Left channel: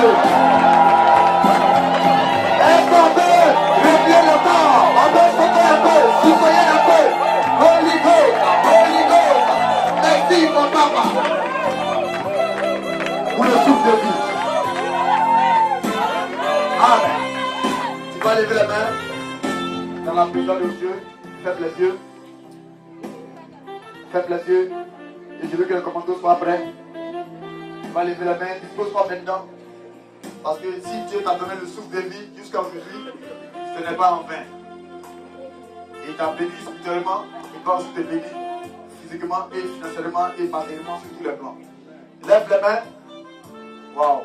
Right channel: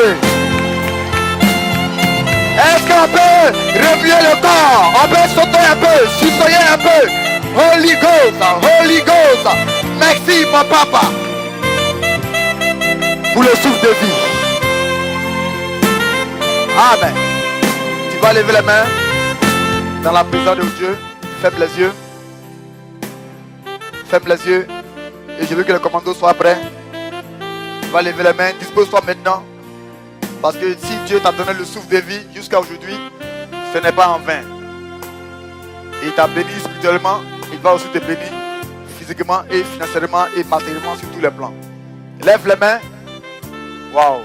Jésus. Est-ce qu'on peut remuer le corps? On peut sauter un peu, suçoyer un peu. Holy Ghost, Holy Ghost. Merci mon papa pour le souffle de vie. Amen. Tu vas lever les mains dans la présence de Dieu. Ferme les yeux. Ferme les yeux. Et je veux que le commando soit prêt. Tu vas lever les mains. Dispose-toi maintenant. Parce que si Dieu t'a donné le souffle de vie jusqu'à aujourd'hui, ce n'est pas en vain. Il t'a béni spirituellement. Il va aussi te bénir physiquement et financièrement et matériellement sur tous les plans. Lève les mains. Waouh.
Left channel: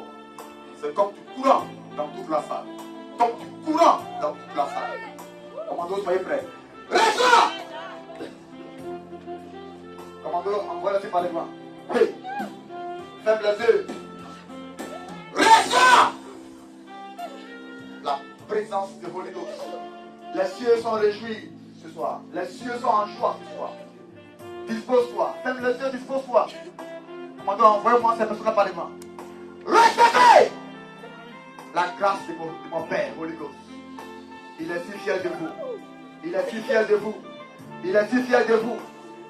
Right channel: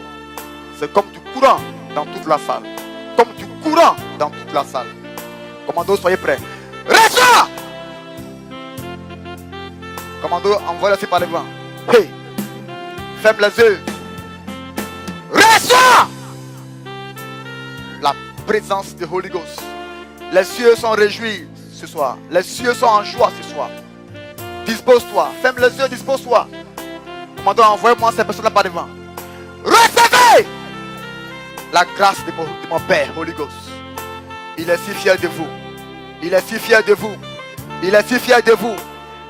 C'est comme du courant dans toute la salle. Comme du courant dans toute la salle. Commando, soyez prêts. Reçois! Commando, envoie-le par devant. Hey! Ferme les yeux. Reçois! La présence de Holy Ghost. Les cieux sont réjouis ce soir. Les cieux sont en joie ce soir. Dispose-toi. Ferme les yeux, dispose-toi. Commando, envoie-moi ces personnes-là par devant. Recevez la grâce de mon Père, Holy Ghost. Il est si fier de vous. Il est si fier de vous. Il est si fier de vous.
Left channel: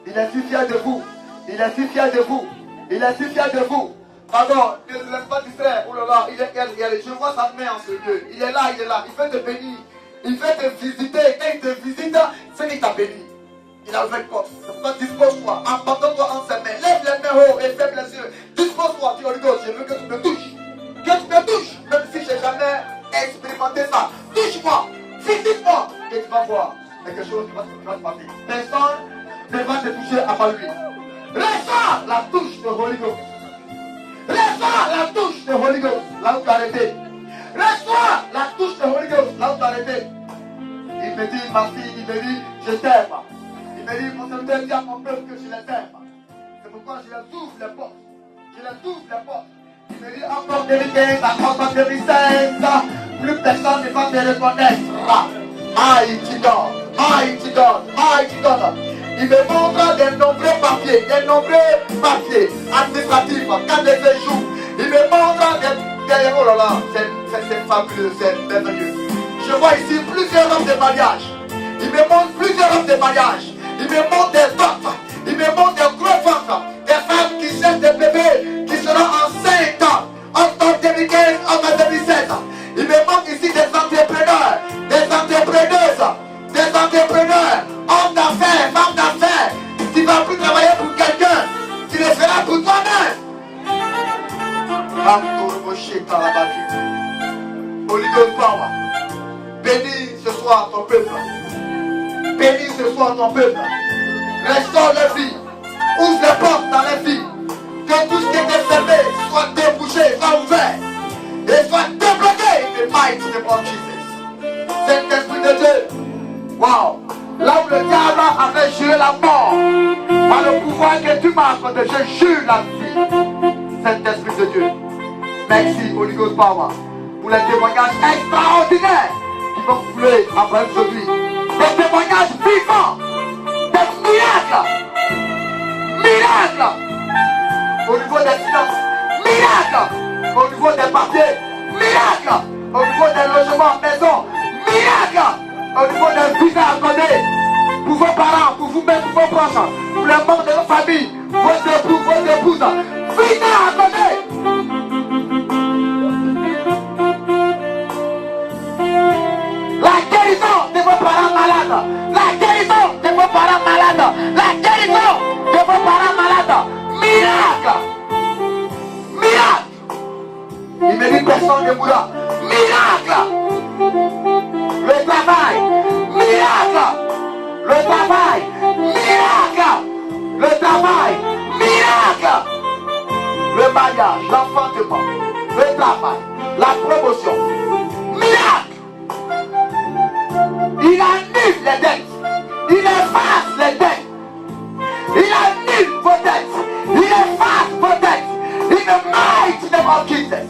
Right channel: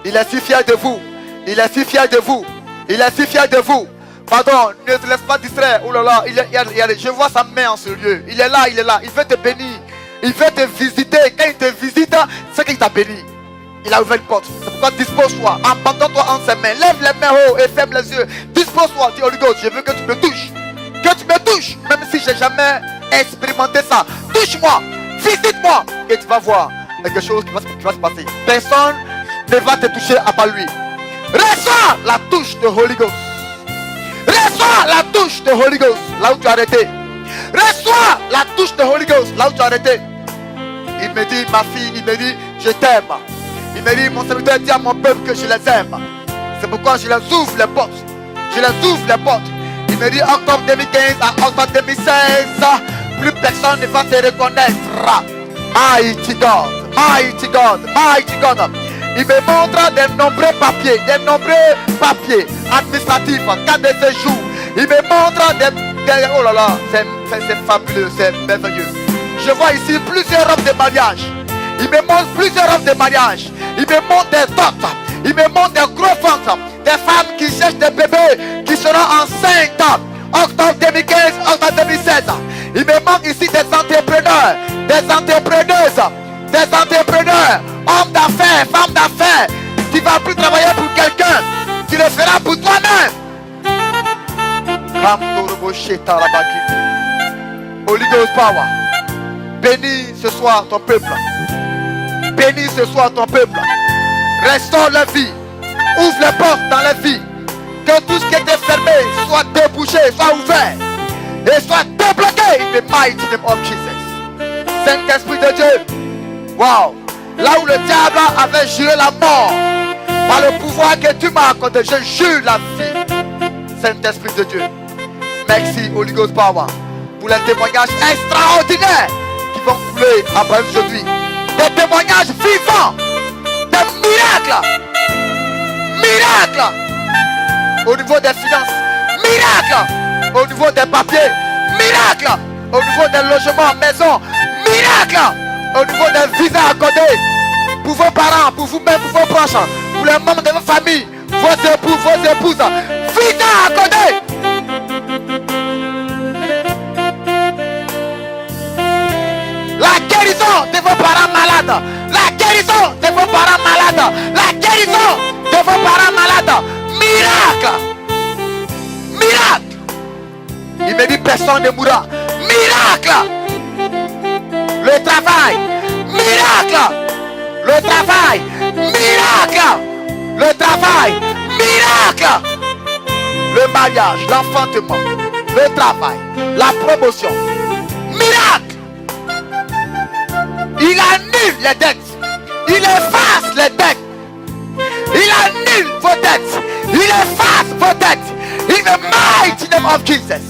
Il est si fier de vous. Il est si fier de vous. Il est si fier de vous. Pardon, ne te laisse pas distraire. Oh là là, je vois sa main en ce lieu. Il est là, il est là. Il veut te bénir. Il veut te visiter. Quand il te visite, c'est qu'il t'a béni. Il a ouvert une porte. C'est pourquoi dispose-toi. Abandonne-toi en ses mains. Lève les mains haut et ferme les yeux. Dispose-toi. Dis Holy Ghost, je veux que tu me touches. Que tu me touches. Même si je n'ai jamais expérimenté ça. Touche-moi. Visite-moi. Et tu vas voir quelque chose qui va se passer. Personne ne va te toucher à part lui. Reçois la touche de Holy Ghost. Reçois la touche de Holy Ghost. Là où tu as arrêté. Reçois la touche de Holy Ghost. Là où tu as arrêté. Il me dit, ma fille, il me dit, je t'aime. Il me dit, mon serviteur dit à mon peuple que je les aime. C'est pourquoi je les ouvre les portes. Je les ouvre les portes. Il me dit, octobre 2015 à octobre 2016, plus personne ne va te reconnaître. Mighty God, mighty God, mighty God. Il me montre des nombreux papiers administratifs, carte de séjour. Il me montre des oh là là, c'est fabuleux, c'est merveilleux. Je vois ici plusieurs robes de mariage. Il me montre plusieurs robes de mariage. Il me montre des dots. Il me montre des gros ventres. Des femmes qui cherchent des bébés qui seront enceintes. Octobre 2015, octobre 2016. Il me manque ici des entrepreneurs, des entrepreneuses, des entrepreneurs, hommes d'affaires, femmes d'affaires. Tu ne vas plus travailler pour quelqu'un. Tu le feras pour toi-même. Holy Ghost Power. Bénis ce soir ton peuple. Bénis ce soir ton peuple. Restaure la vie. Ouvre les portes dans la vie. Que tout ce qui était fermé soit débouché, soit ouvert. Et soit débloqué in the mighty name of Jesus. Saint-Esprit de Dieu. Wow. Là où le diable avait juré la mort, par le pouvoir que tu m'as accordé, je jure la vie. Saint-Esprit de Dieu. Merci Holy Ghost Power pour les témoignages extraordinaires qui vont couler après aujourd'hui. Des témoignages vivants, des miracles. Miracles au niveau des finances, miracles au niveau des papiers, miracles au niveau des logements, maisons, miracles au niveau des visas accordés pour vos parents, pour vous-même, pour vos proches, pour les membres de vos familles, vos époux, vos épouses, visa accordé. La guérison de vos parents malades, la guérison de vos parents malades, la guérison de vos parents malades, miracle, miracle. Il me dit personne ne mourra, miracle. Le travail, miracle. Le travail, miracle. Le travail, miracle. Le mariage, l'enfantement, le travail, la promotion, miracle. Il annule les dettes. Il efface les dettes. Il annule vos dettes. Il efface vos dettes. In the mighty name of Jesus.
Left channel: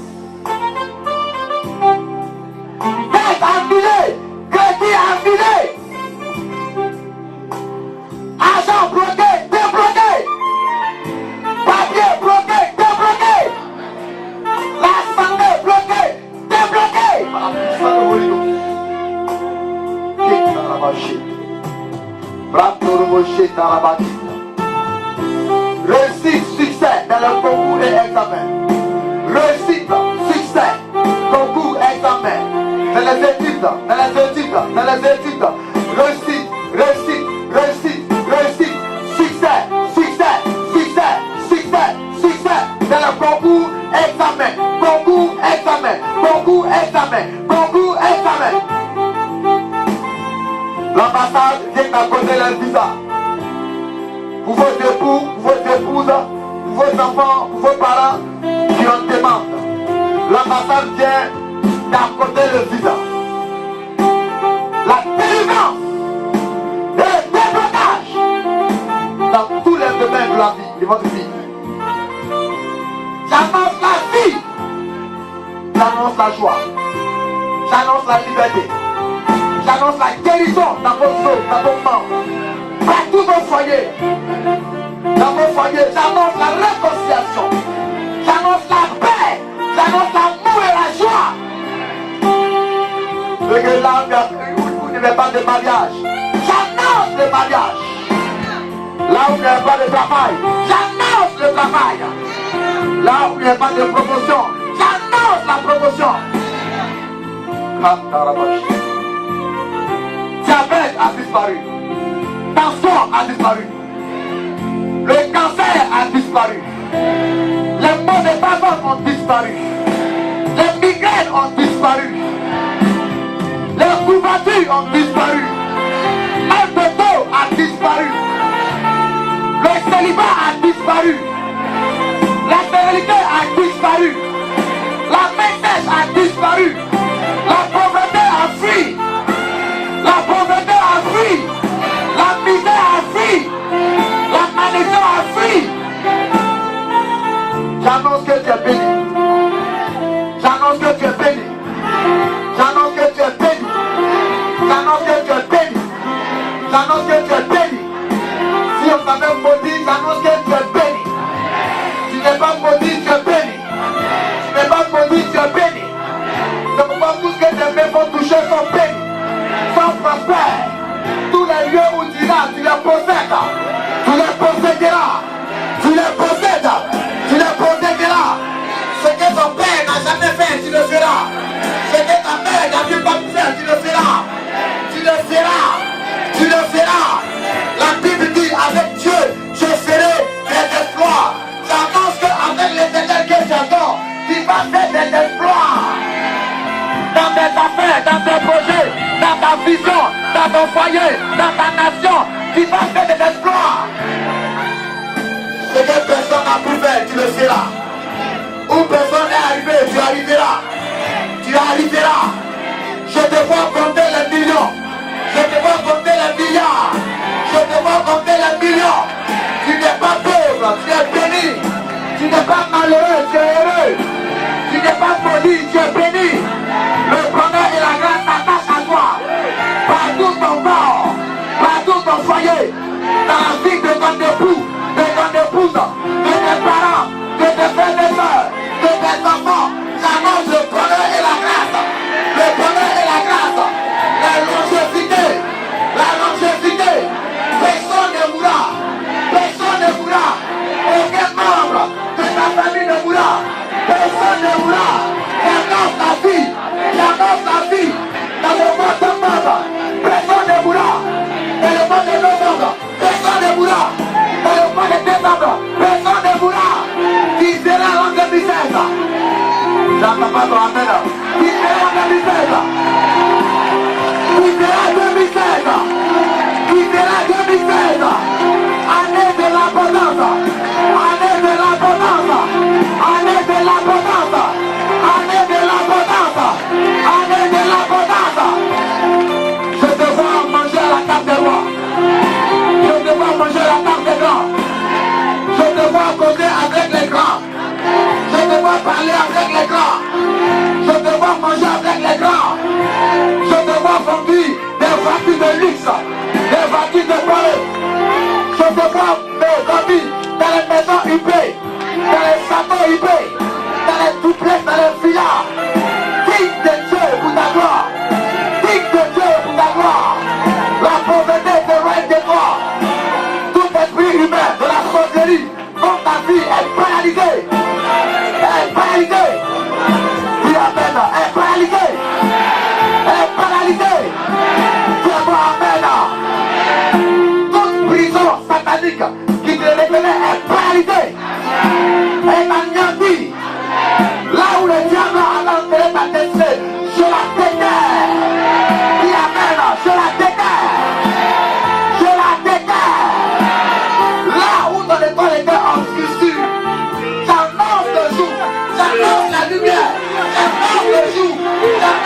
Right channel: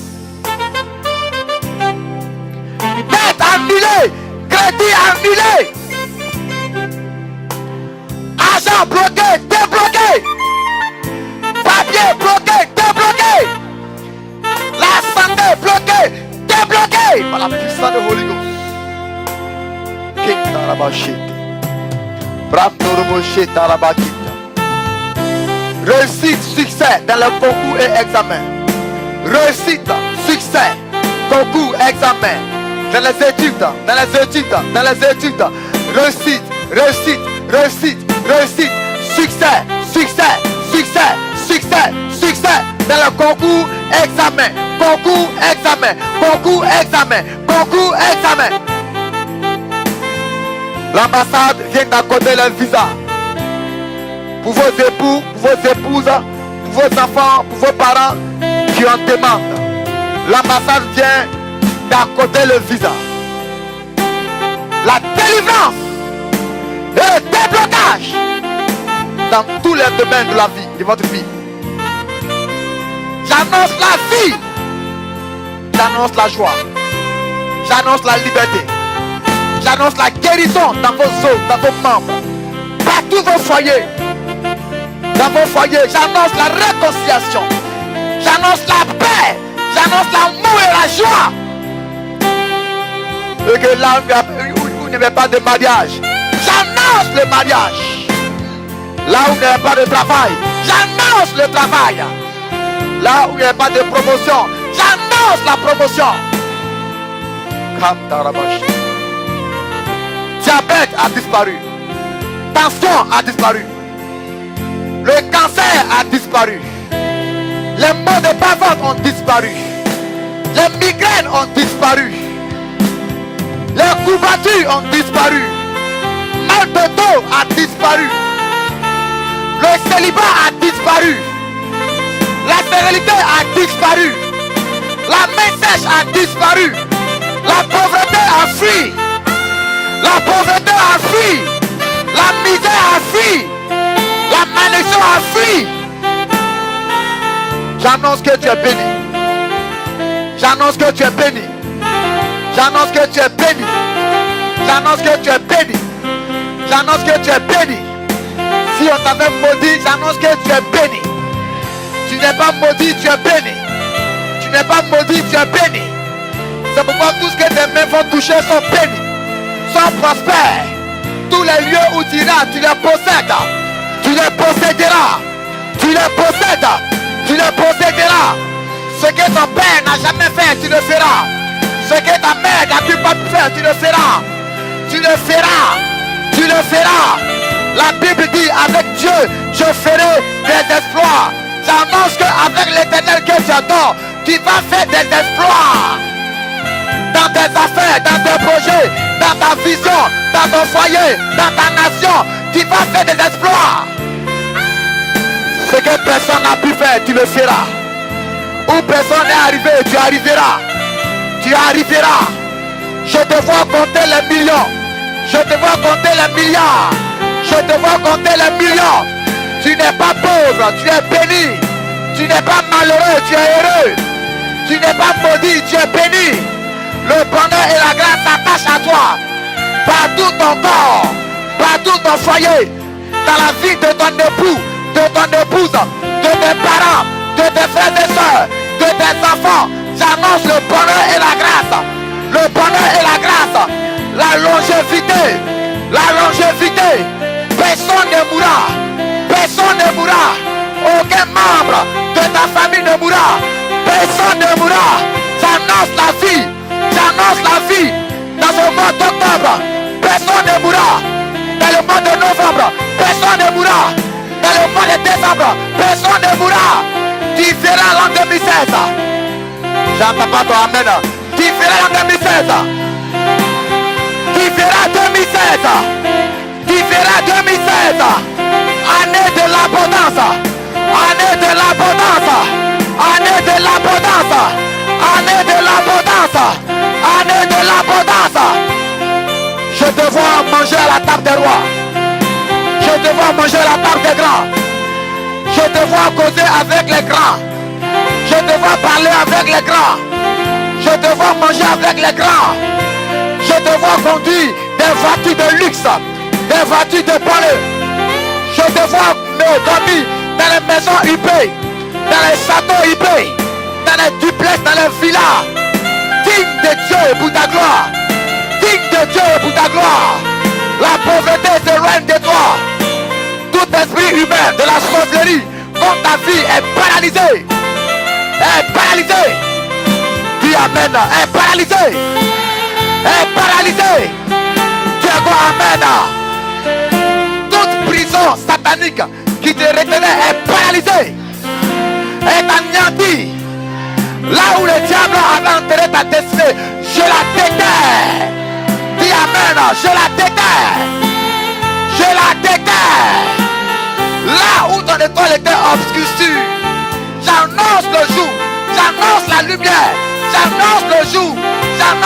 Dette annulée. Crédit annulé. Argent bloqué. Débloqué. Papier bloqué. Débloqué. La santé bloquée. Réussite, succès dans les concours et examens. Réussite, succès, concours, examen. Dans les études, dans les études, dans les études. Réussite, réussite, réussite, réussite. Succès, succès, succès, succès, succès. Dans le concours, examen. Concours, examen. Concours, examen. Concours, examen. L'ambassade vient d'accorder le visa. Pour vos époux, pour vos épouses, pour vos enfants, pour vos parents qui en demandent. L'ambassade vient d'accorder le visa. La délivrance et le déblocage dans tous les domaines de la vie, de votre vie. J'annonce la vie. J'annonce la joie. J'annonce la liberté. J'annonce la guérison dans vos os, dans vos membres. Partout vos foyers. Dans vos foyers, j'annonce la réconciliation. J'annonce la paix. J'annonce l'amour et la joie. Et que là où il n'y avait pas de mariage, j'annonce le mariage. Là où il n'y avait pas de travail, j'annonce le travail. Là où il n'y avait pas de promotion, j'annonce la promotion. Diabète a disparu. Tension a disparu. Le cancer a disparu. Les maux de bavard ont disparu. Les migraines ont disparu. Les courbatures ont disparu. Mal de dos a disparu. Le célibat a disparu. La stérilité a disparu. La main sèche a disparu. La pauvreté a fui. La pauvreté a fui. La misère a fui. La malédiction a fui. J'annonce que tu es béni. J'annonce que tu es béni. J'annonce que tu es béni. J'annonce que tu es béni. J'annonce que tu es béni. Si on t'avait maudit, j'annonce que tu es béni. Tu n'es pas maudit, tu es béni. Tu n'es pas maudit, tu es béni. C'est pourquoi tout ce que tes mains vont toucher sont bénis, sont prospères. Tous les lieux où tu iras, tu les possèdes. Tu les posséderas. Tu les possèdes. Tu les posséderas. Ce que ton père n'a jamais fait, tu le feras. Ce que ta mère n'a pu pas faire, tu le feras. Tu le feras. Tu le feras. La Bible dit, avec Dieu, je ferai des exploits. J'annonce qu'avec l'Éternel que tu adores, tu vas faire des exploits. Dans tes affaires, dans tes projets, dans ta vision, dans ton foyer, dans ta nation, tu vas faire des exploits. Ce que personne n'a pu faire, tu le feras. Où personne n'est arrivé, tu arriveras. Tu arriveras. Je te vois compter les millions. Je te vois compter les milliards. Je te vois compter les millions. Tu n'es pas pauvre, tu es béni. Tu n'es pas malheureux, tu es heureux. Tu n'es pas maudit, tu es béni. Le bonheur et la grâce s'attachent à toi. Partout ton corps, partout ton foyer, dans la vie de ton époux, de ton épouse, de tes parents, de tes frères et sœurs, de tes enfants. J'annonce le bonheur et la grâce. Le bonheur et la grâce. La longévité. La longévité. Personne ne mourra. Personne ne mourra. Aucun membre de ta famille ne mourra. Personne ne mourra. J'annonce la vie. J'annonce la vie. Dans le mois d'octobre, personne ne mourra. Dans le mois de novembre, personne ne mourra. Dans le mois de décembre, personne ne mourra. Tu verras l'an 2016. J'entends pas ton amen. Tu verras l'an 2016. Tu verras 2016. Tu verras 2016. Année de l'abondance. Année de l'abondance. Année de l'abondance. Année de l'abondance. Année de l'abondance. Je te vois manger à la table des rois. Je te vois manger à la table des grands. Je te vois causer avec les grands. Je te vois parler avec les grands. Je te vois manger avec les grands. Je te vois conduire des voitures de luxe, des voitures de bonheur. Je te vois dormir dans les maisons huppées, dans les châteaux huppés, dans les duplex, dans les villas. Digne de Dieu pour ta gloire. Digne de Dieu pour ta gloire. La pauvreté s'éloigne de toi. Tout esprit humain de la sorcellerie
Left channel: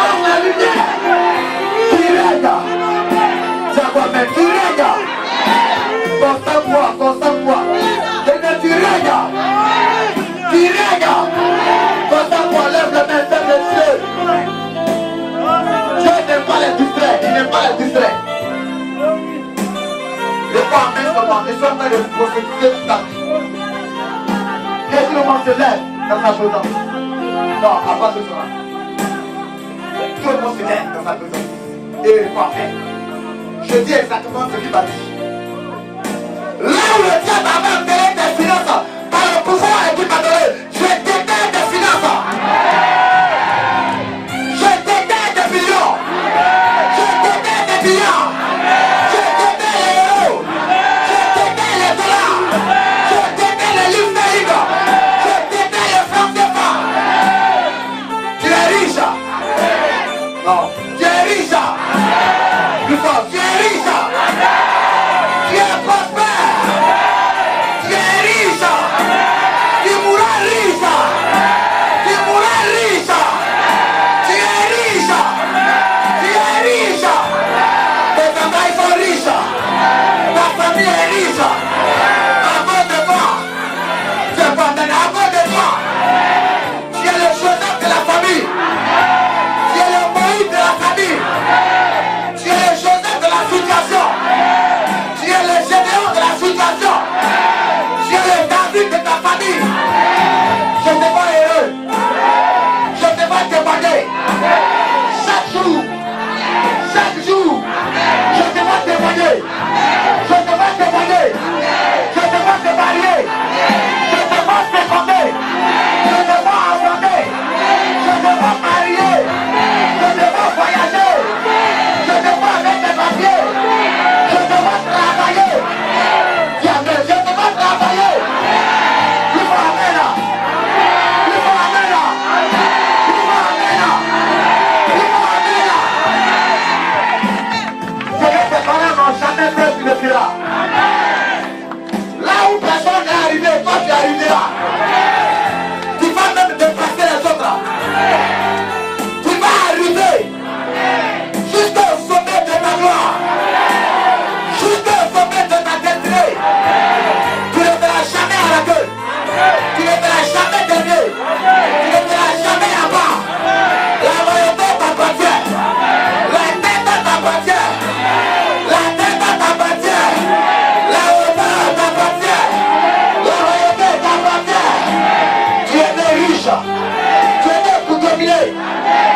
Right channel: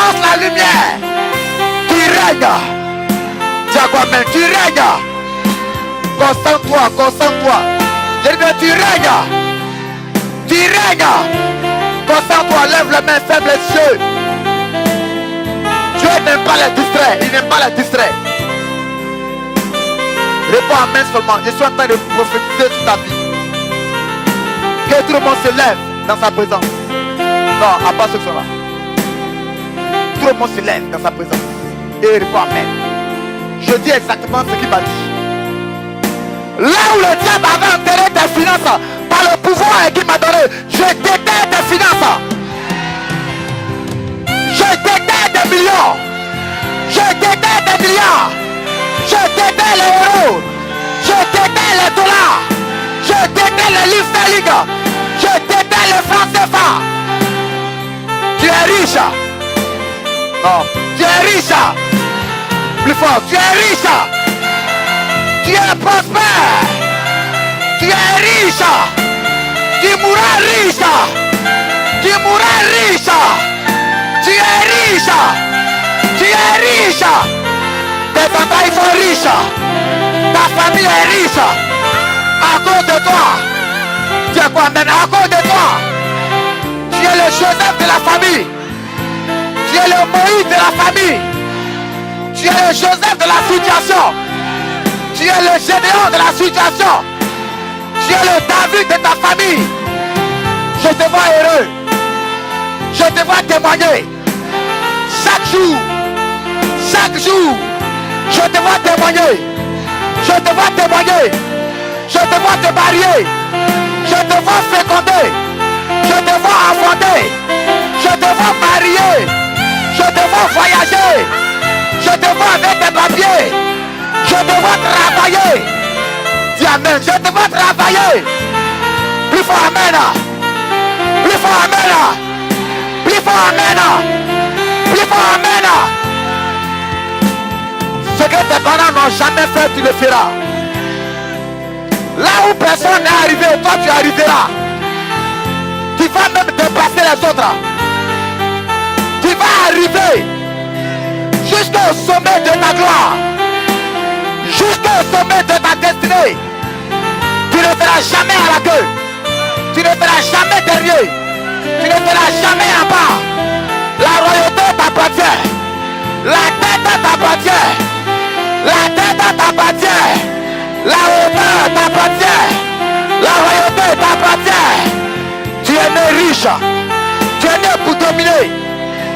annonce la lumière. Tu règnes. Dis à toi-même, tu règnes. Concentre-toi, concentre-toi. Dis bien, tu règnes. Tu règnes. Concentre-toi, lève les mains, ferme les yeux. Dieu n'aime pas les distraits. Il n'aime pas les distraits. Réponds amen seulement. Je suis en train de vous prophétiser toute ta vie. Que tout le monde se lève dans sa présence. Non, à part ce que ça va. Tout le monde se lève dans sa présence. Et réponds amen. Je dis exactement ce qu'il m'a dit. Là où le diable avait enterré tes finances, par le pouvoir qu'il m'a donné, je déterre tes finances. Je déterre des millions. Je déterre des milliards. Je déterre les euros. Je déterre les dollars. Je déterre les livres sterling. Je déterre les francs CFA. Tu es riche. Non, tu es riche. Plus fort, tu es riche. Tu es prospère. Tu es riche. Tu mourras riche. Tu mourras riche. Tu es riche. Tu es riche. Tes enfants ils sont riches. Ta famille est riche. À cause de toi. Tu es quoi maintenant? À cause de toi. Tu es le Joseph de la famille. Tu es le Moïse de la famille. Tu es le Joseph de la situation. Tu es le Gédéon de la situation. Tu es le David de ta famille. Je te vois heureux. Je te vois témoigner. Chaque jour. Chaque jour. Je te vois témoigner. Je te vois témoigner. Je te vois te marier. Je te vois féconder. Je te vois enfanter. Je te vois marier. Je te vois voyager. Je te vois avec tes papiers. Je te vois travailler. Dis amen. Je te vois travailler. Plus fort amen. Plus fort amen. Plus fort amen. Plus fort amen. Ce que tes parents n'ont jamais fait, tu le feras. Là où personne n'est arrivé, toi tu arriveras. Tu vas même dépasser les autres. Tu vas arriver jusqu'au sommet de ta gloire. Jusqu'au sommet de ta destinée. Tu ne seras jamais à la queue. Tu ne seras jamais dernier. Tu ne seras jamais en bas. La royauté t'appartient. La tête t'appartient. La tête t'appartient. La hauteur t'appartient. La royauté t'appartient. Tu es né riche. Tu es né pour dominer.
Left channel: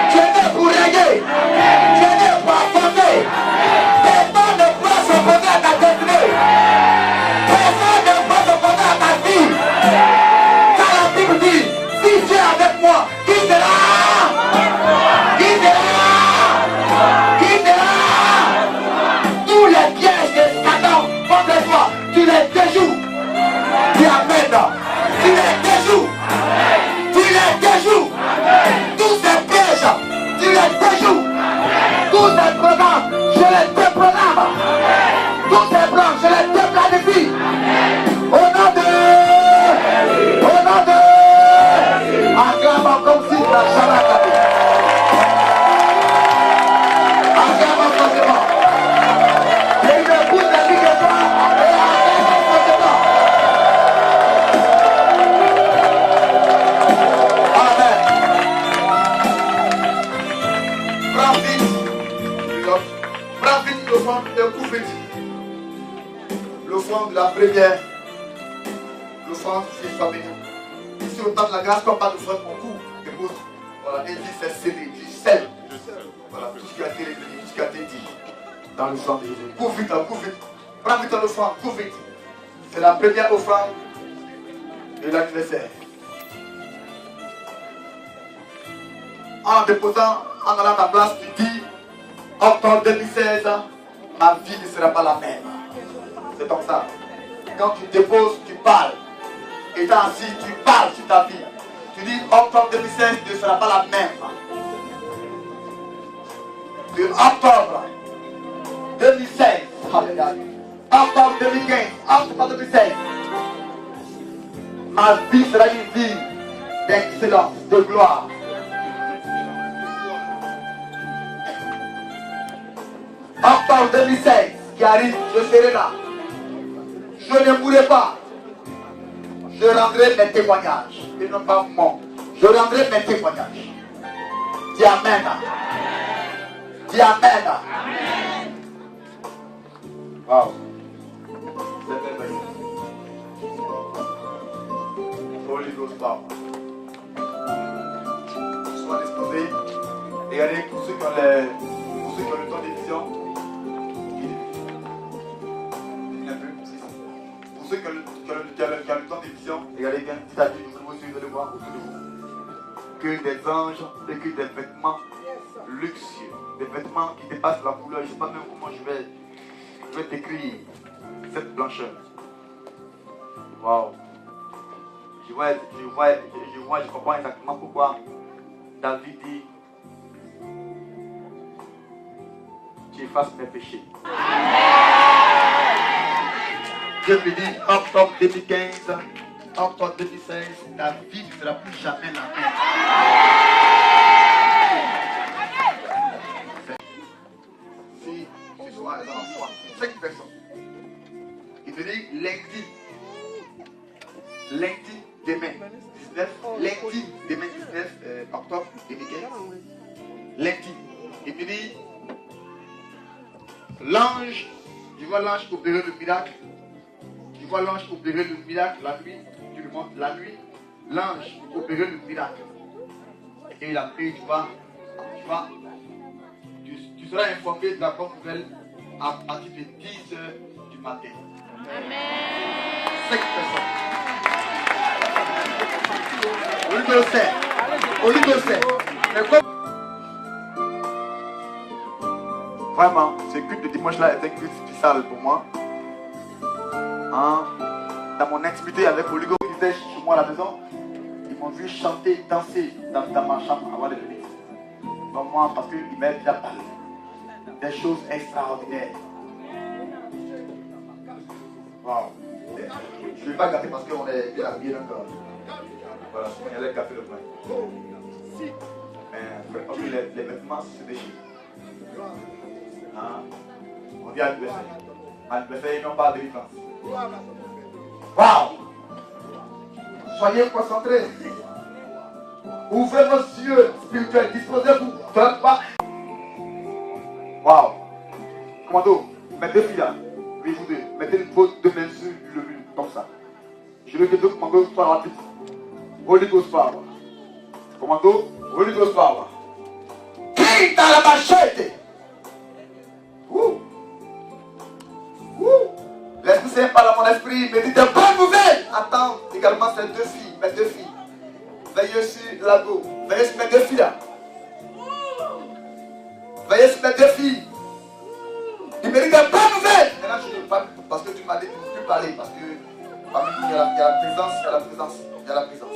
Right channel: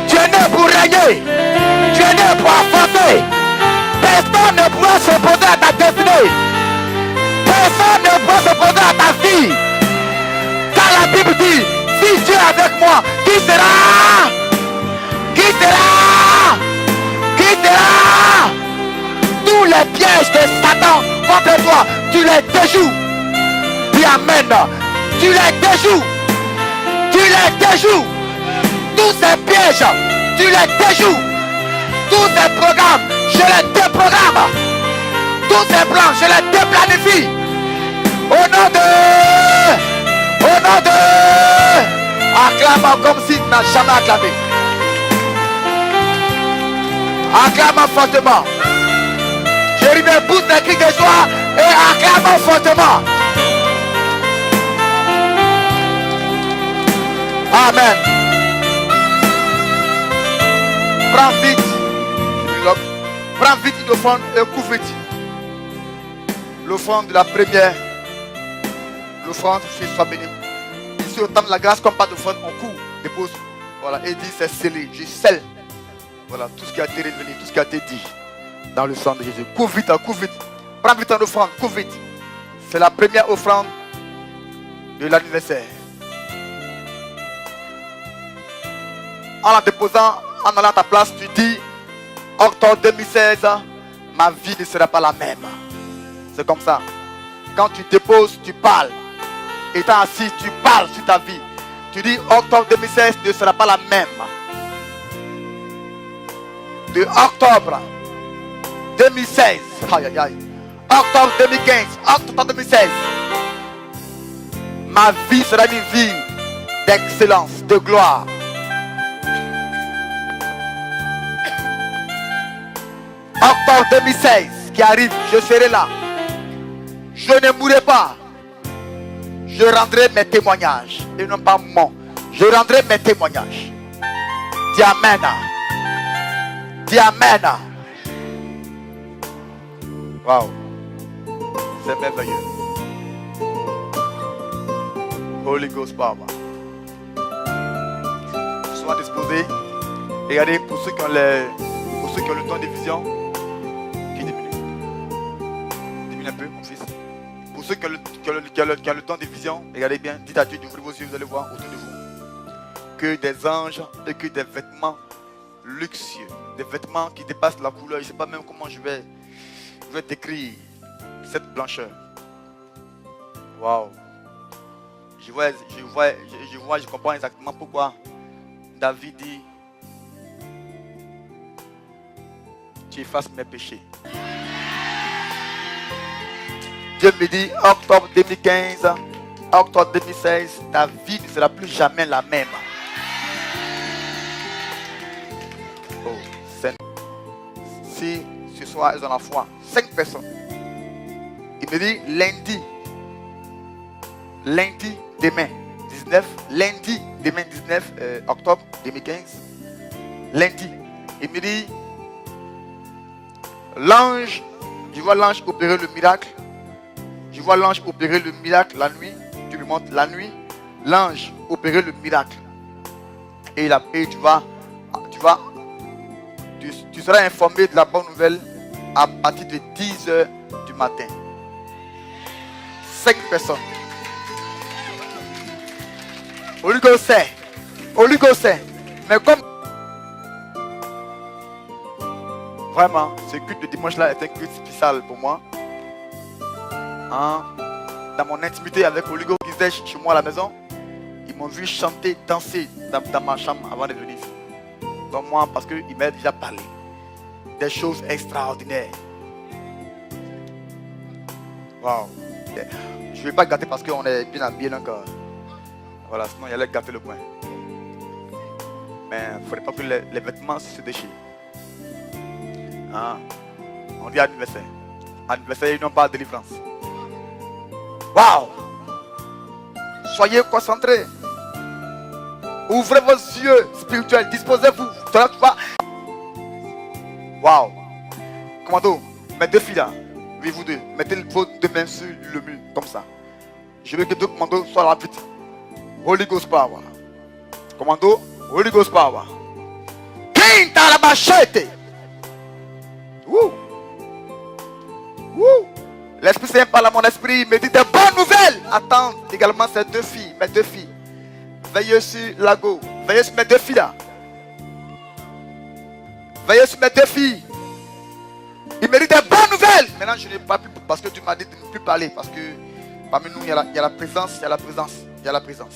Tu es né pour régner. Tu es né pour affronter. Personne ne pourra s'opposer à ta destinée. Personne ne pourra s'opposer à ta fille. Car la Bible dit, si Dieu est avec moi, qui sera? Qui sera? Qui sera? Tous les pièges de Satan contre toi, tu les déjoues. Dis amen. Tu les déjoues. Tu les déjoues. Tous ces pièges, tu les déjoues. Tous ces programmes, je les déprogramme. Tous ces plans, je les déplanifie. Au nom de... Acclame comme si tu n'as jamais acclamé. Acclame fortement. Jérémie, pousse les cris de joie et acclame fortement. Amen. Prends vite. Prends vite l'offrande, un coup vite. L'offrande de la première. L'offrande, c'est soit béni. Ici, au temps de la grâce, comme pas d'offrande, on court, dépose. Voilà, et dit c'est scellé. Je scelle. Voilà, tout ce qui a été révélé, tout ce qui a été dit dans le sang de Jésus. Cours vite, cours vite. Prends vite en offrande, cours vite. C'est la première offrande de l'anniversaire. En la déposant, en allant à ta place, tu dis, octobre 2016, ma vie ne sera pas la même. C'est comme ça. Quand tu déposes, tu parles. Étant assis, tu parles sur ta vie. Tu dis, octobre 2016 ne sera pas la même. De octobre 2016, aïe aïe aïe, octobre 2015, octobre 2016, ma vie sera une vie d'excellence, de gloire. 2016 qui arrive, je serai là. Je ne mourrai pas. Je rendrai mes témoignages. Et non pas mon. Je rendrai mes témoignages. Dis Amen. Dis Amen. Wow. C'est merveilleux. Holy Ghost Power. Sois disposés. Et regardez, pour ceux qui ont le temps de vision, qui diminue un peu, fils. Pour ceux qui ont le temps de vision, regardez bien, dites à Dieu, ouvrez vos yeux, vous allez voir autour de vous que des anges et que des vêtements luxueux, des vêtements qui dépassent la couleur. Je ne sais pas même comment je vais décrire cette blancheur. Waouh. Je comprends exactement pourquoi David dit: tu effaces mes péchés. Dieu me dit, octobre 2015, octobre 2016, ta vie ne sera plus jamais la même. Si ce soir ils ont la foi, 5 personnes. Il me dit lundi demain 19, lundi demain 19 octobre 2015, lundi. Il me dit l'ange, je vois l'ange opérer le miracle. Je vois l'ange opérer le miracle la nuit. Tu me montres la nuit. L'ange opérer le miracle. Et tu seras informé de la bonne nouvelle à partir de 10h du matin. 5 personnes. Oligocin. Mais comme vraiment, ce culte de dimanche là était un culte spécial pour moi. Dans mon intimité avec Oligo qui était chez moi à la maison, ils m'ont vu chanter, danser dans ma chambre avant de venir. Donc moi, parce qu'il m'a déjà parlé des choses extraordinaires. Waouh. Je ne vais pas gâter parce qu'on est bien habillé encore. Voilà, sinon il allait gâter le point. Mais il ne faudrait pas que les vêtements se déchirent. On dit anniversaire. Anniversaire, ils n'ont pas de délivrance. Waouh! Soyez concentrés. Ouvrez vos yeux spirituels. Disposez-vous. Waouh! Commando, mes 2 filles là. Oui, vous deux. Mettez vos 2 mains sur le mur. Comme ça. Je veux que 2 commandos soient rapides. Holy Ghost Power. Commando, Holy Ghost Power. Qui dans la machette? L'Esprit Saint parle à mon esprit, il me dit de bonnes nouvelles. Attends également ces 2 filles, mes 2 filles. Veillez sur Lago, veillez sur mes 2 filles là. Veillez sur mes 2 filles. Il me dit de bonnes nouvelles. Maintenant je ne parle plus parce que tu m'as dit de ne plus parler. Parce que parmi nous il y a la présence, il y a la présence, il y a la présence.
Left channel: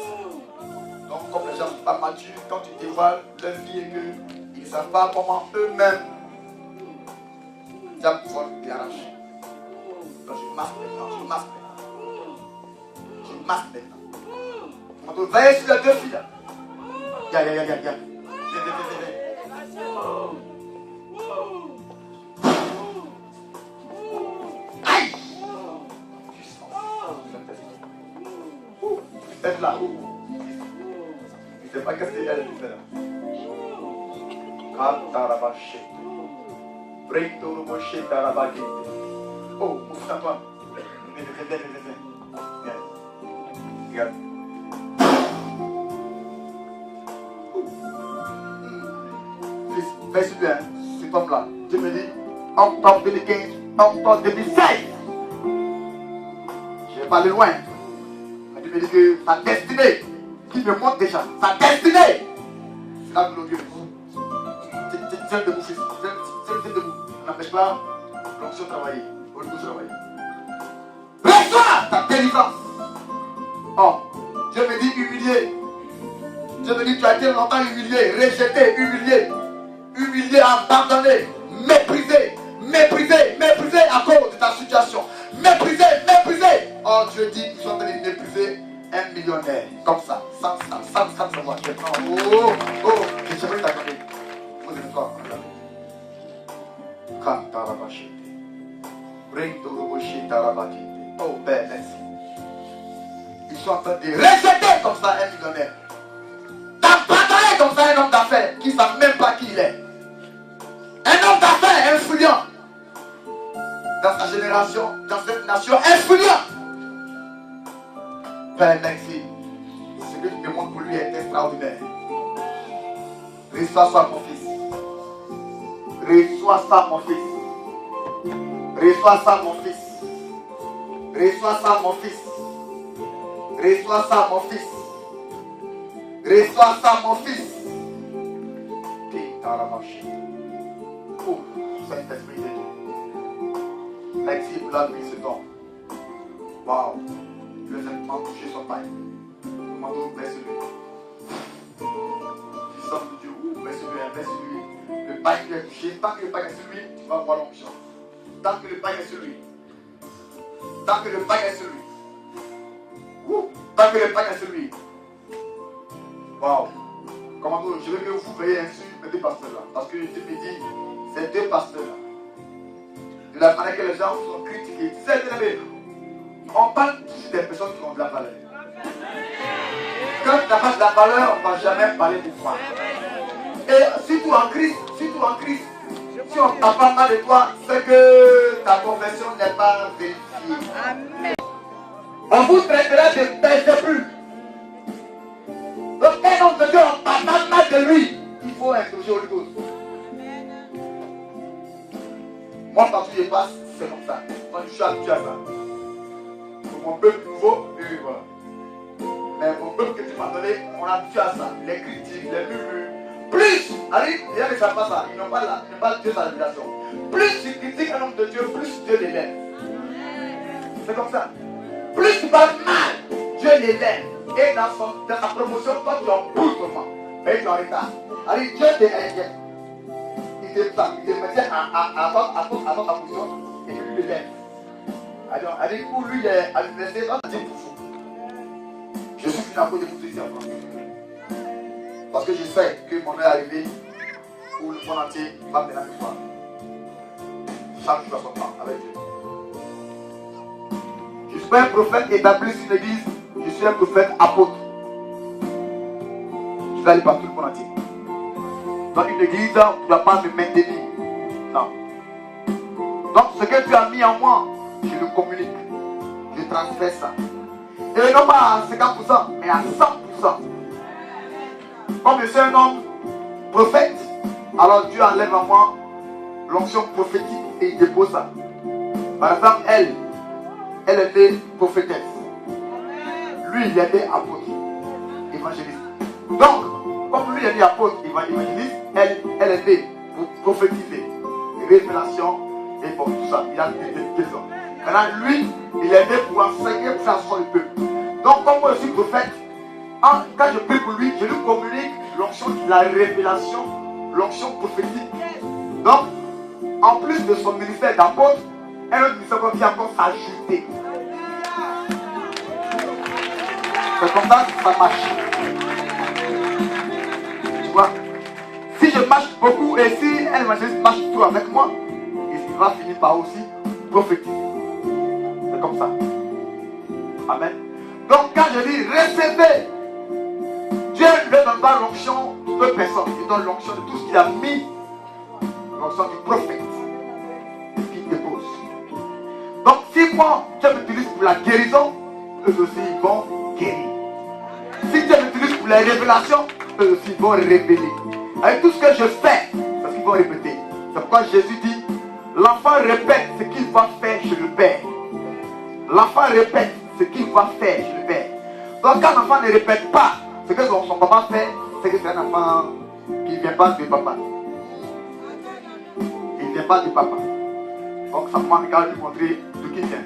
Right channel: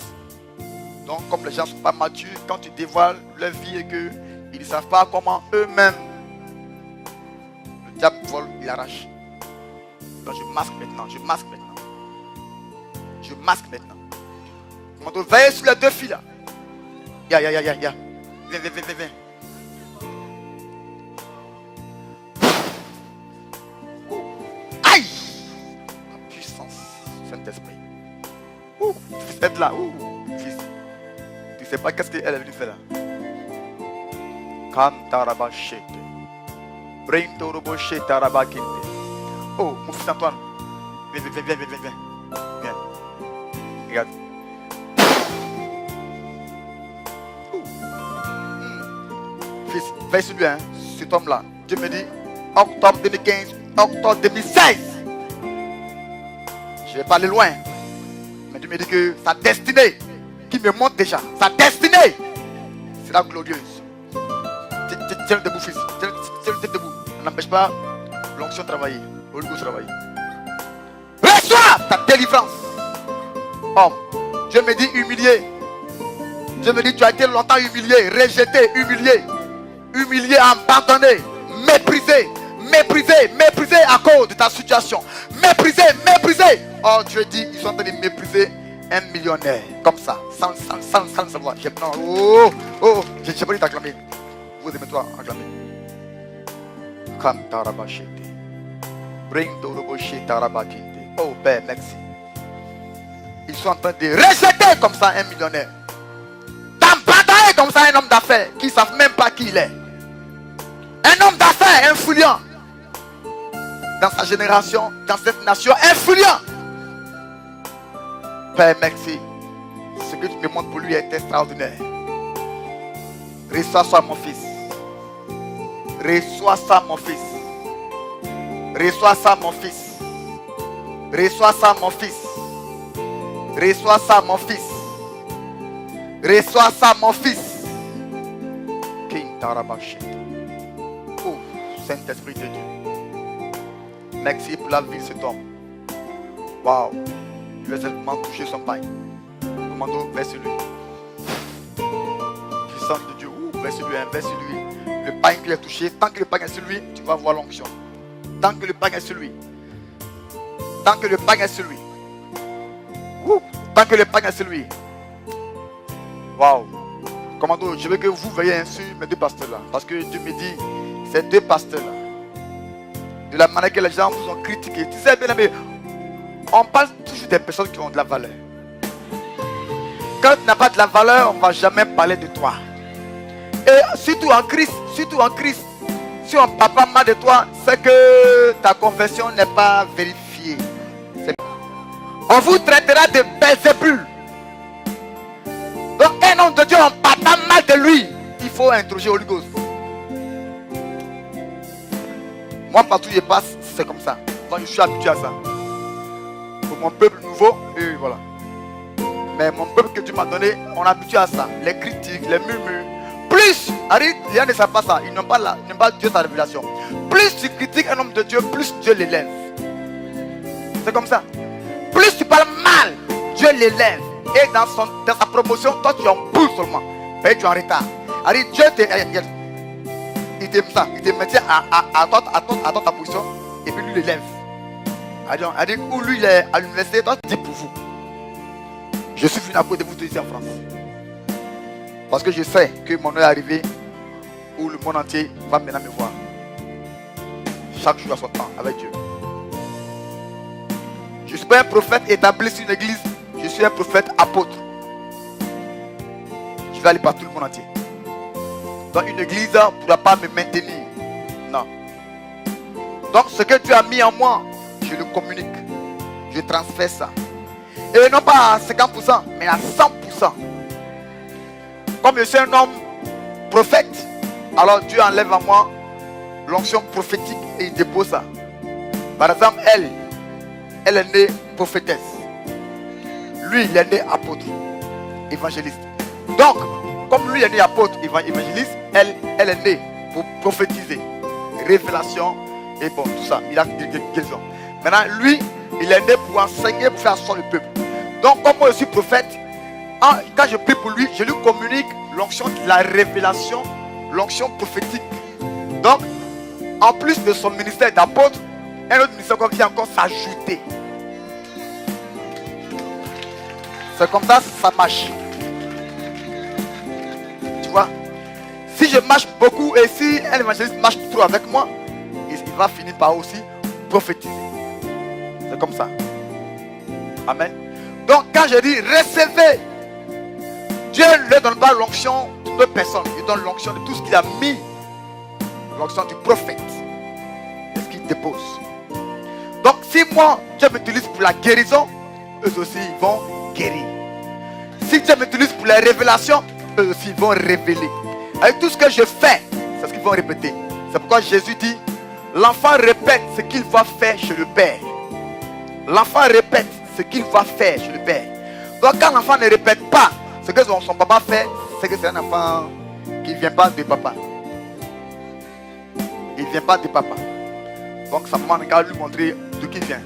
Donc comme les gens ne sont pas matures, quand tu dévoiles leur vie et qu'ils ne savent pas comment eux-mêmes, le diable vole, il arrache. Donc je masque maintenant. Je veille sur les 2 filles là. Viens. Viens. Aïe! Puissance, Saint-Esprit. Faites là. Fils. Tu ne sais pas qu'est-ce qu'elle lui fait là. Kantarabashete. Brintoroboshetarabakete. Oh, mon fils Antoine. Viens. Regarde. Fils, veille sur lui, hein, cet homme-là. Dieu me dit, octobre 2015, octobre 2016. Je vais pas aller loin. Mais Dieu me dit que sa destinée, qui me montre déjà, sa destinée, c'est la glorieuse. Tiens debout, fils. Tiens debout. N'empêche pas l'onction de travailler. Reçois ta délivrance. Oh, Dieu me dit humilié. Dieu me dit tu as été longtemps humilié, rejeté, humilié, abandonné, méprisé à cause de ta situation. Méprisé. Oh, Dieu dit ils sont en train de mépriser un millionnaire. Comme ça, sans savoir. Je ne sais pas si tu as acclamé. Vous aimez toi acclamer. Quand tu as rabâché. Oh Père, merci. Ils sont en train de rejeter comme ça un millionnaire. D'abandonner comme ça un homme d'affaires qui ne savent même pas qui il est. Un homme d'affaires influent. Dans sa génération, dans cette nation, influent. Père, merci. Ce que tu me montres pour lui est extraordinaire. Reçois ça, mon fils. Reçois ça, mon fils. Reçois ça, mon fils. Reçois ça, mon fils. Reçois ça, mon fils. Reçois ça, mon fils. Oh, Saint-Esprit de Dieu. Merci pour la vie de cet homme. Waouh. Il va simplement toucher son pain. Commando, vers sur lui. Puissance de Dieu, vers sur lui, vers sur lui. Le pain qui est touché, tant que le pain est sur lui, tu vas voir l'onction. Tant que le pain est sur lui. Tant que le pain est sur lui. Tant que le pain est sur lui. Waouh. Commando, je veux que vous veillez sur mes deux pasteurs là. Parce que Dieu me dit, ces deux pasteurs là, de la manière que les gens vous ont critiqué. Tu sais, bien aimé, on parle toujours des personnes qui ont de la valeur. Quand tu n'as pas de la valeur, on ne va jamais parler de toi. Et surtout en Christ, si on ne parle pas mal de toi, c'est que ta conversion n'est pas vérifiée. On vous traitera de Belzébul. Donc un homme de Dieu, on parle pas mal de lui. Il faut interroger Holy Ghost. Moi, partout où je passe, c'est comme ça. Moi, je suis habitué à ça. Pour mon peuple nouveau, et voilà. Mais mon peuple que tu m'as donné, on est habitué à ça. Les critiques, les murmures. Plus, les gens ne savent pas ça. Ils n'ont pas Dieu sa révélation. Plus tu critiques un homme de Dieu, plus Dieu l'élève. C'est comme ça. Plus tu parles mal, Dieu l'élève. Et dans sa promotion, toi tu es en boule seulement. Tu es en retard. Dieu il te mettait à ta position et puis lui l'élève. Où lui il est à l'université, toi tu dis pour vous. Je suis venu à cause de vous tous ici en France. Parce que je sais que mon heure est arrivée où le monde entier va maintenant me voir. Chaque jour à son temps avec Dieu. Je ne suis pas un prophète établi sur une église, je suis un prophète apôtre. Je vais aller partout le monde entier. Dans une église, tu ne dois pas me maintenir. Non. Donc ce que tu as mis en moi, je le communique. Je transfère ça. Et non pas à 50%, mais à 100%. Comme je suis un homme prophète, alors Dieu enlève à moi l'onction prophétique et il dépose ça. Par exemple, elle est née prophétesse. Lui, il est né apôtre, évangéliste. Donc, comme lui est né apôtre, évangéliste, elle est née pour prophétiser. Révélation et bon, tout ça. Il a des questions. Maintenant, lui, il est né pour enseigner, pour faire asseoir le peuple. Donc, comme moi je suis prophète, quand je prie pour lui, je lui communique l'onction de la révélation, l'onction prophétique. Donc, en plus de son ministère d'apôtre, un autre ministère comme vient encore s'ajouter. C'est comme ça que ça marche. Tu vois, si je marche beaucoup et si un évangéliste marche trop avec moi, il va finir par aussi prophétiser. C'est comme ça. Amen. Donc quand je dis recevez, Dieu ne donne pas l'onction de personne. Il donne l'onction de tout ce qu'il a mis. L'onction du prophète. C'est ce qu'il dépose. Donc si moi, Dieu m'utilise pour la guérison, eux aussi ils vont guérir. Si Dieu m'utilise pour la révélation, eux aussi ils vont révéler. Avec tout ce que je fais, c'est ce qu'ils vont répéter. C'est pourquoi Jésus dit, l'enfant répète ce qu'il va faire chez le Père. L'enfant répète ce qu'il va faire chez le Père. Donc quand l'enfant ne répète pas ce que son papa fait, c'est que c'est un enfant qui ne vient pas de papa. Il ne vient pas de papa. Donc sa maman regarde lui montrer d'où il vient.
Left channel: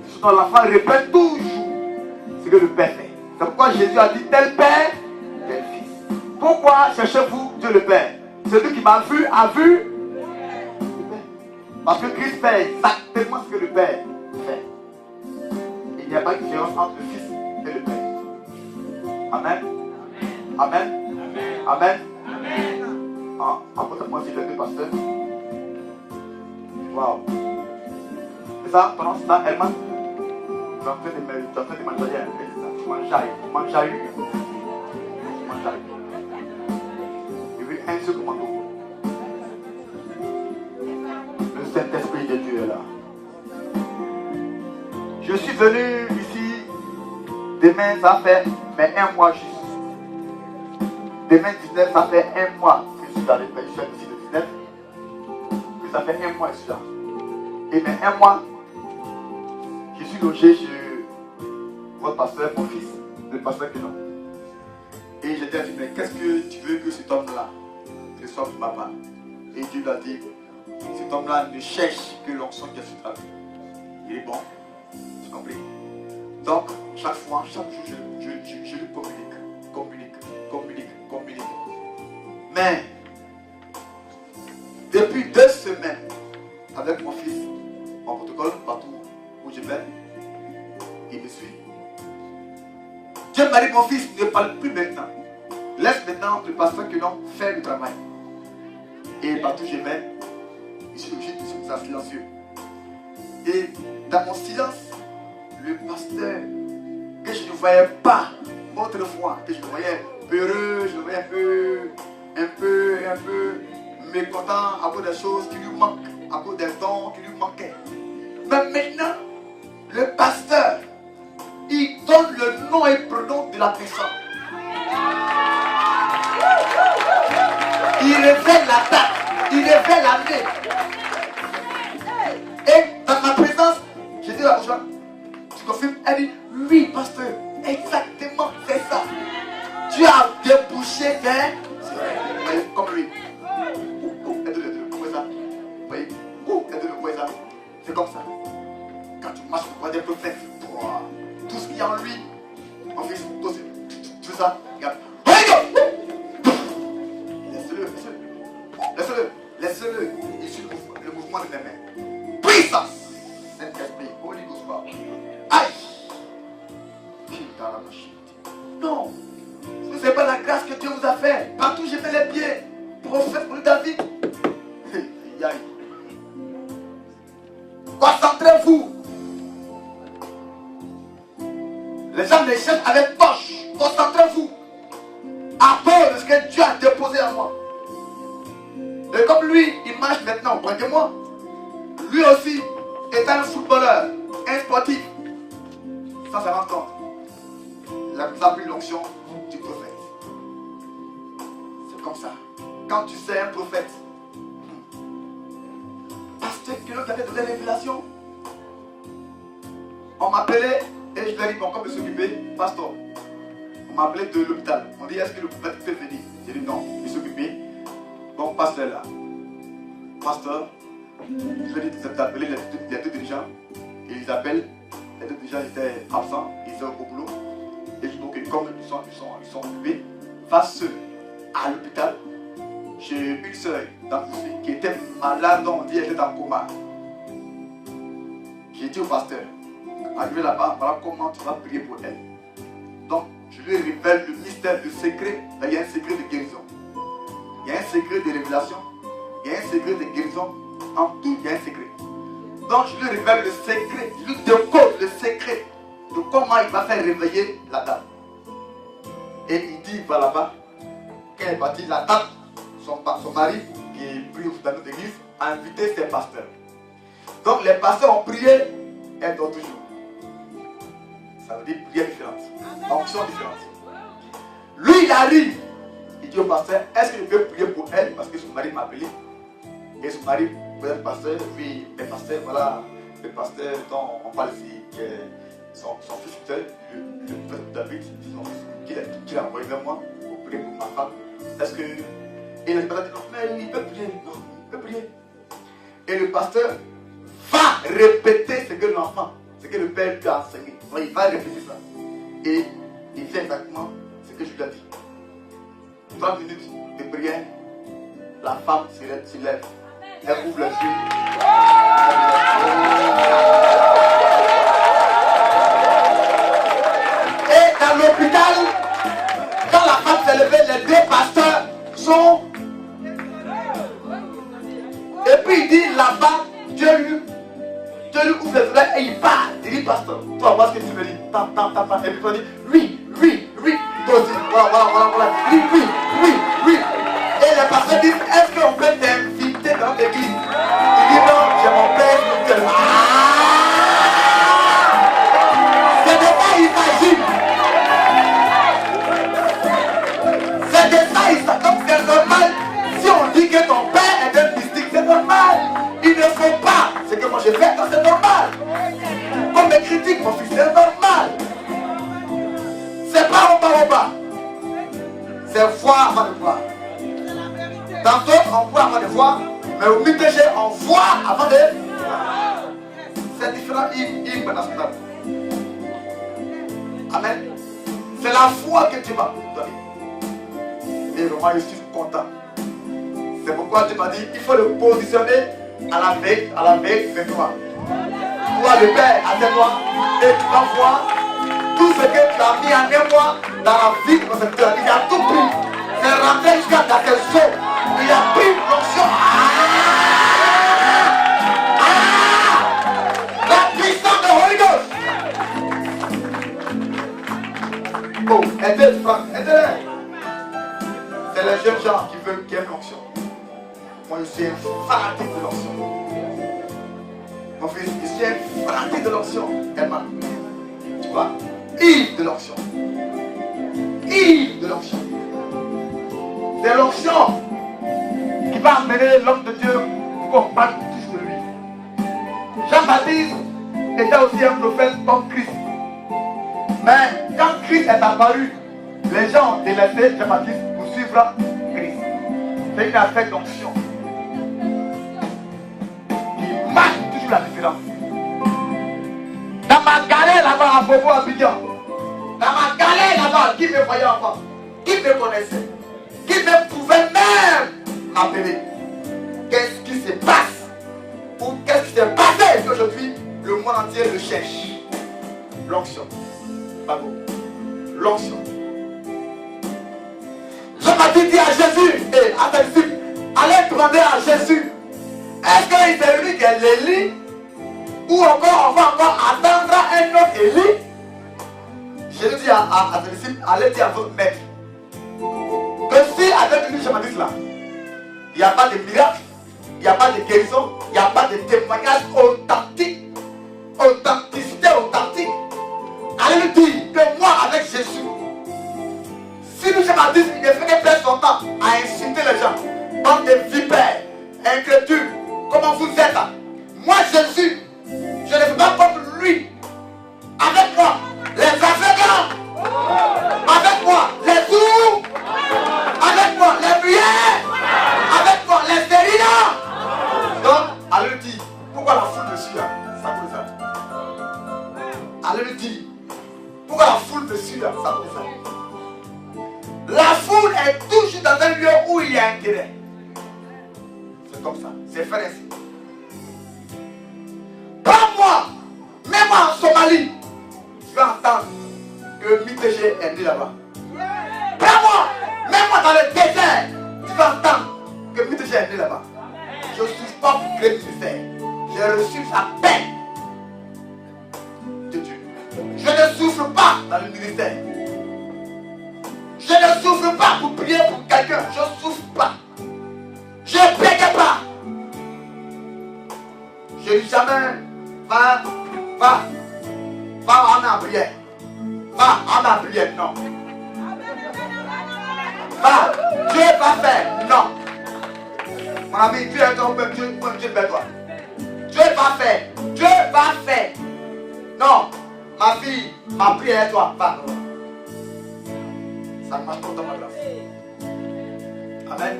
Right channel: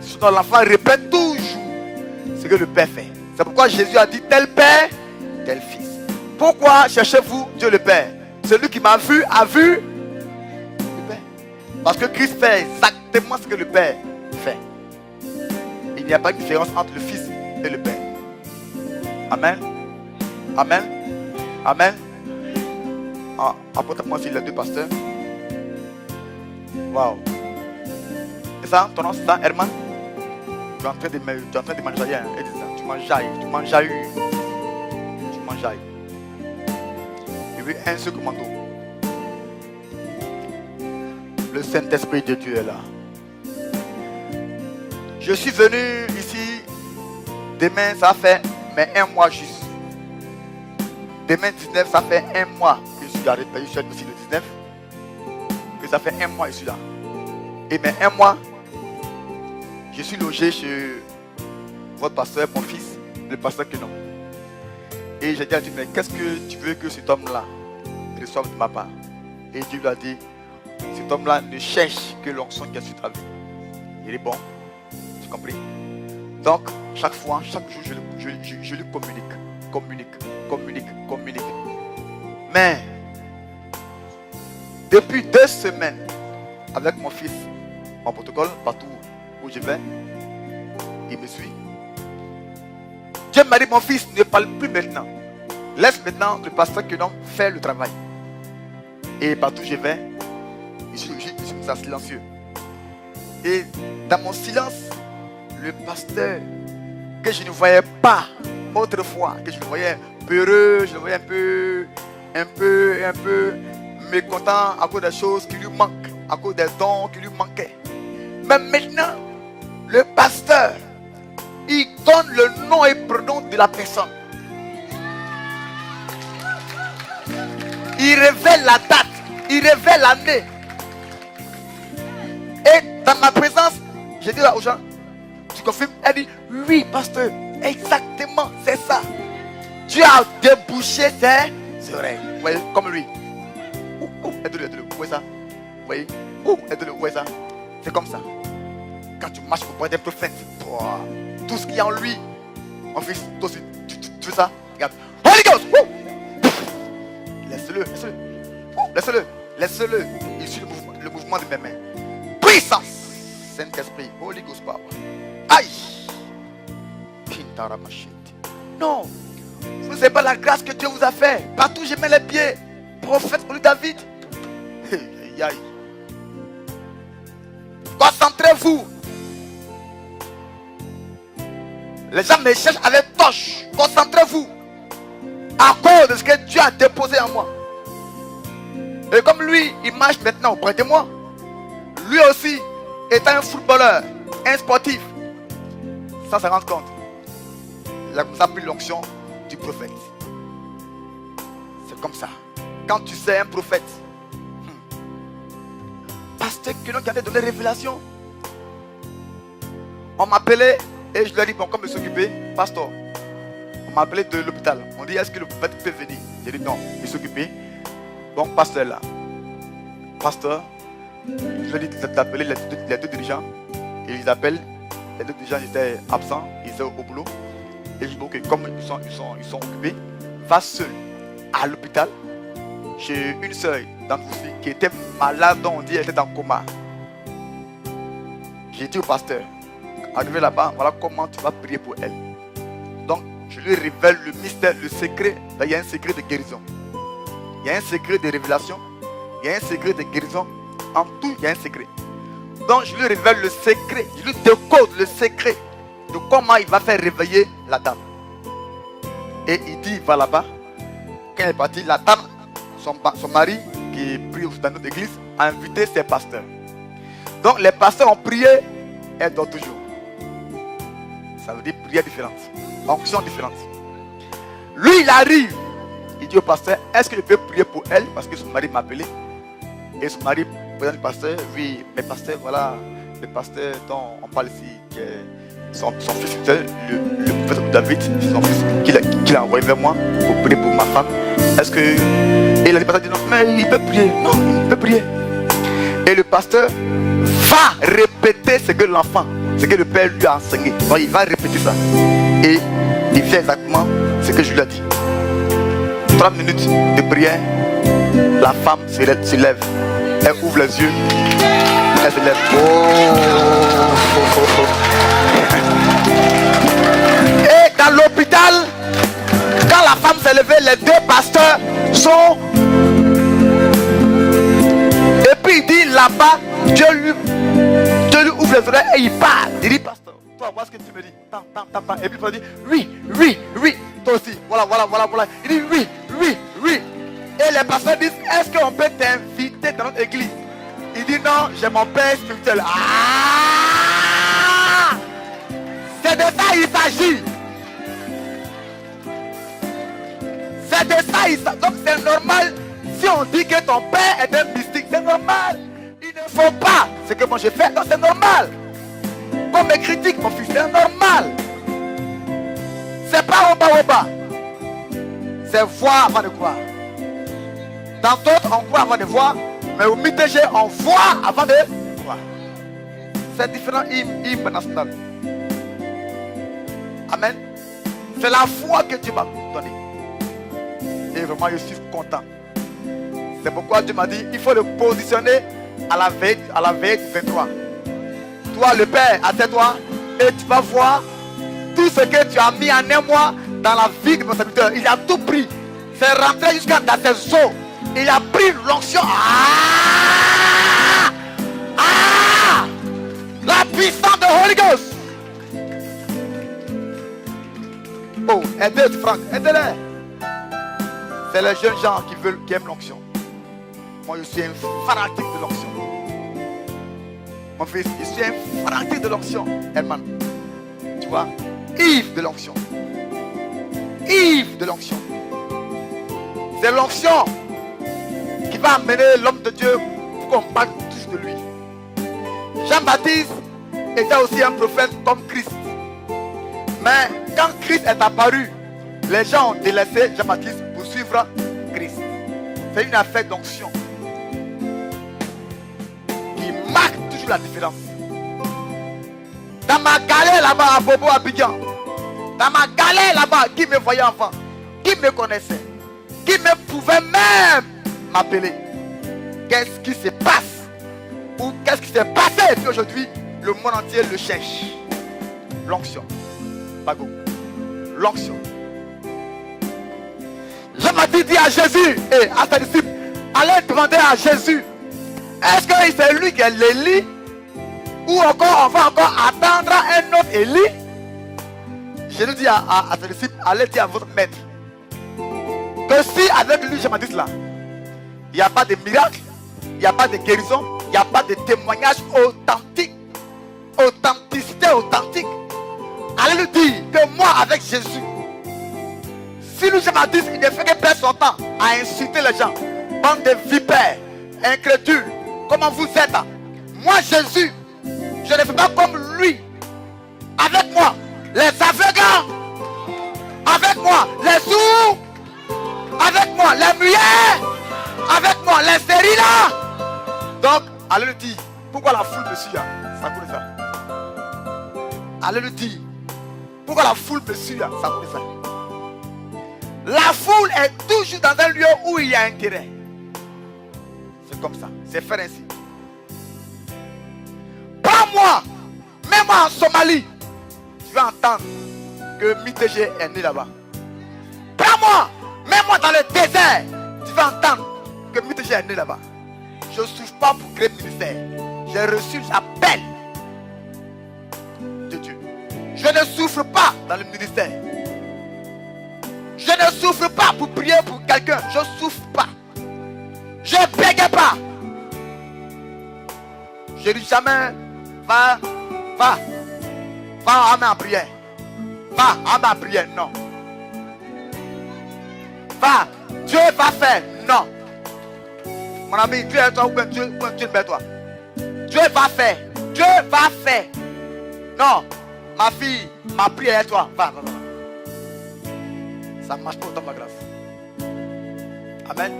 Surtout l'enfant répète toujours ce que le Père fait. C'est pourquoi Jésus a dit tel Père, tel Fils. Pourquoi cherchez-vous Dieu le Père? Celui qui m'a vu a vu le Père. Parce que Christ fait exactement ce que le Père fait. Il n'y a pas de différence entre le Fils et le Père. Amen. Amen. Amen. Apporte-moi aussi les deux pasteurs. Waouh. ça, ton nom c'est ça, Herman? Tu es en train de manger. Tu mangeailles. Je veux un seul commando. Le Saint-Esprit de Dieu est là. Je suis venu ici. Demain, ça fait mais un mois juste. Demain 19, ça fait un mois que je suis allé ici le 19. Que ça fait un mois que je suis là. Et mais un mois, je suis logé chez votre pasteur, mon fils, le pasteur Kenan. Et j'ai dit à Dieu, mais qu'est-ce que tu veux que cet homme-là reçoive de ma part? Et Dieu lui a dit, cet homme-là ne cherche que l'onction qui est sur ta vie. Il est bon. Tu as compris? Donc, chaque fois, chaque jour, je lui communique. Mais, depuis 2 semaines, avec mon fils, en protocole, partout où je vais, il me suit. Dieu m'a dit, mon fils, ne parle plus maintenant. Laisse maintenant le pasteur que l'on fait le travail. Et partout où je vais, je suis silencieux. Et dans mon silence, le pasteur que je ne voyais pas autrefois, que je le voyais peureux, je le voyais un peu mécontent à cause des choses qui lui manquent, à cause des dons qui lui manquaient. Mais maintenant, le pasteur, il donne le nom et prénom de la personne. Il révèle la date, il révèle l'année. Et dans ma présence, j'ai dit aux gens, tu confirmes? Elle dit, oui, pasteur, exactement, c'est ça. Tu as débouché ses oreilles. Vous voyez, comme lui. Aide-le, vous voyez ça? Vous voyez? Aide-le, vous voyez ça? C'est comme ça. Quand tu marches au bois des prophètes, tout ce qu'il y a en lui, mon fils, toi aussi, tu veux ça? Regarde. Holy Ghost! Laisse-le. Il suit le mouvement de mes mains. Puissance! Saint-Esprit, Holy Ghost power. Aïe! Non! Vous ne savez pas la grâce que Dieu vous a fait. Partout où je mets les pieds. Prophète pour David. Aïe. Concentrez-vous. Les gens me cherchent avec torche. Concentrez-vous. À cause de ce que Dieu a déposé en moi. Et comme lui, il marche maintenant auprès de moi. Lui aussi, étant un footballeur, un sportif, sans se rendre compte, il a comme ça pris l'onction du prophète. C'est comme ça. Quand tu sais un prophète, pasteur qui nous avait donné révélation, on m'appelait et je lui ai dit, bon, comme je suis occupé, pasteur, on m'a appelé de l'hôpital. On dit, est-ce que le prophète peut venir? J'ai dit, non, je suis occupé. Bon, pasteur là. Pasteur, je lui ai dit d'appeler les deux dirigeants. Et ils appellent. Les deux dirigeants étaient absents, ils étaient au boulot. Et je dis, ok, comme ils sont occupés, va seul à l'hôpital. J'ai une soeur dans Foussi qui était malade, dont on dit qu'elle était en coma. J'ai dit au pasteur, arrivé là-bas, voilà comment tu vas prier pour elle. Donc, je lui révèle le mystère, le secret. Il y a un secret de guérison. Il y a un secret de révélation. Il y a un secret de guérison. En tout, il y a un secret. Donc, je lui révèle le secret. Je lui décode le secret de comment il va faire réveiller la dame. Et il dit, il va là-bas. Quand il est parti, la dame, son mari, qui prie dans notre église, a invité ses pasteurs. Donc, les pasteurs ont prié, elle dort toujours. Ça veut dire prière différente. Onction différente. Lui, il arrive. Il dit au pasteur, est-ce que je peux prier pour elle? Parce que son mari m'a appelé. Et son mari, vous êtes pasteur? Oui, mais pasteur, voilà, le pasteur dont on parle ici, son fils, le prophète David, son fils qu'il a envoyé vers moi pour prier pour ma femme. Est-ce que... Et le pasteur dit non, mais il peut prier. Non, il peut prier. Et le pasteur va répéter ce que l'enfant, ce que le père lui a enseigné. Donc il va répéter ça. Et il fait exactement ce que je lui ai dit. 30 minutes de prière, la femme se lève, elle ouvre les yeux, elle se lève. Et dans l'hôpital, quand la femme s'est levée, les deux pasteurs sont. Et puis il dit là-bas, Dieu lui ouvre souffle le tonnerre et il part. Il dit, pasteur, tu vas voir ce que tu me dis. Et puis il dit, oui. Toi aussi, voilà. Oui. Et les pasteurs disent, est-ce qu'on peut t'inviter dans l'église? Il dit, non, j'ai mon père spirituel. C'est de ça il s'agit. C'est de ça il s'agit. Donc c'est normal. Si on dit que ton père est un mystique, c'est normal. Il ne faut pas. Ce que moi j'ai fait, donc c'est normal. Comme mes critiques, mon fils, c'est normal. C'est pas au bas. C'est voir avant de voir. Dans d'autres, on voit avant de voir. Mais au MITG, on voit avant de voir. C'est différent hymne national. Amen. C'est la foi que Dieu m'a donnée. Et vraiment, je suis content. C'est pourquoi Dieu m'a dit, il faut le positionner à la veille de toi. Toi, le Père, attends-toi et tu vas voir tout ce que tu as mis en émoi dans la vie de mon serviteur. Il a tout pris. C'est rentré jusqu'à dans tes os. Il a pris l'onction. La puissance de Holy Ghost. Oh, aidez Franck, aidez-les. C'est les jeunes gens qui veulent qu'il y ait l'onction. Moi, je suis un fanatique de l'onction. Mon fils, je suis un fanatique de l'onction. Emma, tu vois, ivre de l'onction. Ivre de l'onction. C'est l'onction qui va amener l'homme de Dieu pour qu'on parle toujours de lui. Jean-Baptiste était aussi un prophète comme Christ. Mais quand Christ est apparu, les gens ont délaissé Jean-Baptiste pour suivre Christ. C'est une affaire d'onction qui marque toujours la différence. Dans ma galère là-bas à Bobo Abidjan, dans ma galère là-bas, qui me voyait enfant, qui me connaissait, qui me pouvait même m'appeler. Qu'est-ce qui se passe? Ou qu'est-ce qui s'est passé aujourd'hui? Le monde entier le cherche. L'onction. Pardon. L'onction. Jean-Baptiste dit à Jésus et à ses disciples, allez demander à Jésus, est-ce que c'est lui qui est l'Élie? Ou encore on va encore attendre un autre Élie? Jésus dit à ses disciples, allez dire à votre maître que si avec lui Jean-Baptiste là, il n'y a pas de miracle, il n'y a pas de guérison, il n'y a pas de témoignage authentique, authentique. Allez lui dire que moi avec Jésus, si lui Jean-Baptiste, il ne fait que perdre son temps à insulter les gens, bande de vipères, incrédules, comment vous êtes? Moi Jésus, je ne fais pas comme lui. Avec moi, les aveugles, avec moi, les sourds, avec moi, les muets, avec moi, les stériles. Donc, allez lui dire, pourquoi la foule me suit là? Ça connaît ça. Allez lui dire, pourquoi la foule me suit là? Ça connaît ça. La foule est toujours dans un lieu où il y a intérêt. C'est comme ça, c'est fait ainsi. Pas moi, même moi en Somalie, tu vas entendre que MITG est né là-bas. Pas moi, même moi dans le désert, tu vas entendre que MITG est né là-bas. Je ne souffre pas pour créer le ministère. J'ai reçu la paix de Dieu. Je ne souffre pas dans le ministère. Je ne souffre pas pour prier pour quelqu'un. Je ne souffre pas. Je ne bégue pas. Je ne dis jamais, va à ma prière. Va à ma prière, non. Va, Dieu va faire, non. Mon ami, Dieu est toi, ou même Dieu est toi. Dieu va faire. Non, ma fille, ma prière est toi, va. Ça marche pas dans ma grâce. Amen.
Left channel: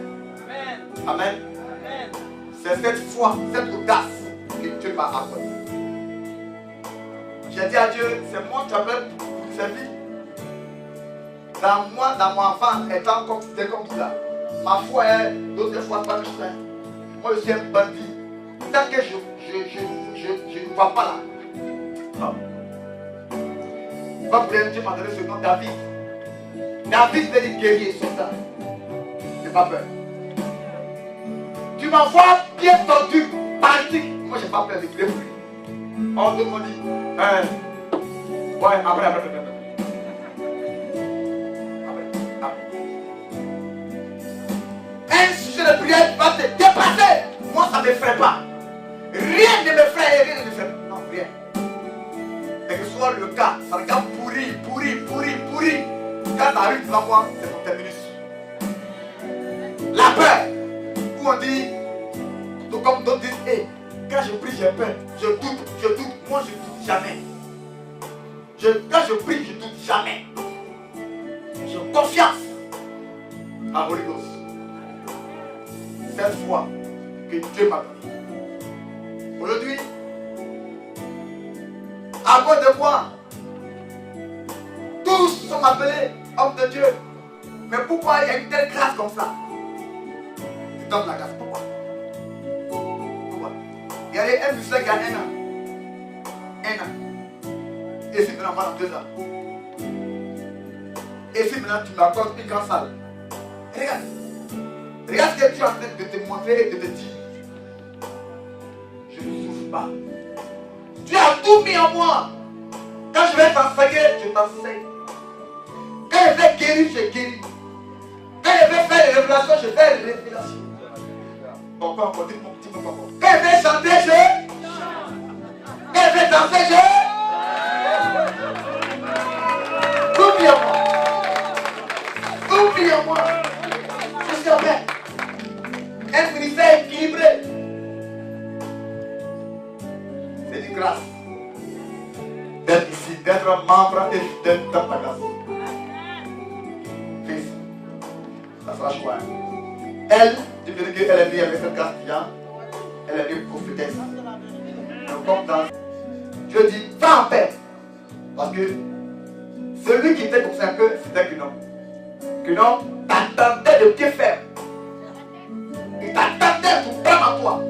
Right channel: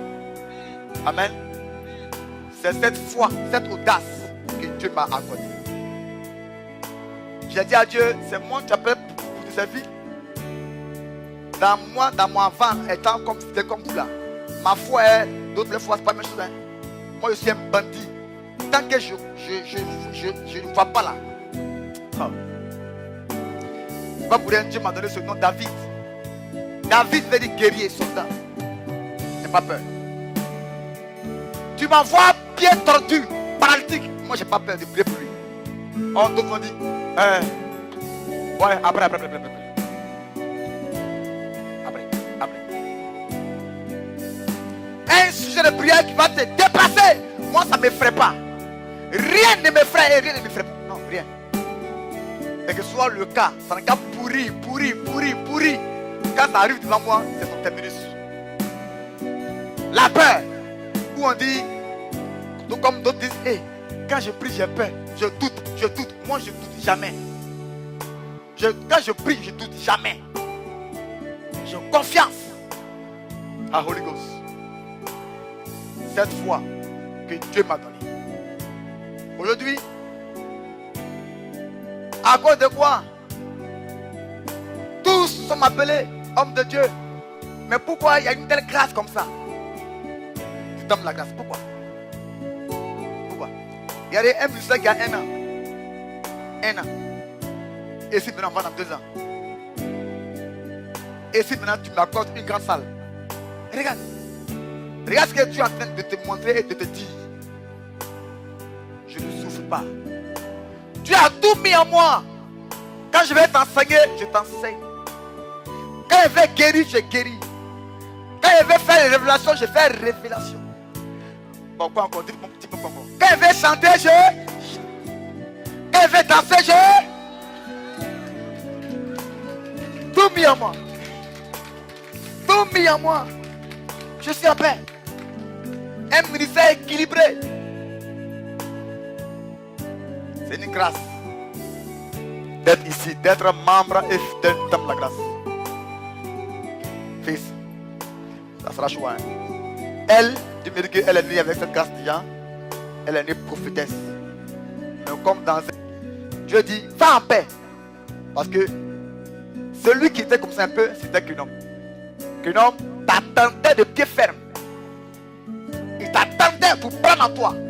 Amen. C'est cette foi, cette audace que Dieu m'a accordée. J'ai dit à Dieu, c'est moi qui appelle pour te servir. Dans mon enfant, étant comme c'était comme tout là. Ma foi est, d'autres fois, c'est pas la même chose. Moi, je suis un bandit. Tant que je ne vois pas là. Non. Pas pour rien, Dieu m'a donné ce nom David. David veut dire guerrier, soldat. J'ai pas peur. Tu m'envoies bien tordu, paralytique. Moi, j'ai pas peur de prier pour lui. On d'autres m'ont dit, ouais, après. Un sujet de prière qui va te dépasser. Moi, ça ne m'effraie pas. Rien ne m'effraie, rien ne m'effraie. Non, rien. Et que ce soit le cas, ça regarde pourri. Quand ça arrive devant moi, c'est son terminus. La peur. Où on dit, comme d'autres disent, hey, quand je prie, j'ai peur. Je doute. Moi, je doute jamais. Quand je prie, je doute jamais. J'ai confiance à Holy Ghost. Cette foi que Dieu m'a donnée. Aujourd'hui, à cause de moi, tous sont appelés hommes de Dieu. Mais pourquoi il y a une telle grâce comme ça? Je donne la grâce. Pourquoi? Il y a un musicien qui a 1 an. Et si maintenant on va dans 2 ans. Et si maintenant tu m'accordes une grande salle. Regarde ce que tu es en train de te montrer et de te dire. Je ne souffre pas. Tu as tout mis en moi. Quand je vais t'enseigner, je t'enseigne. Quand je vais guérir, je guéris. Quand je vais faire les révélations, je fais les révélations. Pourquoi encore? Dites mon petit peu encore. Quand je vais chanter, je chante. Quand je vais danser, je tout mis en moi. Tout mis en moi. Je suis en paix. Un ministère équilibré. C'est une grâce d'être ici, d'être membre et d'être dans la grâce. Fils, ça sera choix. Elle, tu me dis qu'elle est née avec cette grâce déjà. Elle est née prophétesse. Donc comme dans Dieu dit, va en paix. Parce que celui qui était comme ça un peu, c'était Guénon. Guénon t'attendait de pied ferme. Il t'attendait pour prendre en toi.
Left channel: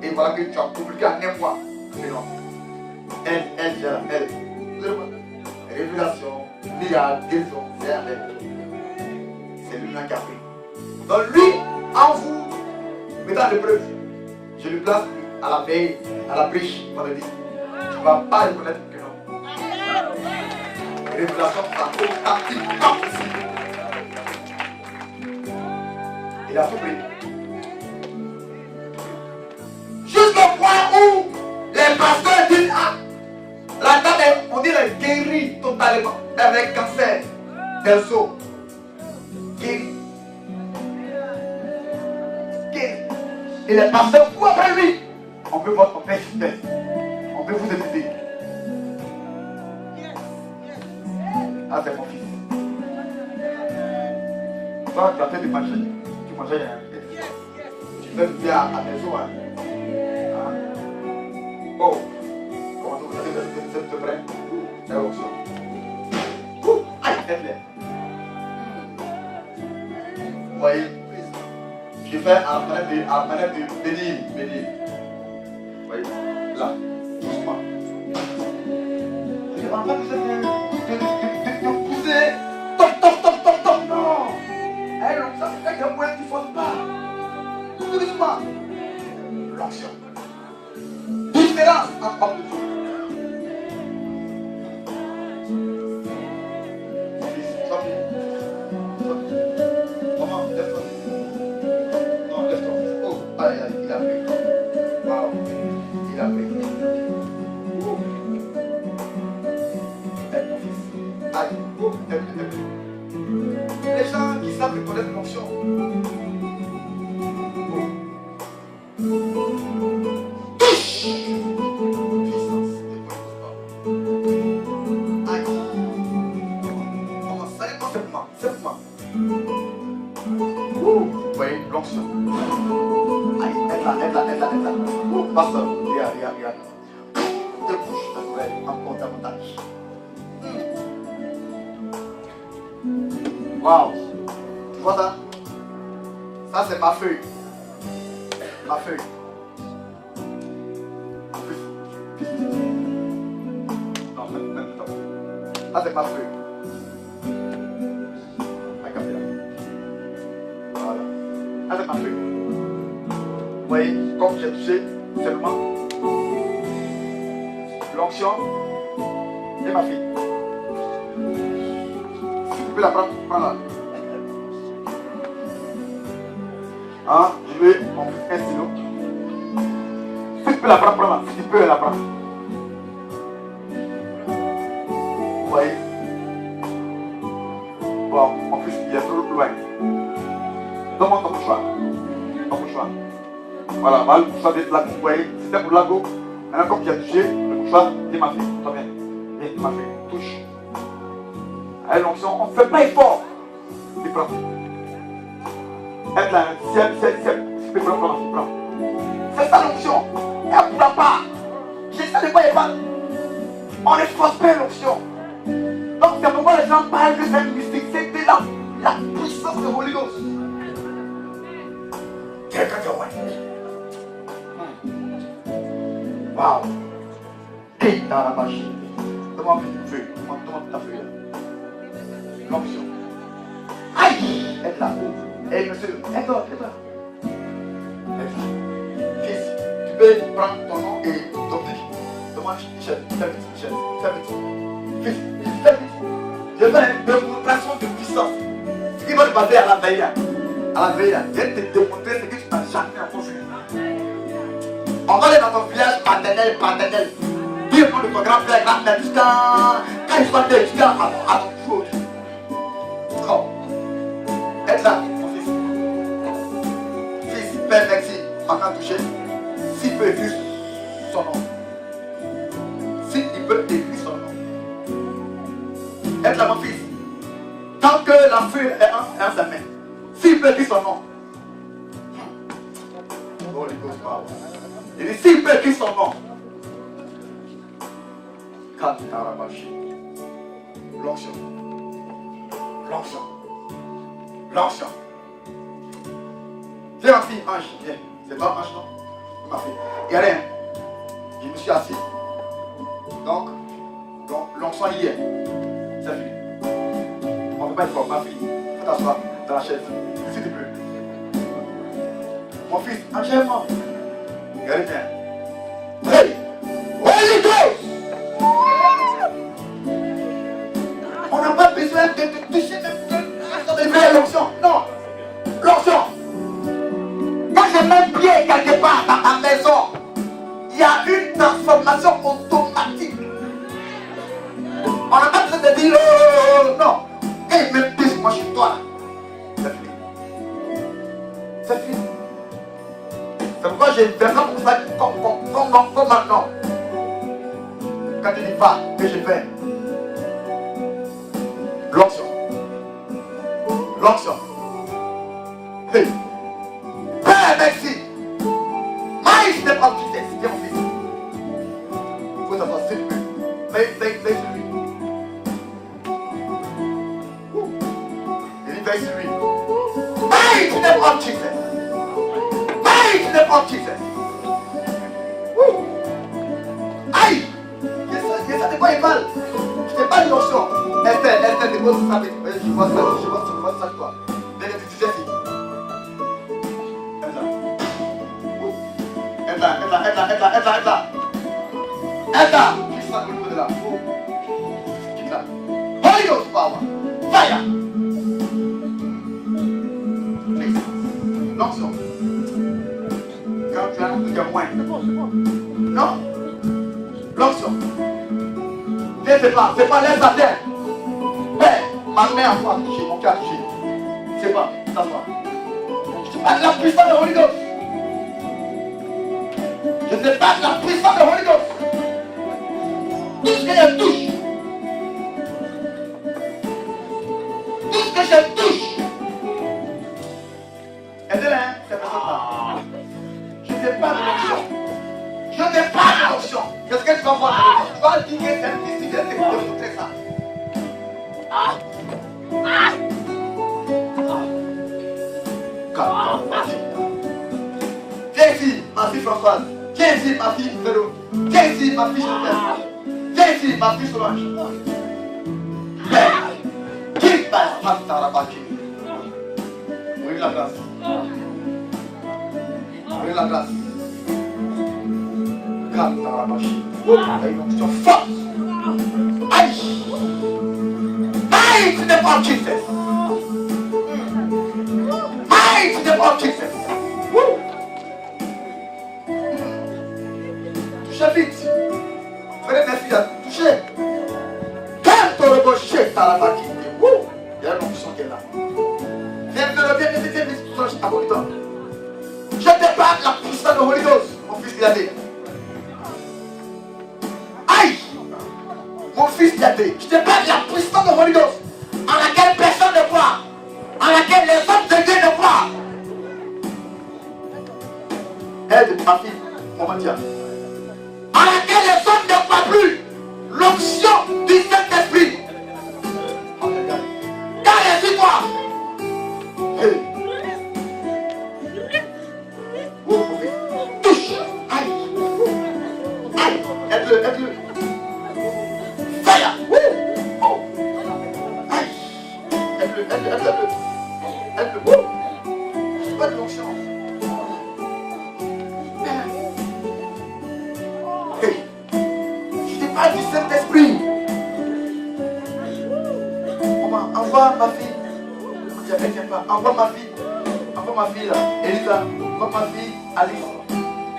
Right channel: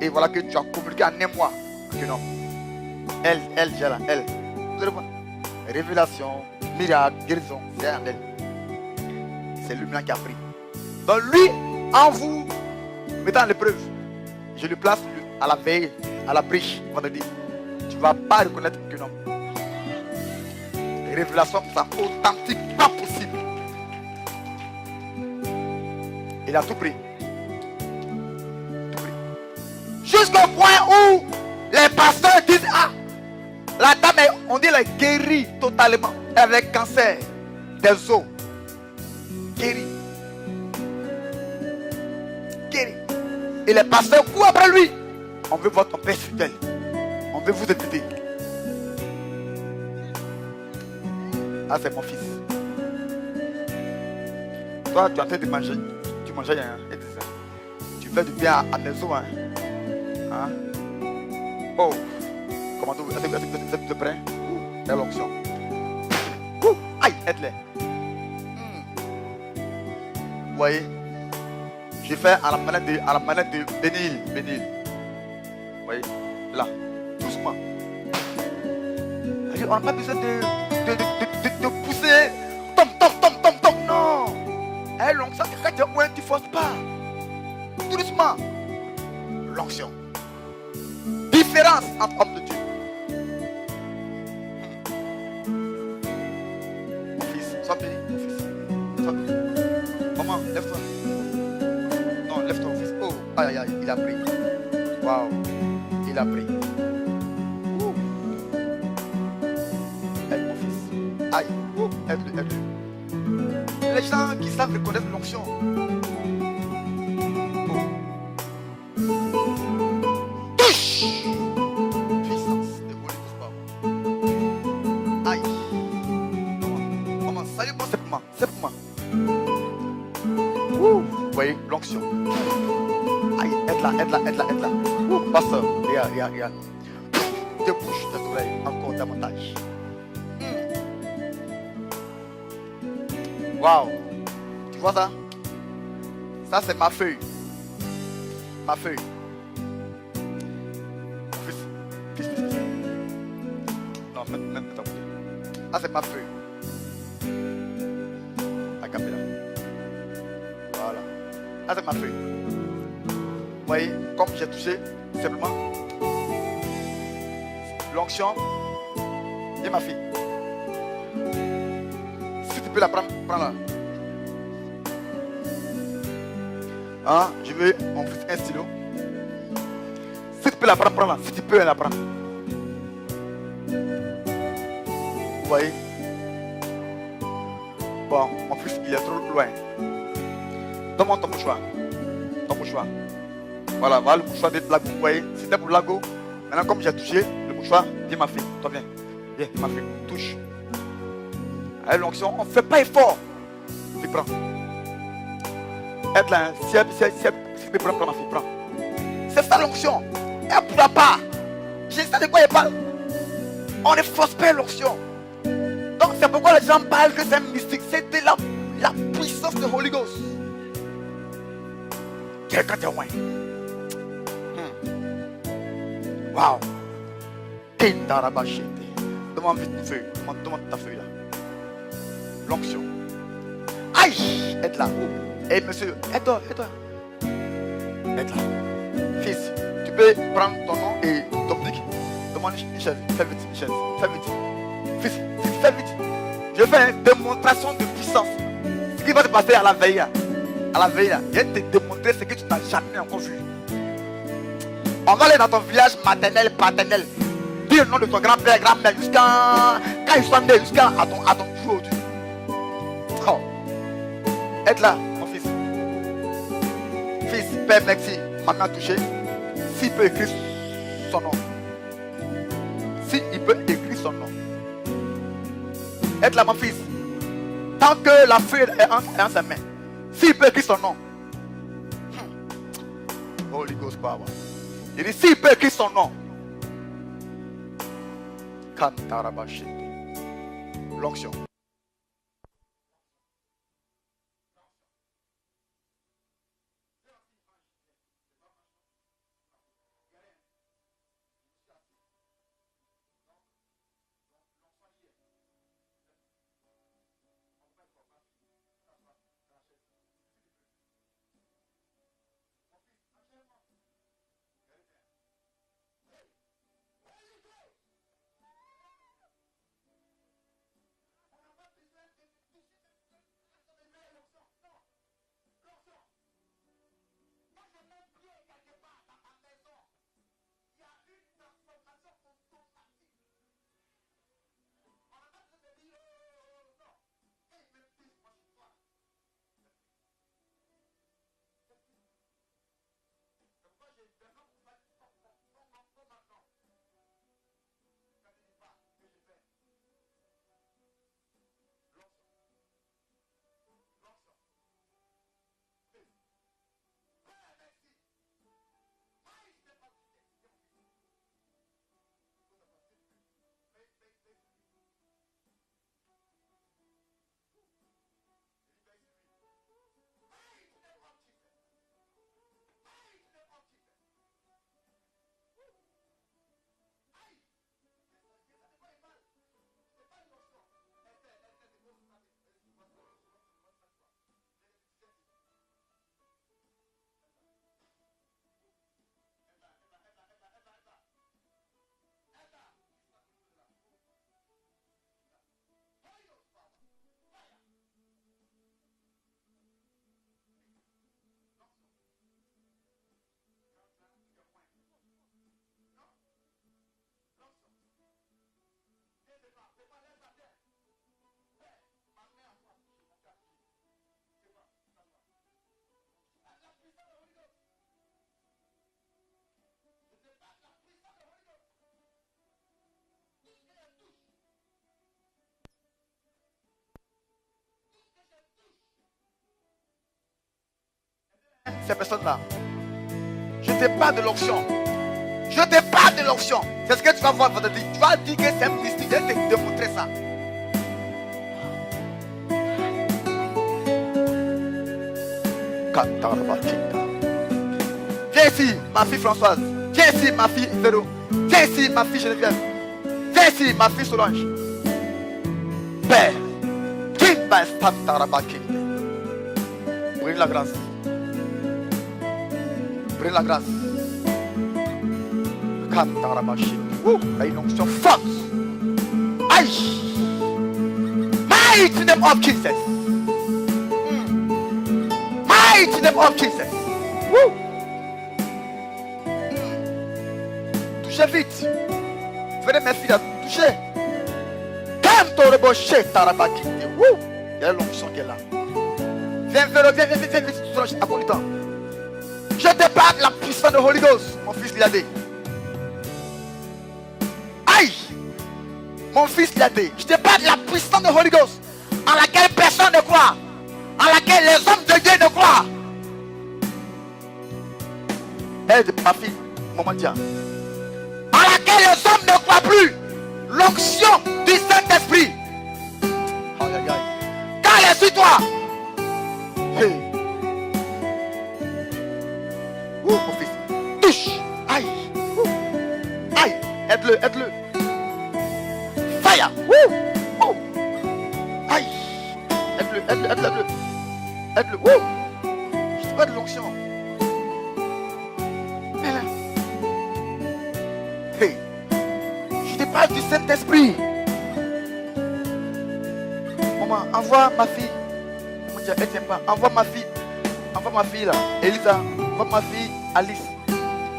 Et voilà que tu as communiqué en un mois. Guénon. Elle gère, elle. Révélation, miracle, guérison, c'est elle. C'est lui-même qui a pris. Donc lui, en vous mettant en épreuve, je lui place à la veille, à la briche, vendredi. Tu ne vas pas reconnaître que non. Révélation, ça pratiquement possible. Il a tout pris. Jusqu'au point où les pasteurs disent, ah, la dame, on dit, elle est guérie totalement. Elle a un cancer des os. Guérie. Et les pasteurs courent après lui. On veut votre perfidèle. On veut vous éviter. Ah, c'est mon fils. Toi, tu as fait de manger. Tu mangeais. Tu fais du bien à tes os. Hein? Oh. Comment vous êtes prêts? C'est l'onction. Aïe, aide-les. Vous voyez? Je fais à la manette de bénir. Vous voyez, là, doucement. On n'a pas besoin de pousser. Top, non. Elle, l'onction, c'est quand tu as moins, tu ne forces pas. Tout doucement. L'onction. Différence entre hommes de Dieu. Mon fils, sois béni. Maman, lève-toi. Non, lève ton fils. Oh, aïe, il a pris. Waouh, il a pris. Aide mon fils. Aïe, aide-le. Les gens qui savent reconnaître l'onction. Touche. Puissance de Holy. Aïe. Comment ça y est, simplement. Vous voyez l'onction. Aïe, aide-la. Pasteur, regarde. Te bouche, te oreilles, encore davantage. Waouh. Tu vois ça? Ça, c'est ma feuille. Non, même temps. Ça, c'est ma feuille. La caméra. Voilà. Ça, c'est ma feuille. Vous voyez, comme j'ai touché seulement. l'onction. Et ma fille. Si tu peux la prendre, prends-la. Hein, je veux mon fils un stylo. Si tu peux la prendre, prends-la. Si tu peux la prendre. Vous voyez? Bon, mon fils, il est trop loin. Donne-moi ton mouchoir. Ton mouchoir. Voilà, le mouchoir de la go. Vous voyez? C'était pour la go. Maintenant, comme j'ai touché le mouchoir, viens ma fille. Toi, viens. Viens, ma fille. Touche. Allez, l'onction, on ne fait pas effort. Puis prends. Être là, si tu peux prendre, ma fille, prends. C'est ça l'onction. Elle ne pourra pas. J'essaie de pas. On ne force pas l'onction. Donc c'est pourquoi les gens parlent que c'est un mystique. C'était là la puissance de Holy Ghost. Quelqu'un témoin. Waouh. T'es dans la machine. Demande une feuille. Demande ta feuille là. L'onction. Aïe. Être là. Et monsieur, aide-toi. Être là. Fils, tu peux prendre ton nom et ton dick. Demande Michel. Fais petit, Michel. Fais petit. Fils, fais petit. Je fais une démonstration de puissance. Ce qui va te passer à la veille. À la veille, je vais te démontrer ce que tu n'as jamais encore vu. On va aller dans ton village maternel, paternel. Dis le nom de ton grand-père, grand-mère, jusqu'à quand il soit né, jusqu'à ton jour. Oh. Être là, mon fils. Fils, père, merci. Maman touché. S'il peut écrire son nom. S'il peut écrire son nom. Être là, mon fils. Tant que la feuille est en sa main. S'il peut écrire son nom. Holy Ghost power. Il dit s'il peut écrire son nom. Katarabashi. L'onction. L'onction. L'onction. Viens ma fille, Ange. Viens. C'est toi Ange, non? Ma fille. Regardez. Je me suis assis. Donc l'onction y est. C'est fini. On ne peut pas être fort, ma fille. Il faut t'asseoir dans la chaise. S'il te plaît. Mon fils, enchaînement. Regardez bien. Hey! Holy Ghost! On n'a pas besoin de toucher de l'onction. Non! L'onction! Quand je mets un pied quelque part dans ta maison, il y a une transformation automatique. On n'a pas besoin de dire oh, non. Quand il me pisse, moi je suis toi. C'est fini. C'est fini. C'est pourquoi j'ai vraiment pour ça comme maintenant. Quand tu dis pas, que je fais. L'onction. L'onction. Hey. Père, merci. My step of Jesus. Viens mon fils. Il faut savoir s'il te plaît. Veille sur lui. Il dit veille sur lui. My step of Jesus. My step of Jesus. Aïe. Je sais de quoi il parle. Je t'ai pas dit l'onction. Esther, dépose ça. Je vois ça, toi. Viens de tu sais si. Aide là. Quitte ça au niveau de là. Quitte là. Holy Ghost power. Fire. Please. L'onction. Quand tu as un témoin. Non. L'onction. C'est pas laisse à terre. Père, ma main a touché, mon cœur a touché. C'est pas, ça va. Je te parle de la puissance de Holy Ghost. Je te parle de la puissance de Holy Ghost. Tout ce que je touche. Tout ce que je touche. Aidez-les, ces personnes-là. Je te parle de l'onction. Je te parle de l'onction. C'est ce que tu vas voir. Tu vas dire que c'est un mystique. Je vais te démontrer ça. Viens ici, ma fille Françoise. Viens ici, ma fille Vélo. Viens ici, ma fille Geneviève. Viens ici, ma fille Solange. Père, qui va Tantarabaki. Brûle la grâce. Brûle la grâce. Kantarabashi. Une onction Mighty name of Jesus. Mighty name of Jesus. Woo. Touchez vite. Venez mes filles, touchez. Quand on rebouche, t'as la baguette. Il y a l'onction qui est là. Viens, à votre temps. Je te parle la puissance de Holy Ghost, mon fils gardé. Aïe! Mon fils gardé. Je te parle la puissance de Holy Ghost, en laquelle personne ne croit, en laquelle les hommes de Dieu ne croient. Aide ma fille, mon Dieu. En laquelle les hommes ne croient plus. L'onction du Saint-Esprit. Quand elle est sur toi. Hey. Touche. Aïe. Aïe. Aide-le, aide-le. Fire. Oh. Aïe. Aide-le, aide-le, aide-le. Aide-le. Je te pas de l'onction. Hey. Je te parle du Saint-Esprit. Maman, envoie ma fille. Envoie ma fille. Envoie ma fille là, Elisa. Envoie ma fille Alice.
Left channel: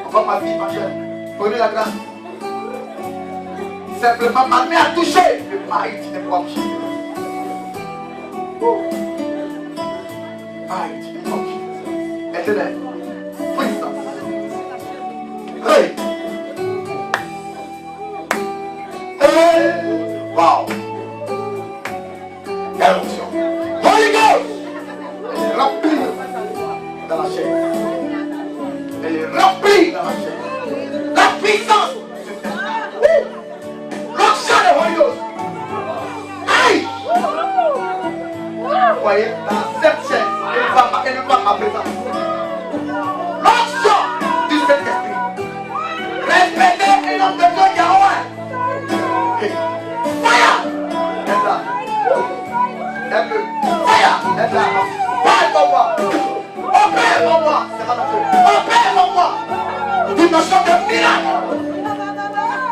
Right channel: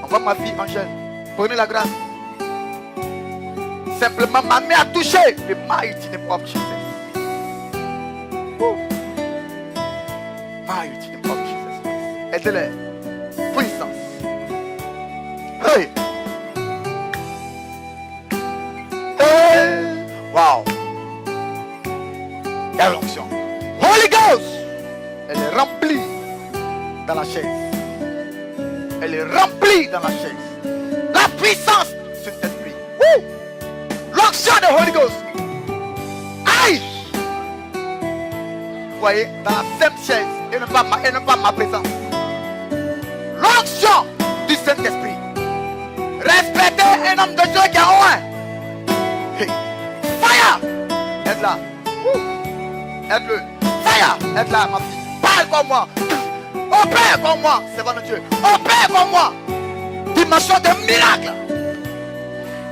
Envoie ma fille Angèle. Prenez la grâce. Simplement ma main a touché le mighty name of Jesus. Mighty name of Jesus. Aide-les. Puissance. Hey. Hey. Wow. Quelle onction. Holy Ghost. Elle est remplie dans la chaise. Elle est remplie dans la chaise. La puissance sur cette vie. L'onction de Holy Ghost. Aïe! Vous voyez, dans la sainte chaise, elle ne va ma présence. L'onction du Saint-Esprit. Respectez un homme de Dieu qui a au moins. Fire! Elle là. Elle le. Fire! Elle là. Parle pour moi. Opère pour moi. C'est pas Dieu. Opère pour moi. Dimension de miracle.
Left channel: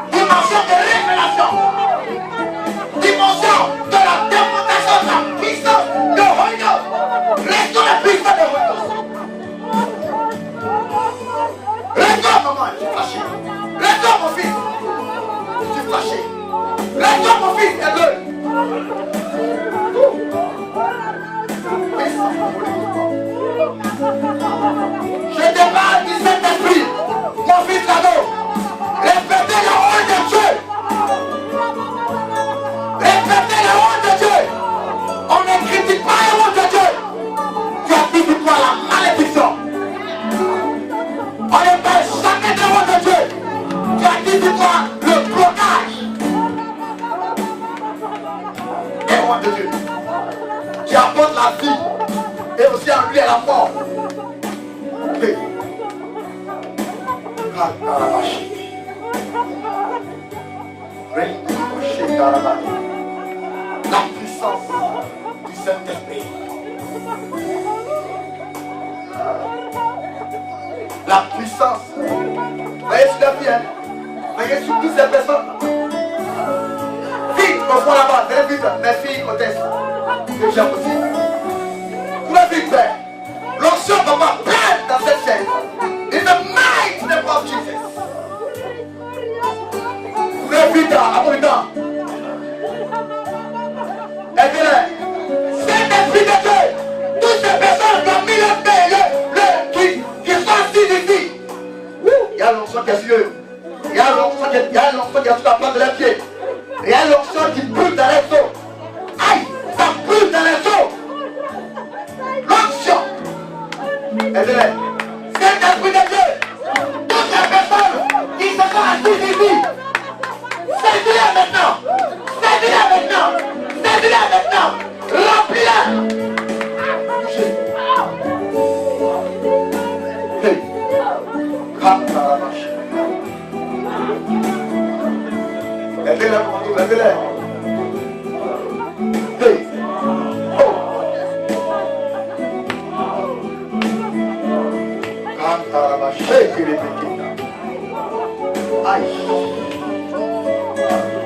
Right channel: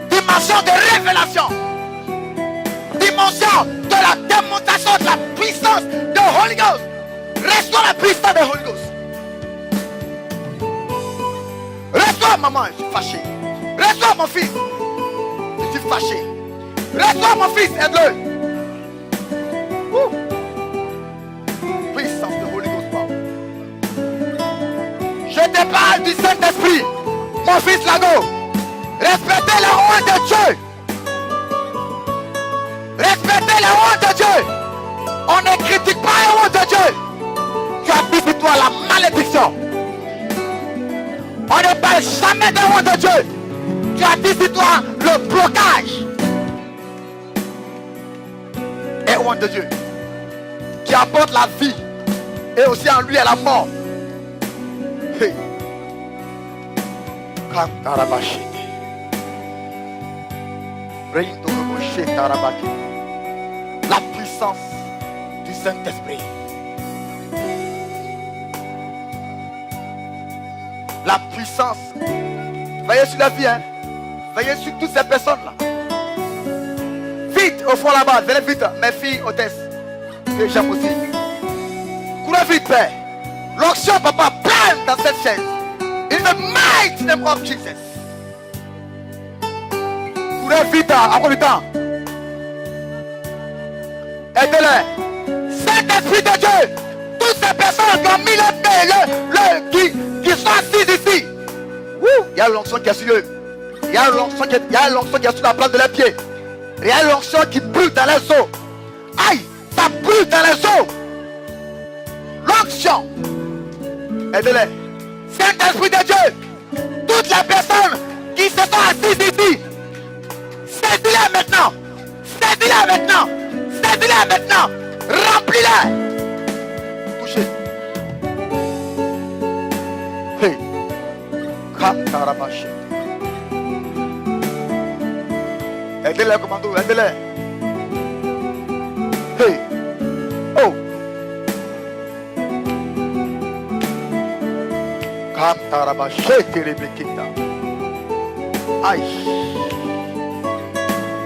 Dimension de révélation. Dimension de la démonstration de la puissance de Holy Ghost. Restaure la puissance de Holy Ghost. Restaure maman, je suis fâché. Restaure mon fils. Je suis fâché. Restaure mon fils, aide-le. Puissance de Holy Ghost. Je te parle du Saint-Esprit. Mon fils Lago. Respectez la honte de Dieu. Respectez la honte de Dieu. On ne critique pas la honte de Dieu. Tu as dit toi la malédiction. On ne parle jamais de la honte de Dieu. Tu as dit toi le blocage. Et honte de Dieu. Qui apporte la vie. Et aussi en lui à la mort. Hey. La puissance du Saint-Esprit. La puissance. Voyez sur la vie, hein. Voyez sur toutes ces personnes-là. Vite, au fond là-bas, venez vite, mes filles hôtesses. Que j'aime aussi. Courez vite, père. L'onction, papa, pleine dans cette chaise. In the mighty name of Jesus. Courez vite, à bon temps. Aidez-les. Saint-Esprit de Dieu. Toutes ces personnes qui ont mis les mains, qui sont assises ici. Il y a l'onction qui est sur eux. Il y a l'onction qui est sur la plante de leurs pieds. Il y a l'onction qui brûle dans les os. Aïe, ça brûle dans les os. L'onction. Aidez-les. Saint-Esprit de Dieu. Toutes les personnes qui se sont assises ici. Saisis-les maintenant. Saisis-les maintenant. Saisis-les maintenant. Remplis-les. Touchez. Hey. Kakarabashi. Aidez-les, commando. Aidez-les. Hey. Oh. Kakarabashi. Kiribikita. Aïe.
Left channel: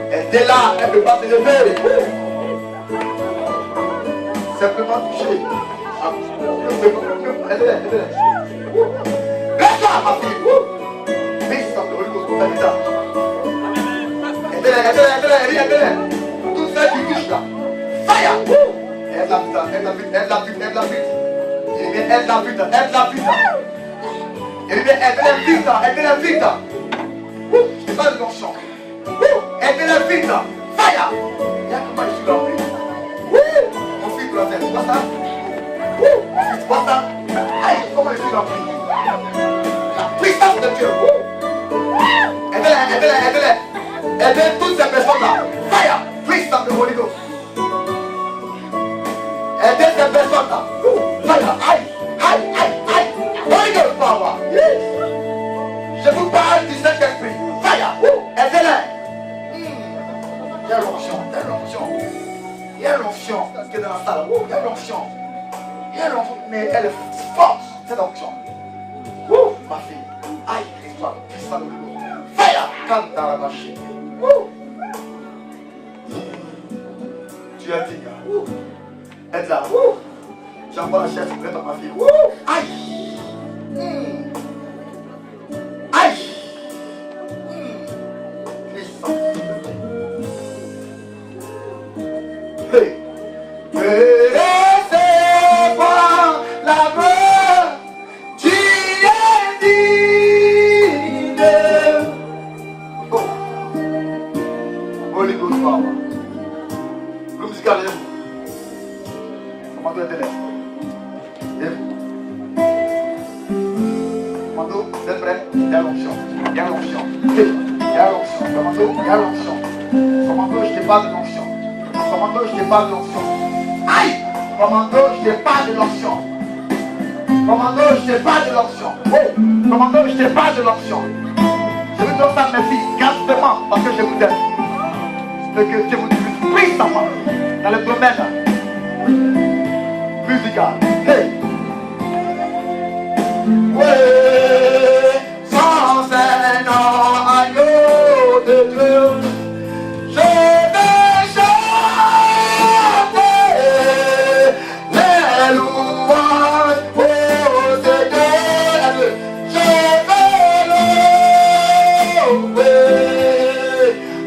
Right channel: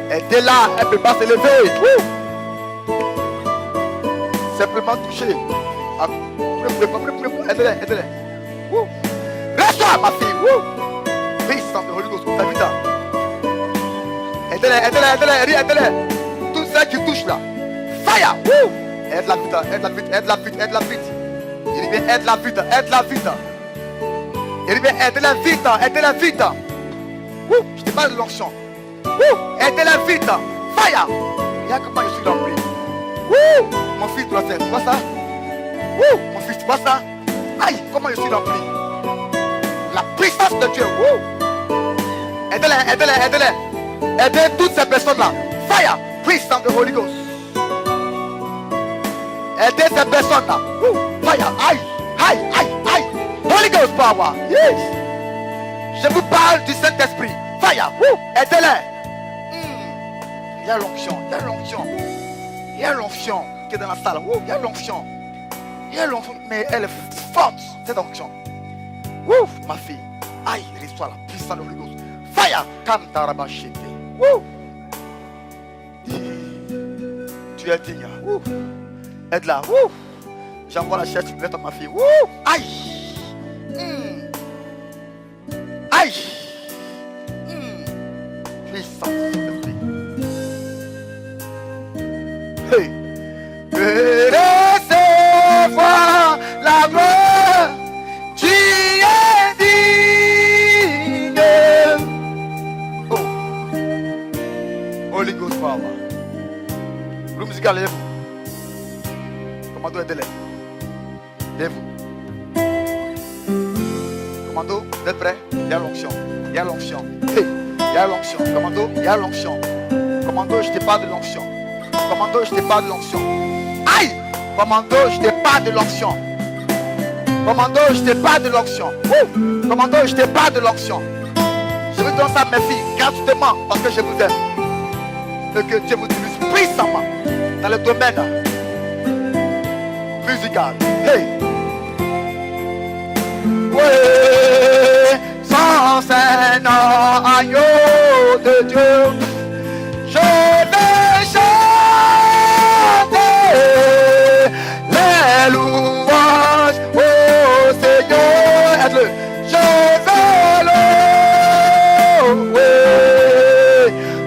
Elle est là, elle ne peut pas se lever. bouger. Aide-les. Reste-toi, ma fille. Peace from the Holy Ghost. Aide-les. Toutes celles qui touchent là. Fire. Aide-la vite. Il dit aide-la vite. Il dit aide-la vite. Je te parle de l'onction. Aide-la vite. Fire. Il y a comment je suis dans le pays. Mon fils, tu vas faire. Tu vois ça? Mon fils, tu vois ça? Aïe, comment je suis dans le pays. La puissance de Dieu. Aidez-les. Aidez toutes ces personnes-là. Fire. Puissance de Holy Ghost. Aidez ces personnes-là. Fire. Aïe. Holy Ghost power. Yes. Je vous parle du Saint-Esprit. Fire. Aidez-les. Il y a l'onction. Il y a l'onction qui est dans la salle. Il y a l'onction. Mais elle est forte, cette onction. Ma fille. Aïe, l'histoire puissante de Holy Ghost. Fire. Kantarabashite. Tu es digne. Aide-la. J'envoie la chaise, tu peux mettre ma fille. Aïe. Puissance. Hey. Recevoir l'amour, tu es digne. Holy Ghost power. Le musical est vous. Commando aide-les. Commando, vous êtes prêts? Il y a l'onction. Commando, il y a l'onction. Commando, je te parle de l'onction. Aïe! Commando, je te parle de l'onction. Je vous donne ça, mes filles, gratuitement, parce que je vous aime. Et que Dieu vous utilise puissamment dans le domaine musical. Hey! Ouais, sans un agneau de Dieu, je vais chanter les louanges au Seigneur. Je vais louer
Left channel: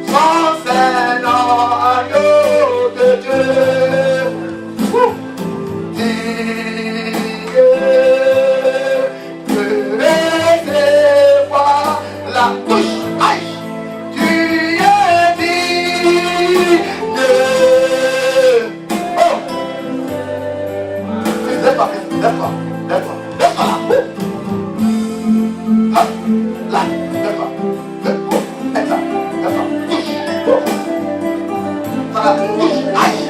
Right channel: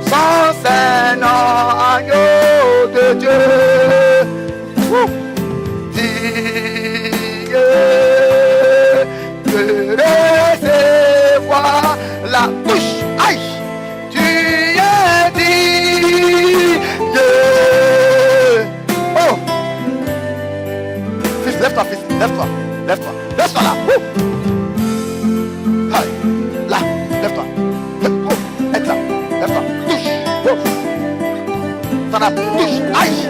sans un agneau de Dieu. Recevoir la touche. Aïe, tu es digne. Oh, fils, lève-toi, lève-toi là. Aïe, là, lève-toi. Oh, lève-toi, touche. Oh, voilà, touche. Aïe,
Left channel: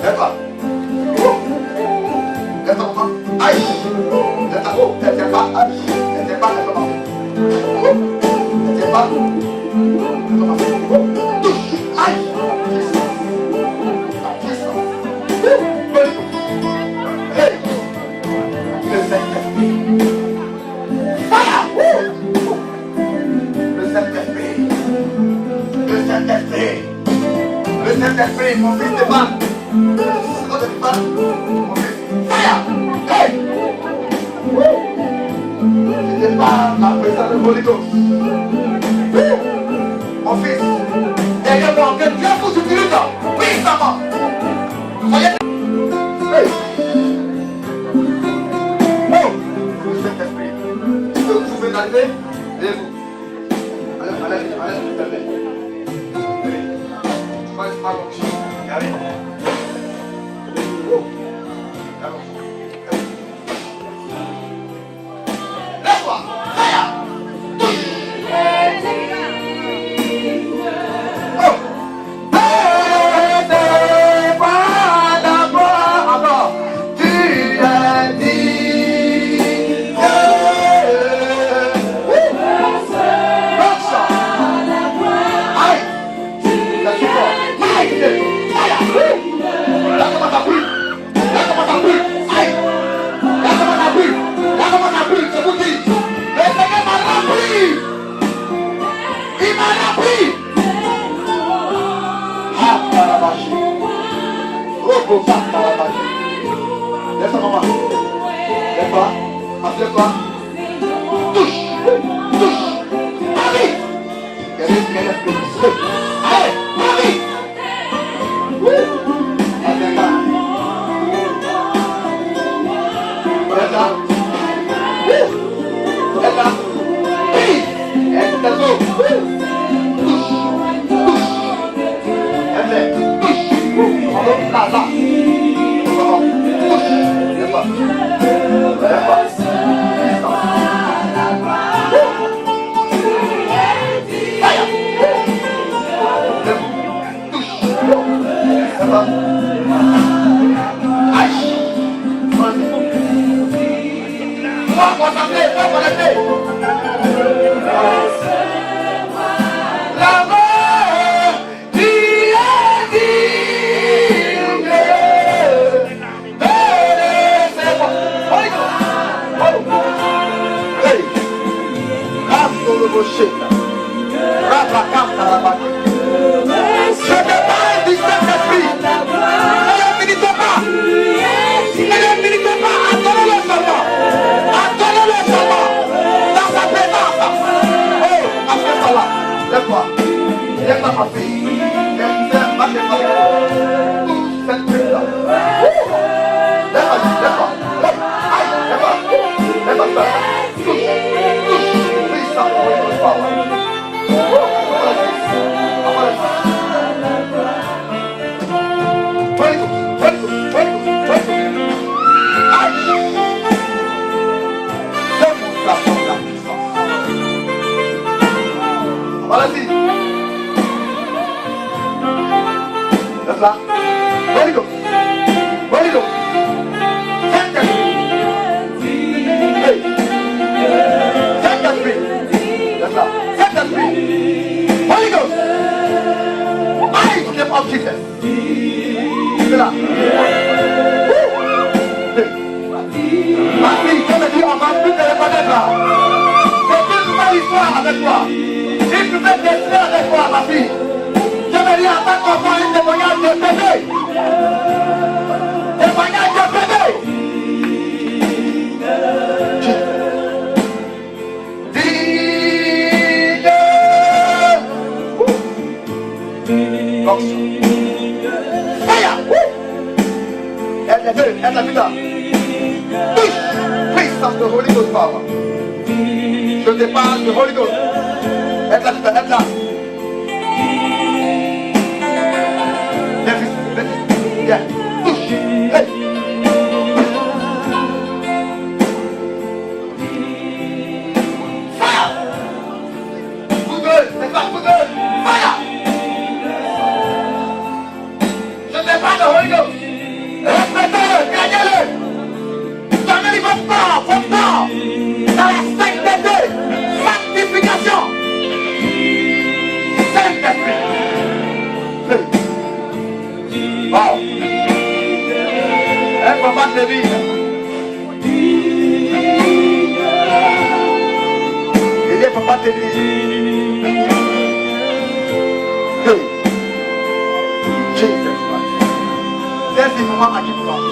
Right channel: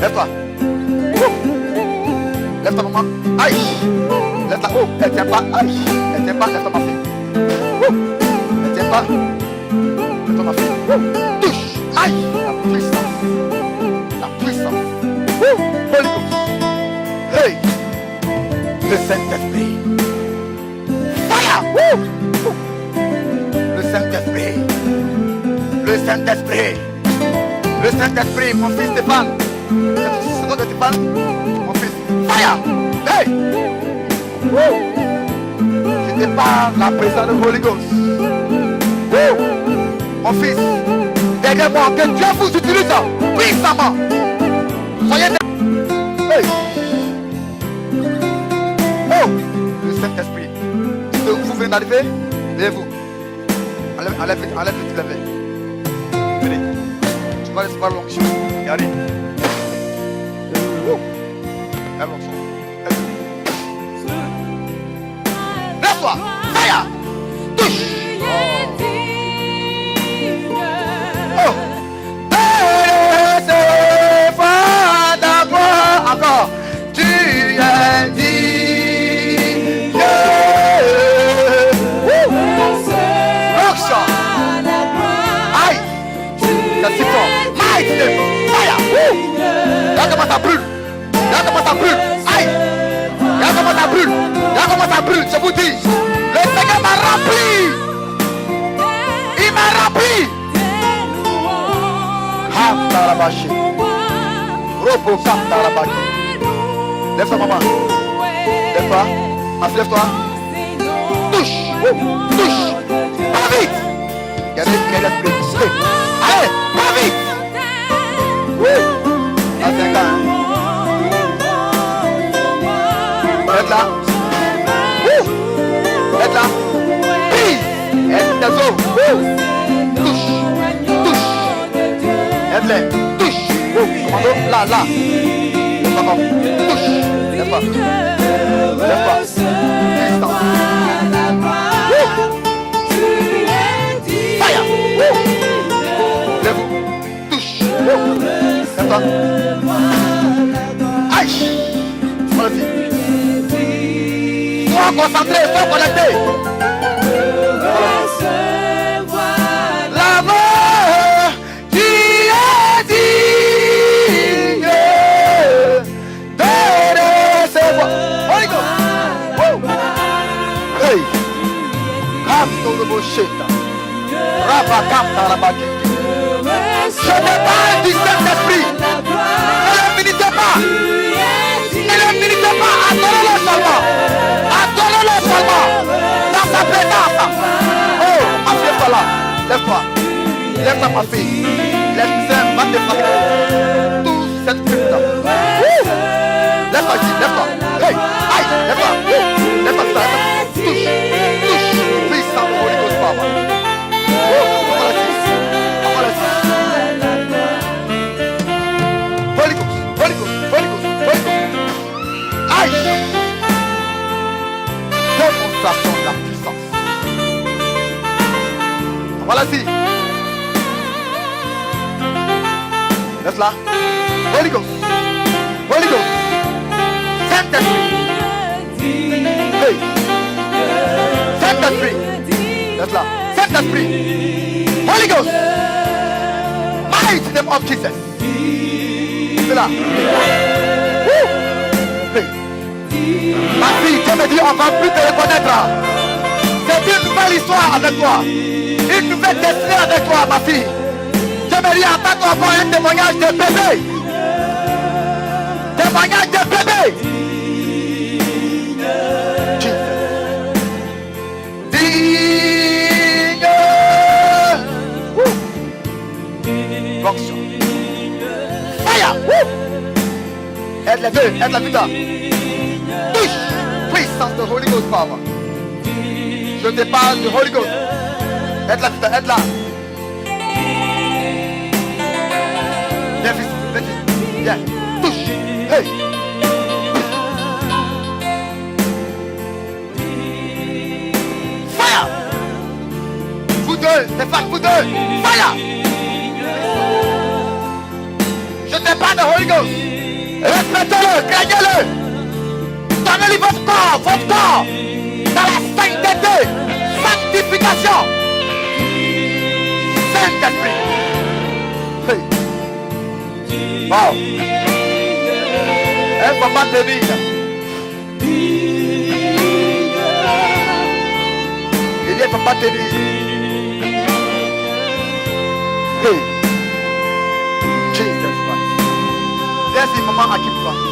lève-toi. Oh, lève-toi, maman. Aïe. Oh, elle tient pas, lève-toi ma fille. Elle tient pas, lève-toi ma fille. Touche, aïe, la puissance. Holy Ghost. Hey, le Saint-Esprit. Fire. Le Saint-Esprit, mon fils Stéphane. C'est le nom de Stéphane. Mon fils, fire. Hey. C'était pas la présence de Holy Ghost. Mon fils, aidez-moi, que Dieu vous utilise puissamment. Soyez hey. Oh, le Saint-Esprit. Vous pouvez enlever, et vous. Enlève tout à fait. Venez. Tu vas recevoir l'onction. Regardez. Oh. La l'onction. Lève-toi. Fire. Touche. Oh. Recevoir la gloire encore. Tu es digne. L'onction. Aïe. C'est si fort. Aïe. Fire. Là, comment ça brûle. Aïe. Là, comment ça brûle. Je vous dis. Le Seigneur m'a rempli. Il m'a rempli. Ah, Tarabashi. Robo Tarabashi. Lève-toi, maman. Lève-toi. Lève-toi. Touche. Touche. Marie. Il y a des blessés. Allez, Marie. Allez, là. Lève là. Lève là. Oui. Lève tes os. Touche. Touche. Lève-les. Touche. Là, là. Touche. Lève-toi. Lève-toi. Sois concentré, sois connecté. L'amour qui est digne de recevoir. Hey, je n'ai pas un distinct d'esprit. Ne le méditez pas. Ne le méditez pas. Adorez le Seigneur. Adorez le Seigneur. Dans sa présence. Oh, ma fille, voilà. Lève-toi. Lève-toi, ma fille. Lève-toi, ma fille. Tout cette putain. Lève-toi, lève-toi. Hey, aïe, lève-toi. Lève-toi, lève-toi. Touche, touche. Puissant, pour les deux paroles. Vas-y. Laisse là. Holy Ghost. Holy Ghost. Saint-Esprit. Hey. Saint-Esprit. Laisse là. Saint-Esprit. Holy Ghost. Mighty name of Jesus. Là. Hey. Ma fille, je me dis, on va plus te reconnaître. C'est une nouvelle histoire avec toi. Une nouvelle destinée avec toi, ma fille. Je me dis en tant qu'enfant un témoignage de bébé. Témoignage de bébé. Digne. Fonction. Fire. Aide les deux, aide la vie là. Puissance de Holy Ghost, Papa. Je te parle du Holy Ghost. Aide là, putain, aide là. Viens, viens, touche. Hey. Fire. Vous deux, les femmes, vous deux. Fire. Je te parle de Holy Ghost. Respectez-le, craignez-le. Donnez-lui votre temps, dans la sainteté, sanctification. Saint-Esprit. Hey. Oh. Elle va pas tenir. Il ne faut pas tenir. Hey. Jesus Christ. Laisse les moments à qui vous parlent.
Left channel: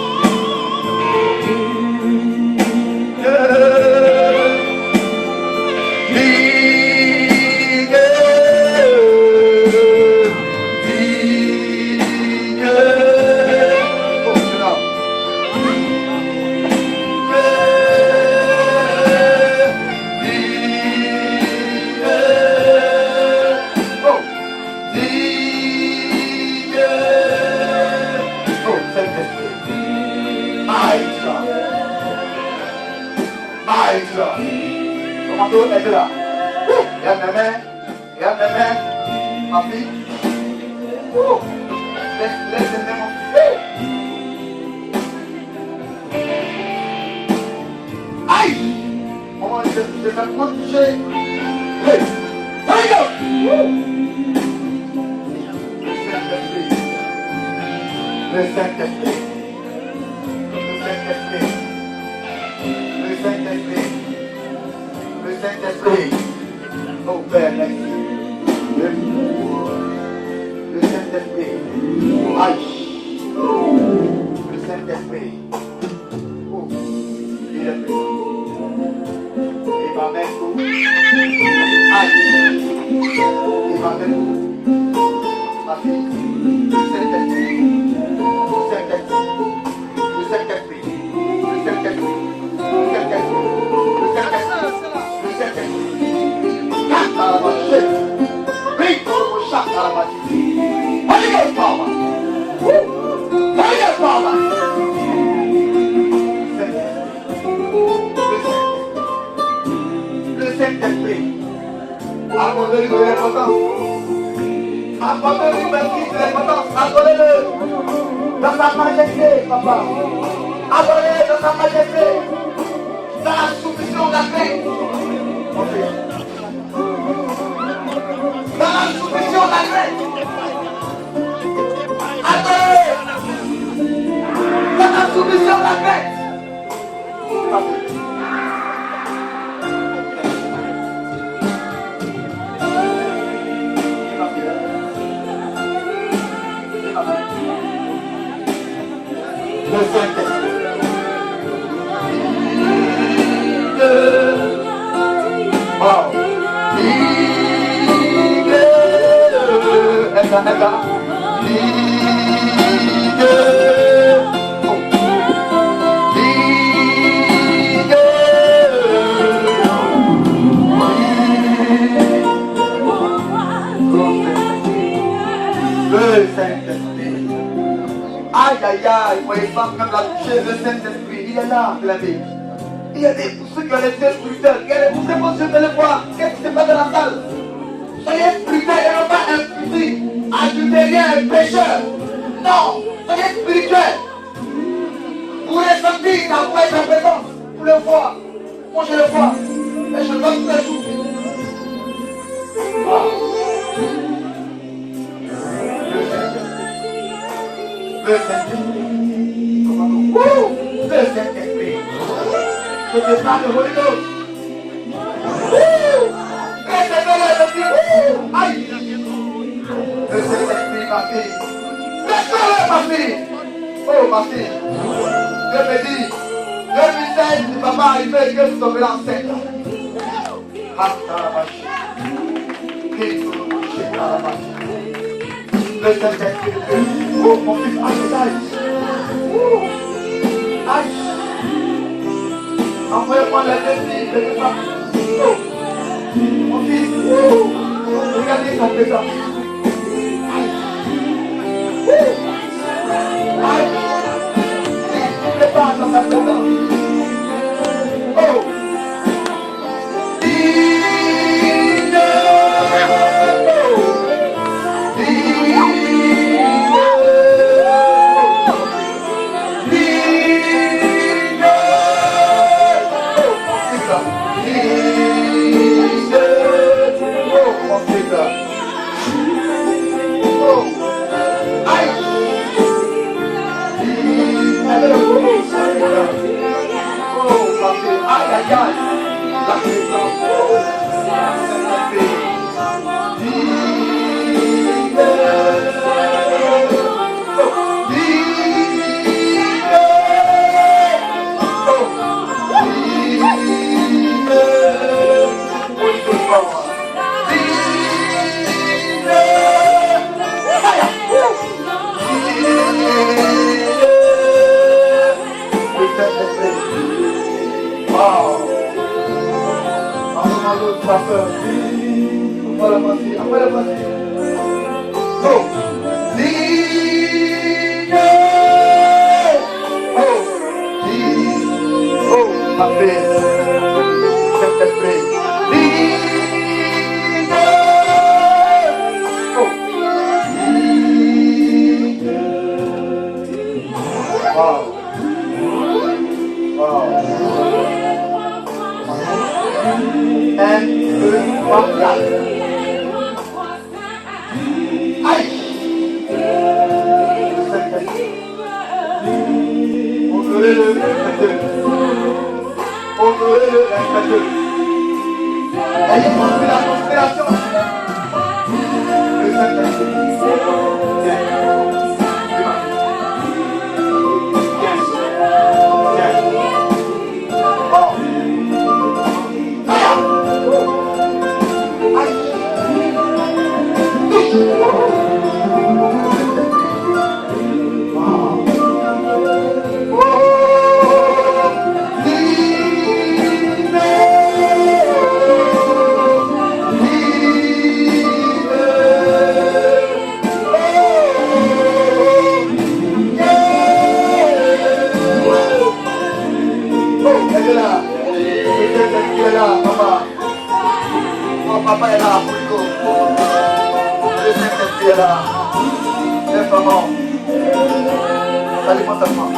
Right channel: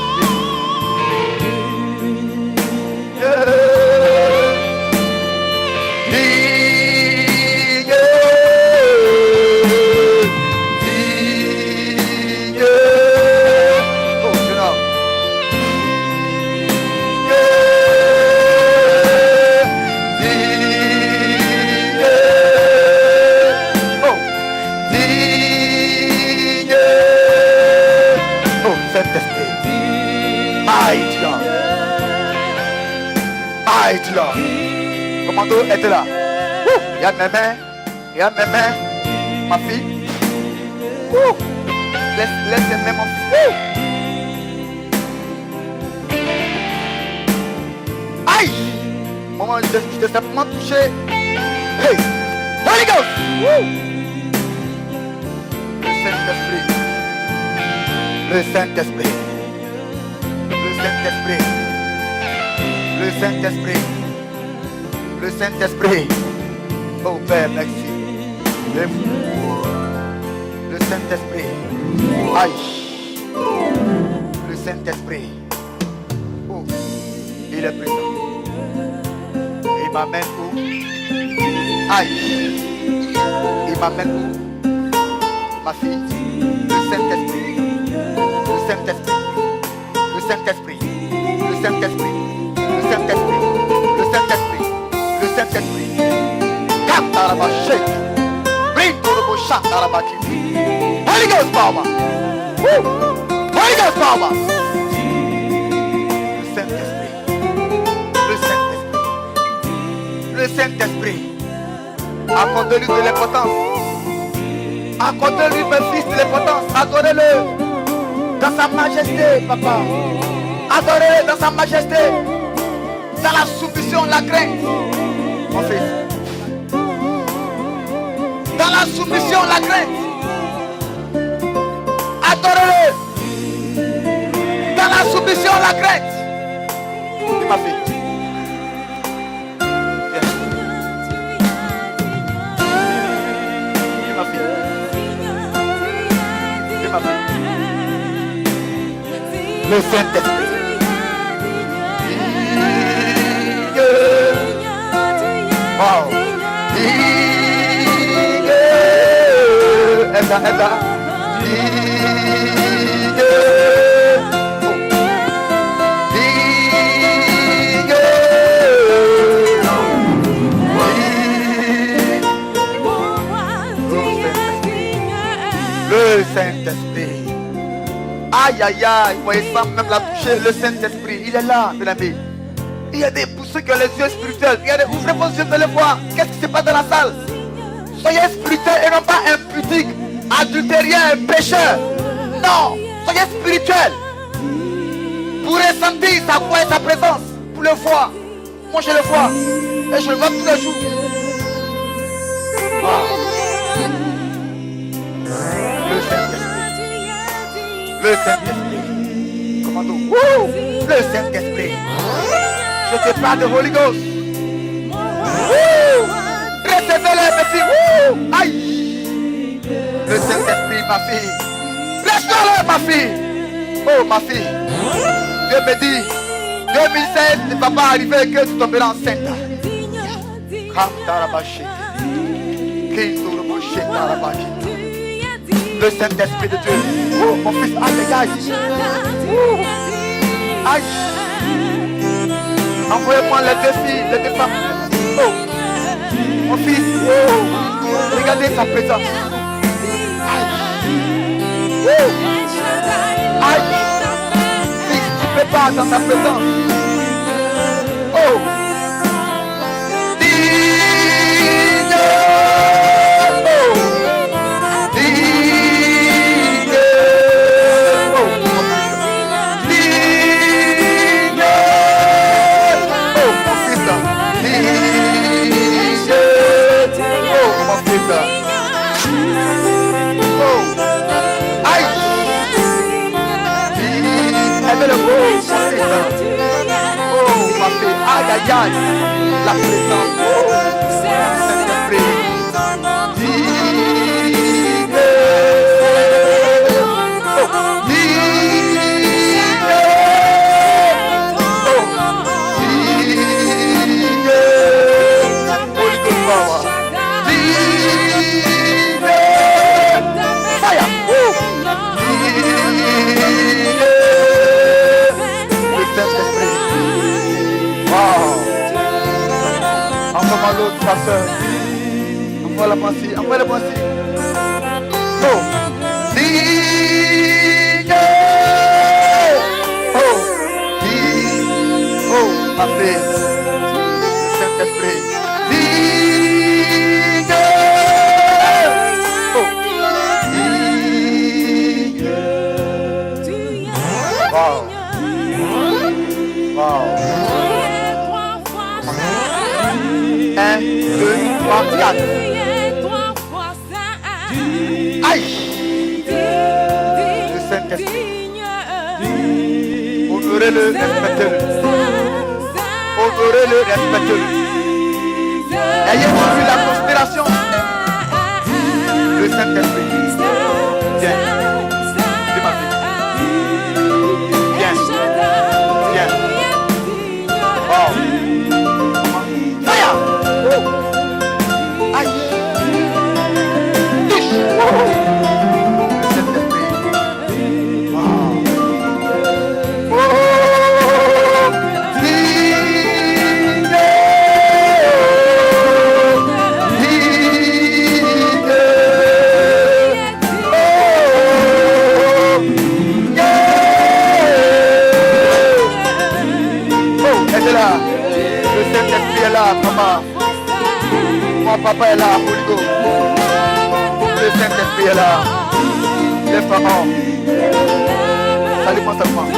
Comment être là? Il y a mes mains, ma fille. Laisse les mains, mon fils. Aïe! Maman, je t'ai simplement touché. Hey! Holy Ghost! Le Saint-Esprit. Le Saint-Esprit. Le Saint-Esprit. Le Saint-Esprit. Oh Père, merci. Le Saint-Esprit. Aïe. Le Saint-Esprit. Il est présent. Il m'amène où? Aïe. Il m'amène où? Ma fille. Le Saint-Esprit. Le Saint-Esprit. Le Saint-Esprit. Le Saint-Esprit. Le Saint-Esprit. Le Saint-Esprit. Le Saint-Esprit. Carte à la machette. Bring au chat à la machette. Holy Ghost power. Holy Ghost power. Le Saint-Esprit, accordez-lui de l'importance. Accordez-lui, mes fils, de l'importance. Accordez-le dans sa majesté, papa. Adorez dans sa majesté. Dans la soumission, la crainte. Mon fils. Dans la soumission, la crainte. Adorez. Dans la soumission, la crainte. Ma fille. Le Saint-Esprit. Wow. Le Saint-Esprit. Aïe aïe aïe, moi il semble même la toucher, le Saint-Esprit, il est là, mes amis. Il y a des pour ceux qui ont les yeux spirituels, il y a des ouvrez vos yeux, allez voir, qu'est-ce qui se passe dans la salle? Soyez spirituels et non pas impudiques, adultériens et pécheurs. Non, soyez spirituels. Pour ressentir sa voix et sa présence, pour le voir. Moi je le vois, et je le vois tous les jours. Wow. Le Saint-Esprit. Commandons. Le Saint-Esprit. Je te parle de Holy Ghost. Recevez-le, mes filles. Aïe. Le Saint-Esprit, ma fille. Laisse-le, ma fille. Oh, ma fille. Dieu me dit, 2016, il ne va pas arriver que tu tomberas enceinte. Le Saint-Esprit de Dieu. Oh, mon fils, aïe. Aïe. Envoyez-moi les deux filles, les deux femmes. Oh, mon fils, oh, regardez sa présence. Aïe. Aïe. Fils, tu ne peux pas dans sa présence. Oh. La présence ta soeur. Envoie-la-moi-ci, envoie-la-moi-ci. Oh. Oh. Oh, ma belle. Saint-Esprit. Oh. Wow. Wow. 1, 2, 3, 4. Aïe. Le Saint-Esprit. Honorez-le, respectez-le. Honorez-le, respectez-le. Ayez suivi la conspiration. Le Saint-Esprit. Viens. Viens. Viens. Viens. Saint-Esprit est là. Lève-toi, non. Ça dépend seulement.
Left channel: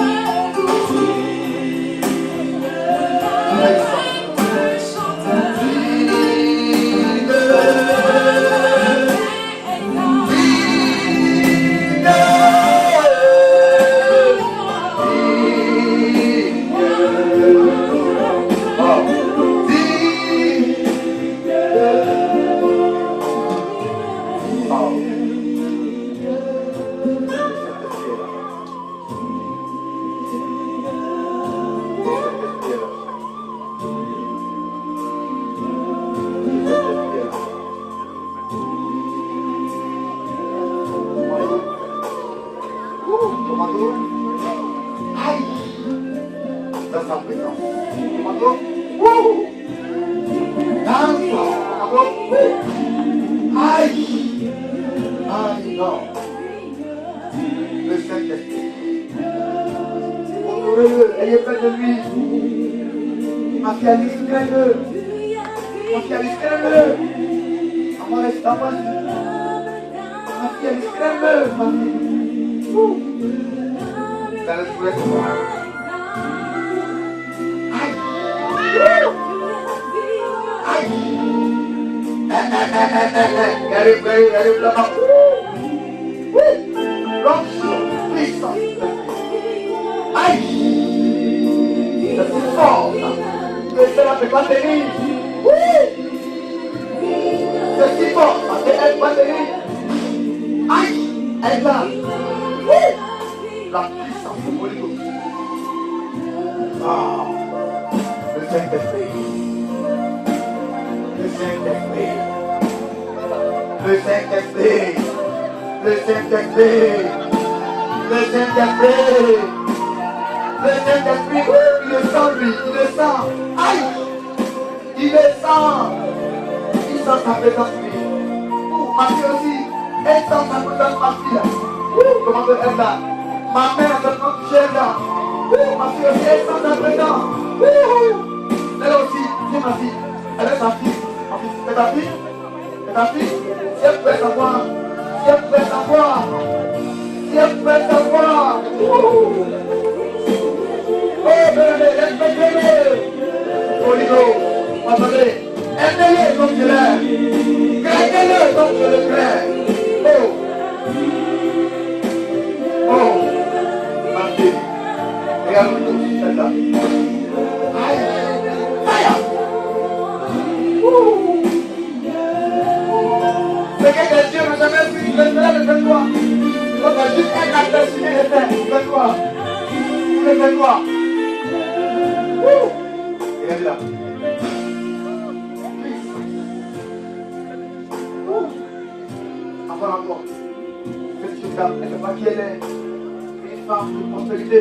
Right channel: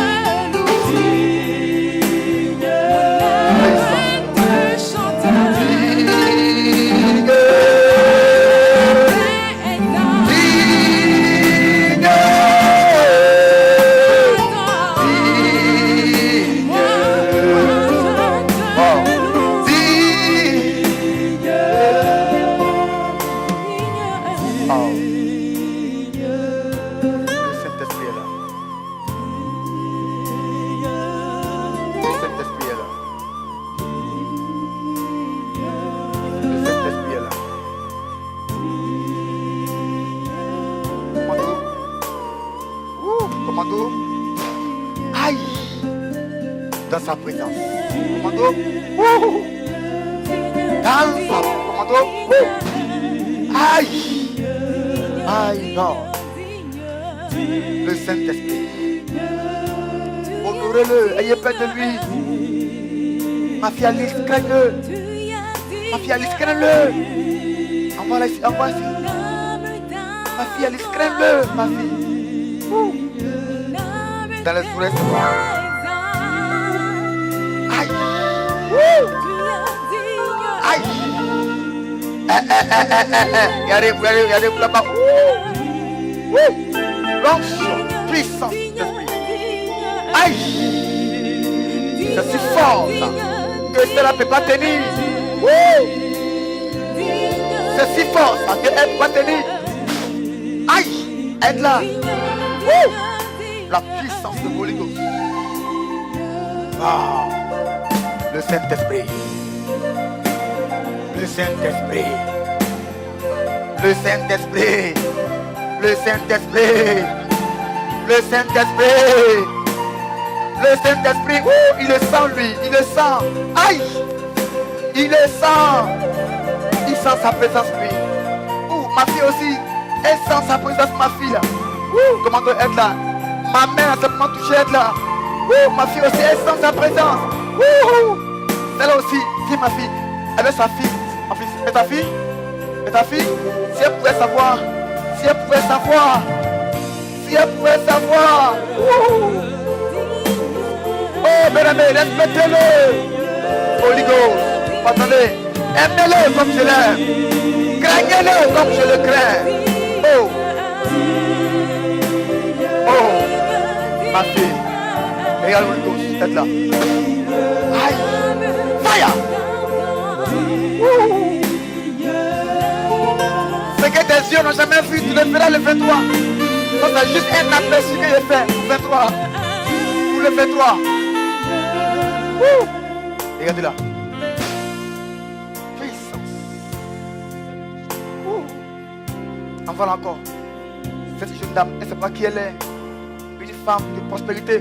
Dans sa présence. Commando. Dans commando. Aïe. Aïe, non. Le Saint-Esprit. Honorez-le. Ayez peur de lui. Ma fille Alice, craigne-le. Ma fille Alice, craigne-le. Envoie ici. Ma fille Alice, craigne-le. Ma fille. Dans le sourire, Regardez là-bas. L'onction, puissance d'esprit. Aïe! Je suis fort que cela ne peut pas tenir. Je suis fort qu'elle ne peut pas tenir. Aïe! Elle est là. La puissance de Holy Ghost. Le Saint-Esprit. Le Saint-Esprit. Le Saint-Esprit. Le Saint-Esprit. Le Saint-Esprit. Le Saint-Esprit. Il le sent lui. Il le sent. Aïe. Il le sent. Il sent sa présence lui. Ma fille aussi. Elle sent sa présence, ma fille là. Comment doit être là? Ma mère a seulement touché elle là. Ma fille aussi, elle sent sa présence. Celle-là aussi, qui est ma fille? Elle est sa fille. Ma fille, c'est ta fille? C'est ta fille? Si elle pouvait savoir. Si elle pouvait savoir. Si elle pouvait savoir. Oh, bien aimé, respectez-le. Holy Ghost, attendez. Aimez-le comme je l'aime. Craignez-le comme je le crains. Oh. Oh. Ma fille. Regarde-nous tous, tête là. Aïe. Fire. Ce que tes yeux n'ont jamais vu, tu le feras, le fais-toi. Donc c'est juste un aperçu que je fais. Fais-toi. Vous le fais-toi. Regardez là. Puissance. Enfin encore. Cette jeune dame, elle ne sait pas qui elle est. Une femme de prospérité.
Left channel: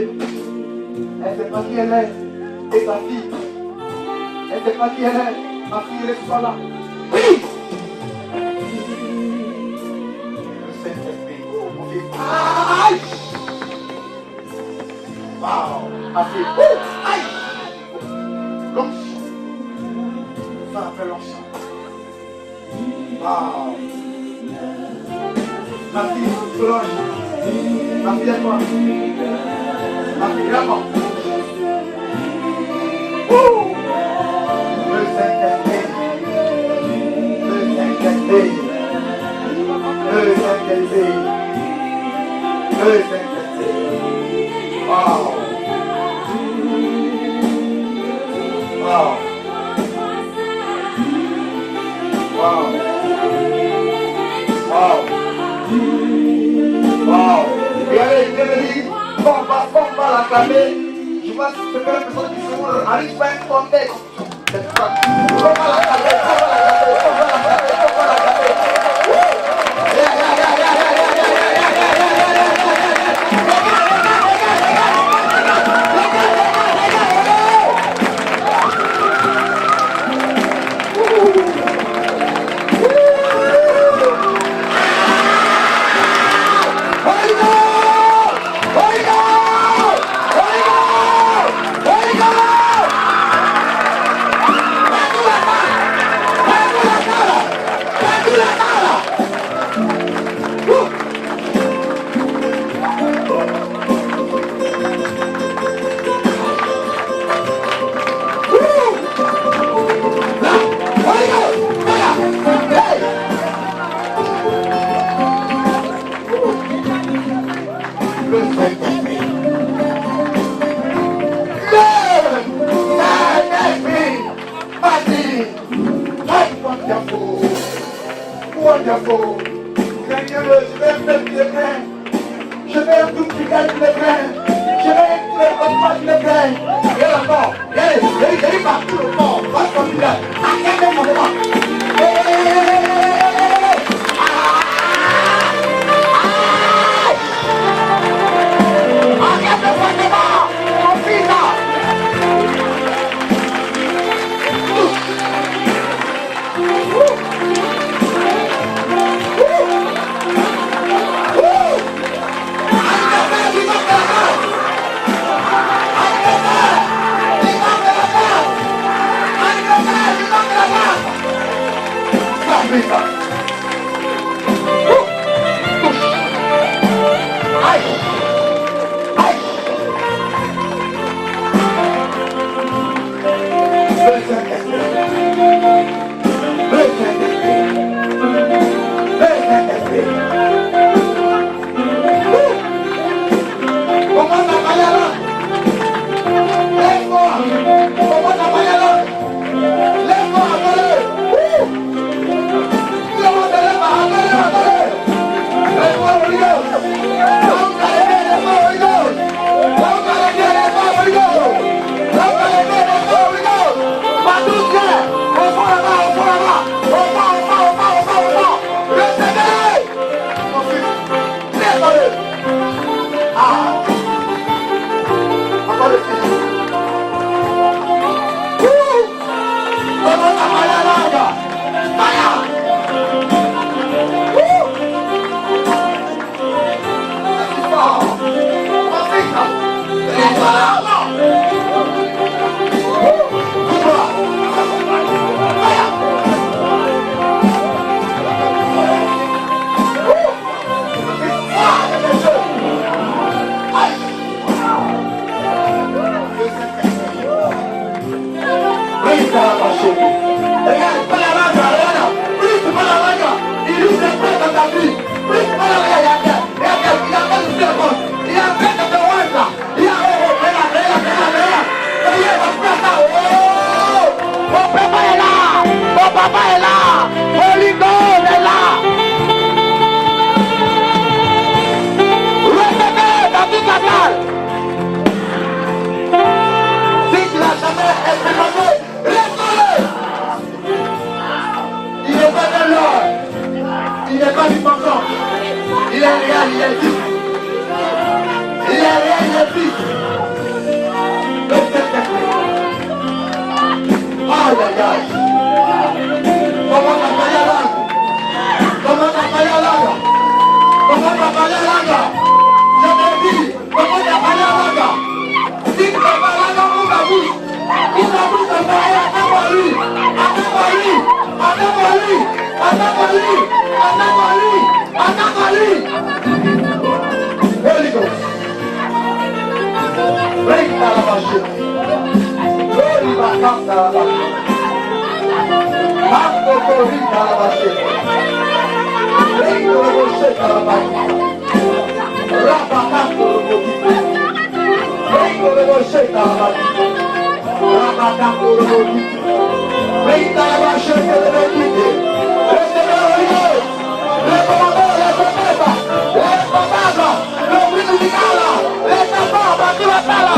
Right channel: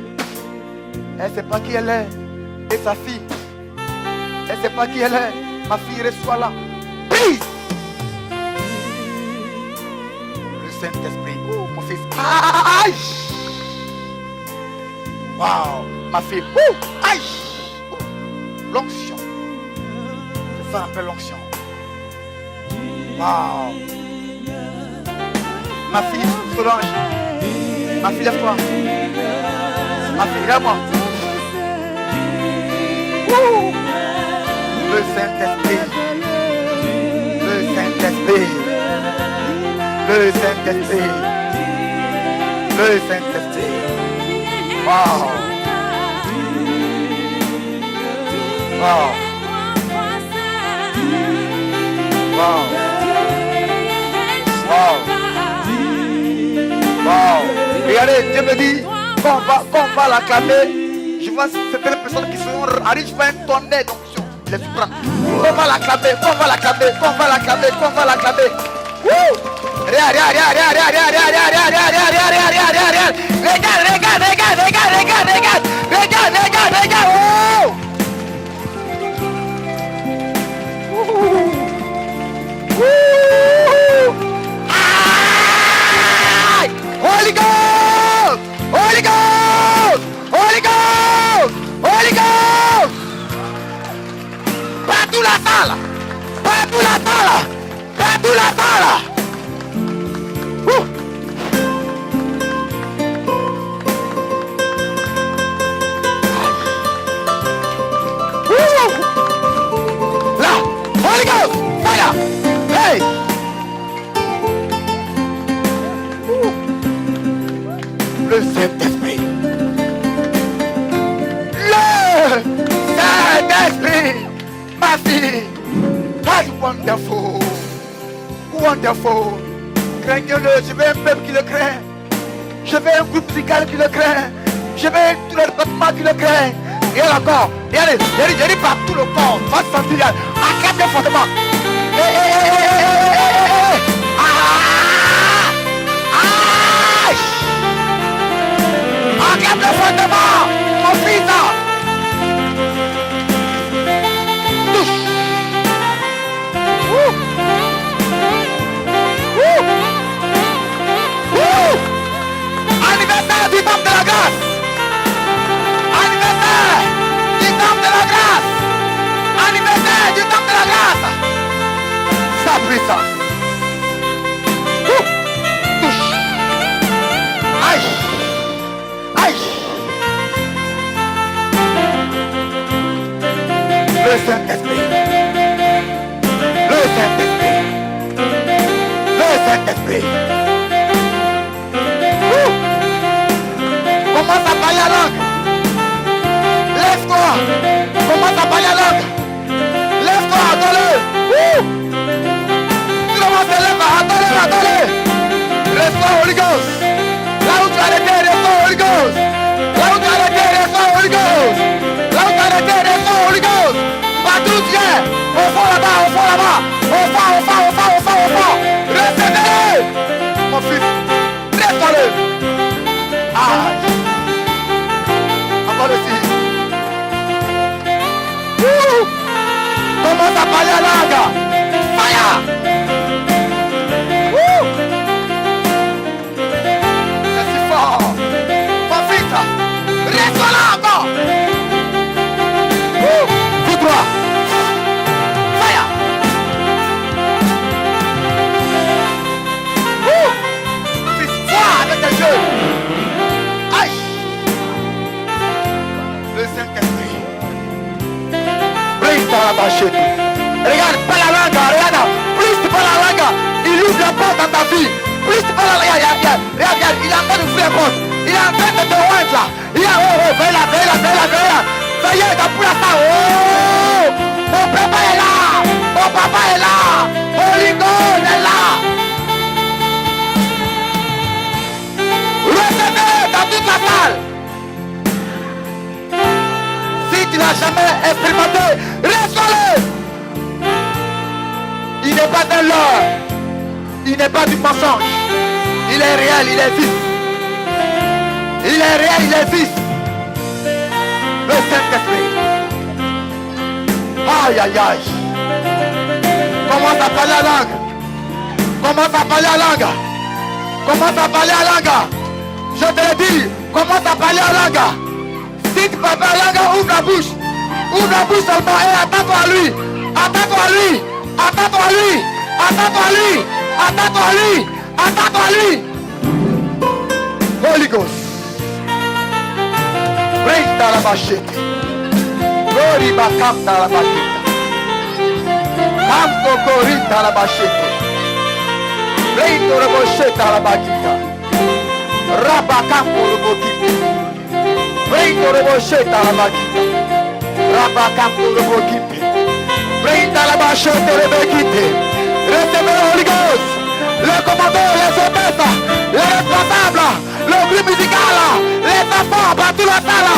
Elle ne sait pas qui elle est. Et sa fille. Elle ne sait pas qui elle est. Ma fille reçoit là. Oui. Le Saint-Esprit. Mon fils. Aïe. Wow. Ma fille. Aïe. L'onction. Ça appelle l'onction. Wow. Ma fille Solange. Ma fille lève-toi. Ma fille lève-moi. Le Saint-Esprit. Le Saint-Esprit. Le Saint-Esprit. Le Saint-Esprit. Wow. Wow. Wow. Wow. Wow. Regardez, Dieu me dit, on va l'acclamer. Je vois certaines personnes qui sont arrivent à un tonnerre d'onction. On va l'acclamer, on va l'acclamer, on va l'acclamer, on va l'acclamer. tu le crains. Et encore. Et allez, par tout le corps. Face familiale. Arrête fortement. Arrête fortement. Mon fils. Anniversaire du temple de la grâce. Anniversaire du temple de la grâce. Anniversaire du temple de la grâce. Ça fait ça. Aïe. Aïe. Le Saint-Esprit. Le Saint-Esprit. Le Saint-Esprit. Commence à parler la langue. Lève-toi. Commence à parler la langue. Lève-toi, attends-le. Commence à lever, attends-le. Lève-toi, Holy Ghost. Là où tu as l'été, lève-toi, Holy Ghost. Là où tu as l'été, lève-toi, Holy Ghost. Là où tu as l'été, lève-toi, Holy Ghost. Partout, viens. Au fond là-bas, au fond là-bas. Au fond. Recevez-le. Mon fils, lève-toi-le. Ah. Encore le fils. Commence à parler la langue. Fire. C'est fort. Mon fils, lève-toi là encore. Tout droit. Fire. C'est fort avec tes yeux. Aïe. Le Saint-Esprit. Regarde, pas la langue, regarde. Plus tu parles la langue, il ouvre la porte dans ta vie. Plus tu parles la langue, regarde, il est en train de faire porte. Il est en train de te mettre là. Il est en train de faire là. Regarde, t'as pris ça. Oh, mon papa est là. Mon papa est là. Mon ligon est là. Recevez dans toute la salle. Si tu n'as jamais expérimenté, reste-le. Il n'est pas de l'or. Il n'est pas du mensonge. Il est réel, il est vif. Il est réel, il est vif. Le Saint-Esprit. Aïe, aïe, aïe. Commence à parler la langue. Commence à parler la langue. Commence à parler la langue. Je te dis, commence à parler la langue. Si tu peux parler la langue, ouvre la bouche. Ouvre la bouche seulement et attaque-toi à lui. Attaque-toi à lui. Attaque-toi à lui. Attaque-toi à lui. Attaque-toi à lui. Attaque-toi à lui. Holy Ghost. Bring ta la machette. Glory bakam ta la machette. Kamto glory ta la machette. Bring the machette ta la machette. Rabakam to the machette. Bring the machette ta la machette. Rabakam to the machette. Bring ta la machette to the machette. Recevez le Holy Ghost. Le commandeur, les orchestres, les responsables, le groupe musical, les enfants, dans toute la salle.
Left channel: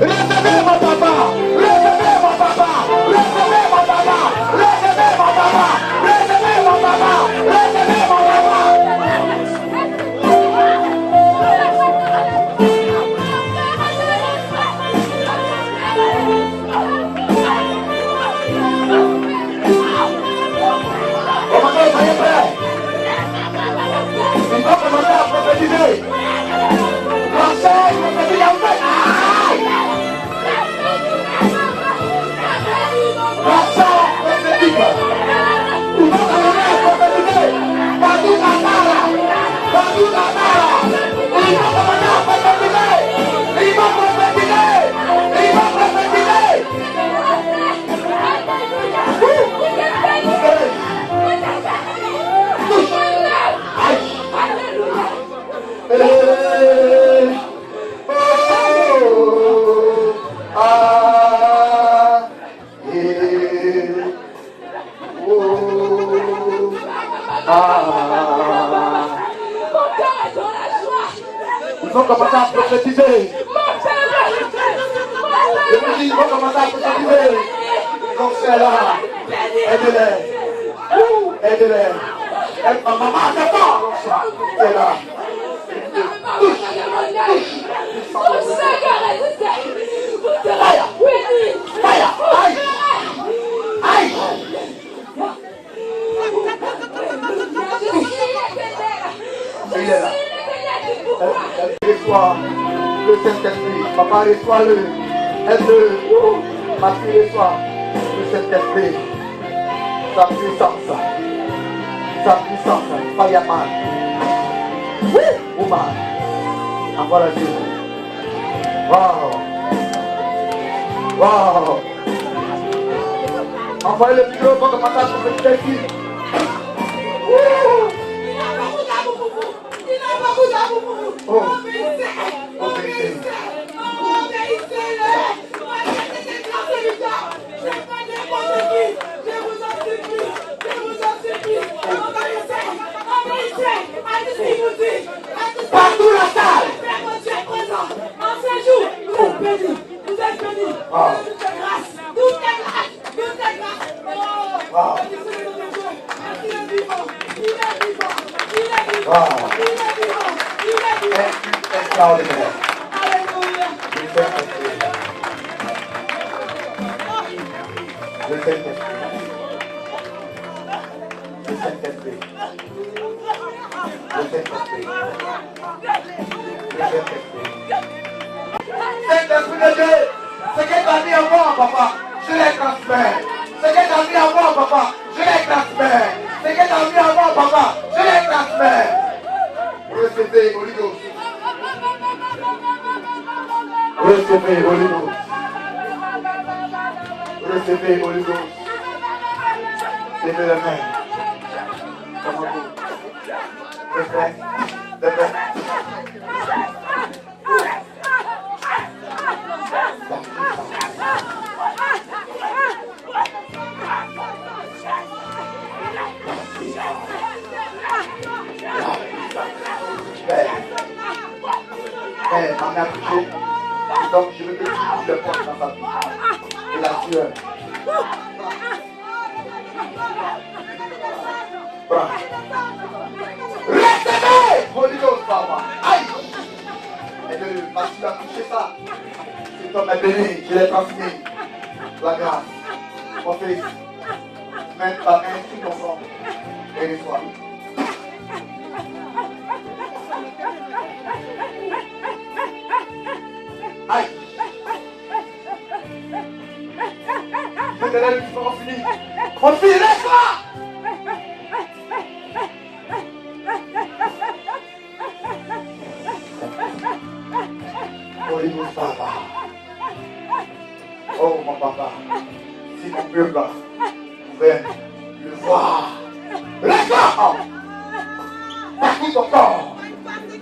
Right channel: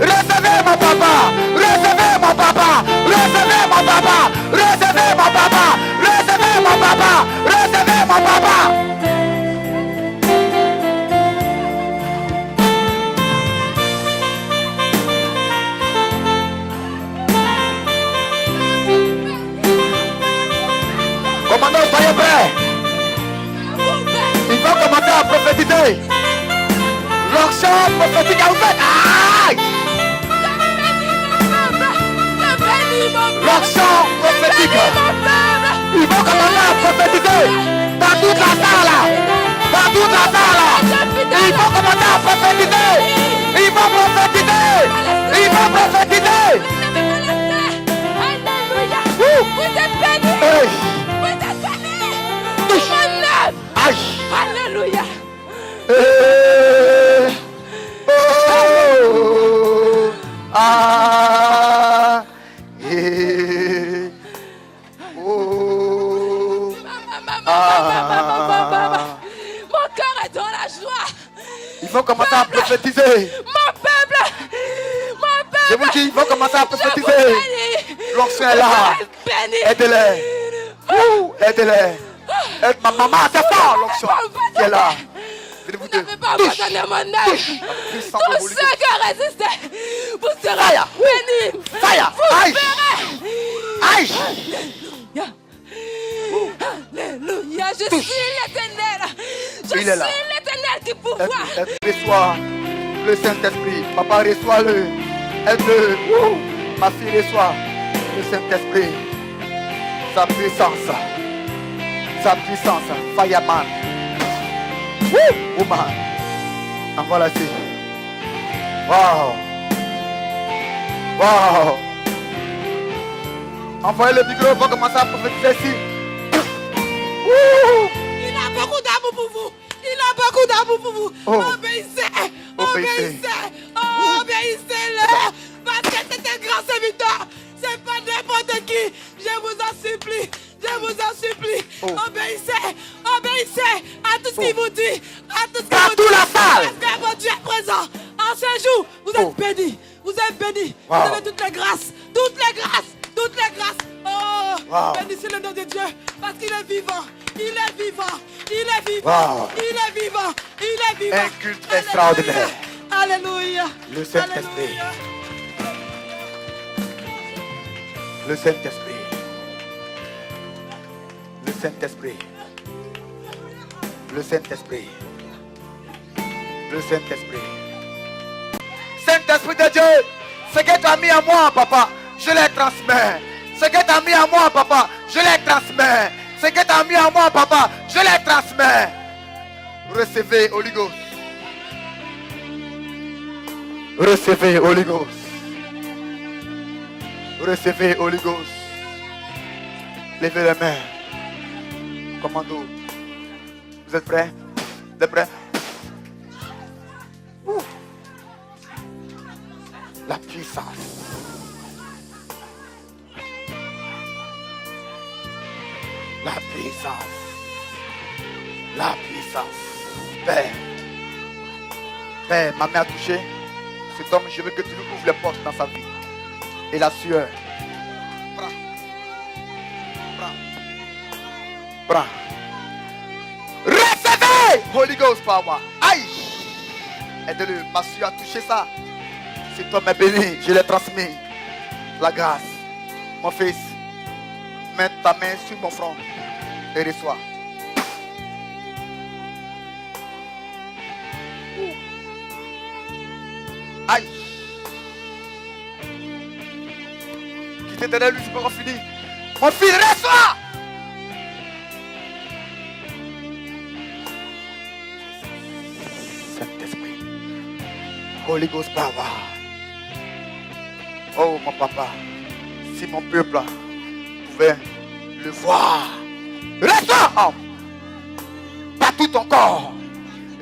Recevez mon papa. Recevez mon papa. Recevez mon papa. Recevez mon papa. Recevez mon papa. Recevez mon papa. Commandant, soyez prêts. Il va commencer à prophétiser. Leur chant prophétique a ouvert. Aïe! Leur chant prophétique. Il va commencer à prophétiser. Dans toute la salle. Dans toute la salle. Il va commencer à prophétiser. Il va prophétiser. Il va prophétiser. Il faut commencer à prophétiser. Mon père qui vont commencer à prophétiser. L'onction est là. Aidez-les. Aidez-les. Maman, c'est fort l'onction qui est là. Touche. Tous ceux qui ont résisté, vous serez bénis. Fire. Aïe. Aïe. Alléluia. Je suis l'éternel. Je suis l'éternel du pouvoir. Reçois le Saint-Esprit. Papa, reçois-le. Aide-le. Ma fille, reçois le Saint-Esprit. Sa puissance. Sa puissance. Fireman. Woman. Envoie la Jésus. Wow. Wow. Envoyez le micro pour commencer à prophétiser ici. Il a beaucoup d'amour pour vous. Il a beaucoup d'amour pour vous. Obéissez. Obéissez. Obéissez-le. Parce que c'est une grâce et victoire. C'est pas n'importe qui. Je vous en supplie. Je vous en supplie. Obéissez. Obéissez à tout ce qu'il vous dit. À tout ce qu'il vous dit. la salle. Mon Dieu est présent. En ce jour, vous êtes bénis. Vous êtes bénis. Vous avez toutes les grâces. Toutes les grâces. Toutes les grâces. Oh, bénissez le nom de Dieu. Parce qu'il est vivant. Il est vivant. Il est vivant. Il est vivant. Il est vivant. Un culte extraordinaire. Alléluia. Le Saint-Esprit. Le Saint-Esprit. Le Saint-Esprit. Le Saint-Esprit. Le Saint-Esprit. Saint-Esprit de Dieu, ce que tu as mis à moi, papa, je les transmets. Ce que tu as mis à moi, papa, je les transmets. Ce que tu as mis à moi, papa, je les transmets. Recevez, Holy Ghost. Recevez, Holy Ghost. Recevez, Holy Ghost. Levez les mains. Commando. Vous êtes prêts? Vous êtes prêts? La puissance. La puissance. La puissance. Père. Père, ma mère a touché. Donc je veux que tu ouvres les portes dans sa vie. Et la sueur. Prends. Recevez! Holy Ghost, Papa. Aïe! Aide-le, ma sueur a touché ça. Si toi m'es béni, je l'ai transmis. La grâce. Mon fils, mets ta main sur ton front et reçois. Aïe! Qui t'est derrière lui, c'est pas fini. Mon fils, reçois! Holy Ghost, Papa. Oh, mon papa. Si mon peuple pouvait le voir. Regarde! Partout ton corps.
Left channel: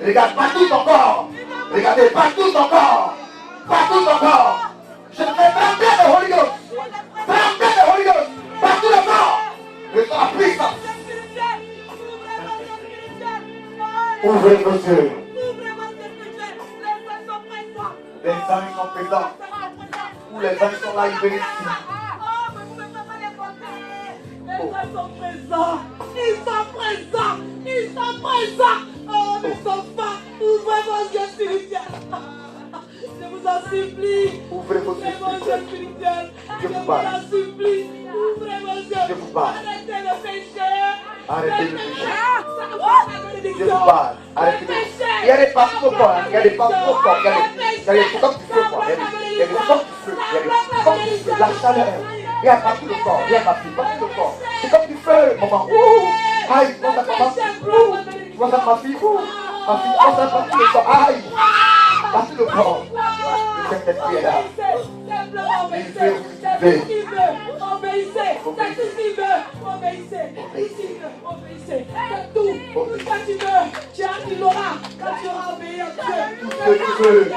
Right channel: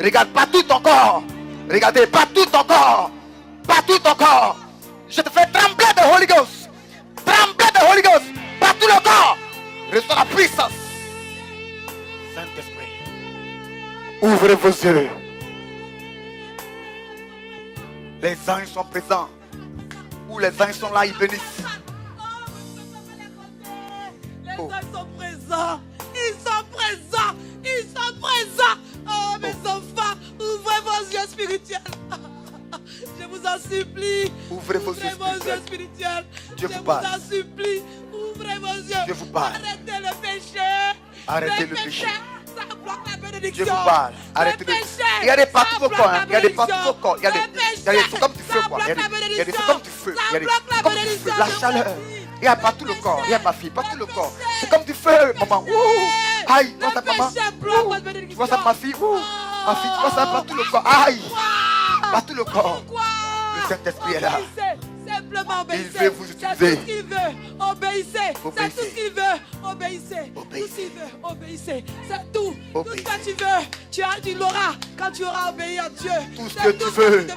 Regarde partout ton corps. Regardez partout ton corps. Partout ton corps. Je te fais trembler de Holy Ghost. Trembler de Holy Ghost. Partout le corps. Reçois la puissance. Saint-Esprit. Ouvrez vos yeux. Les anges sont présents. Où les anges sont là, ils bénissent. Les anges sont présents. Ils sont présents. Ils sont présents. Oh, mes enfants, ouvrez vos yeux spirituels. Je vous en supplie. Ouvrez vos yeux spirituels. Dieu Je vous vous parle. en supplie. Ouvrez vos yeux. Dieu vous parle. Arrêtez le péché. Arrêtez le péché. Ça apporte la bénédiction. Dieu vous parle. Arrêtez le péché. Regardez partout vos points. Regardez partout vos points. Regardez. C'est comme du feu. Regardez. Regardez, c'est comme du feu. Regardez. Comme du feu. La chaleur. Il y a partout le corps. Il y a ma fille. Partout le corps. C'est comme du feu, maman. Aïe. Tu vois ça, maman? Tu vois ça, ma fille? Ma fille, tu vois ça partout le corps. Aïe. Partout le corps. Le Saint-Esprit est là. Simplement obéissez. Il veut vous C'est tout utiliser. ce qu'il veut. Obéissez. C'est Obéissez. tout ce qu'il veut. Obéissez. Tout ce qu'il veut. Obéissez. C'est tout. Tout ce que tu veux. Tu l'auras quand tu auras obéi à Dieu. Tout ce que tu veux. Tout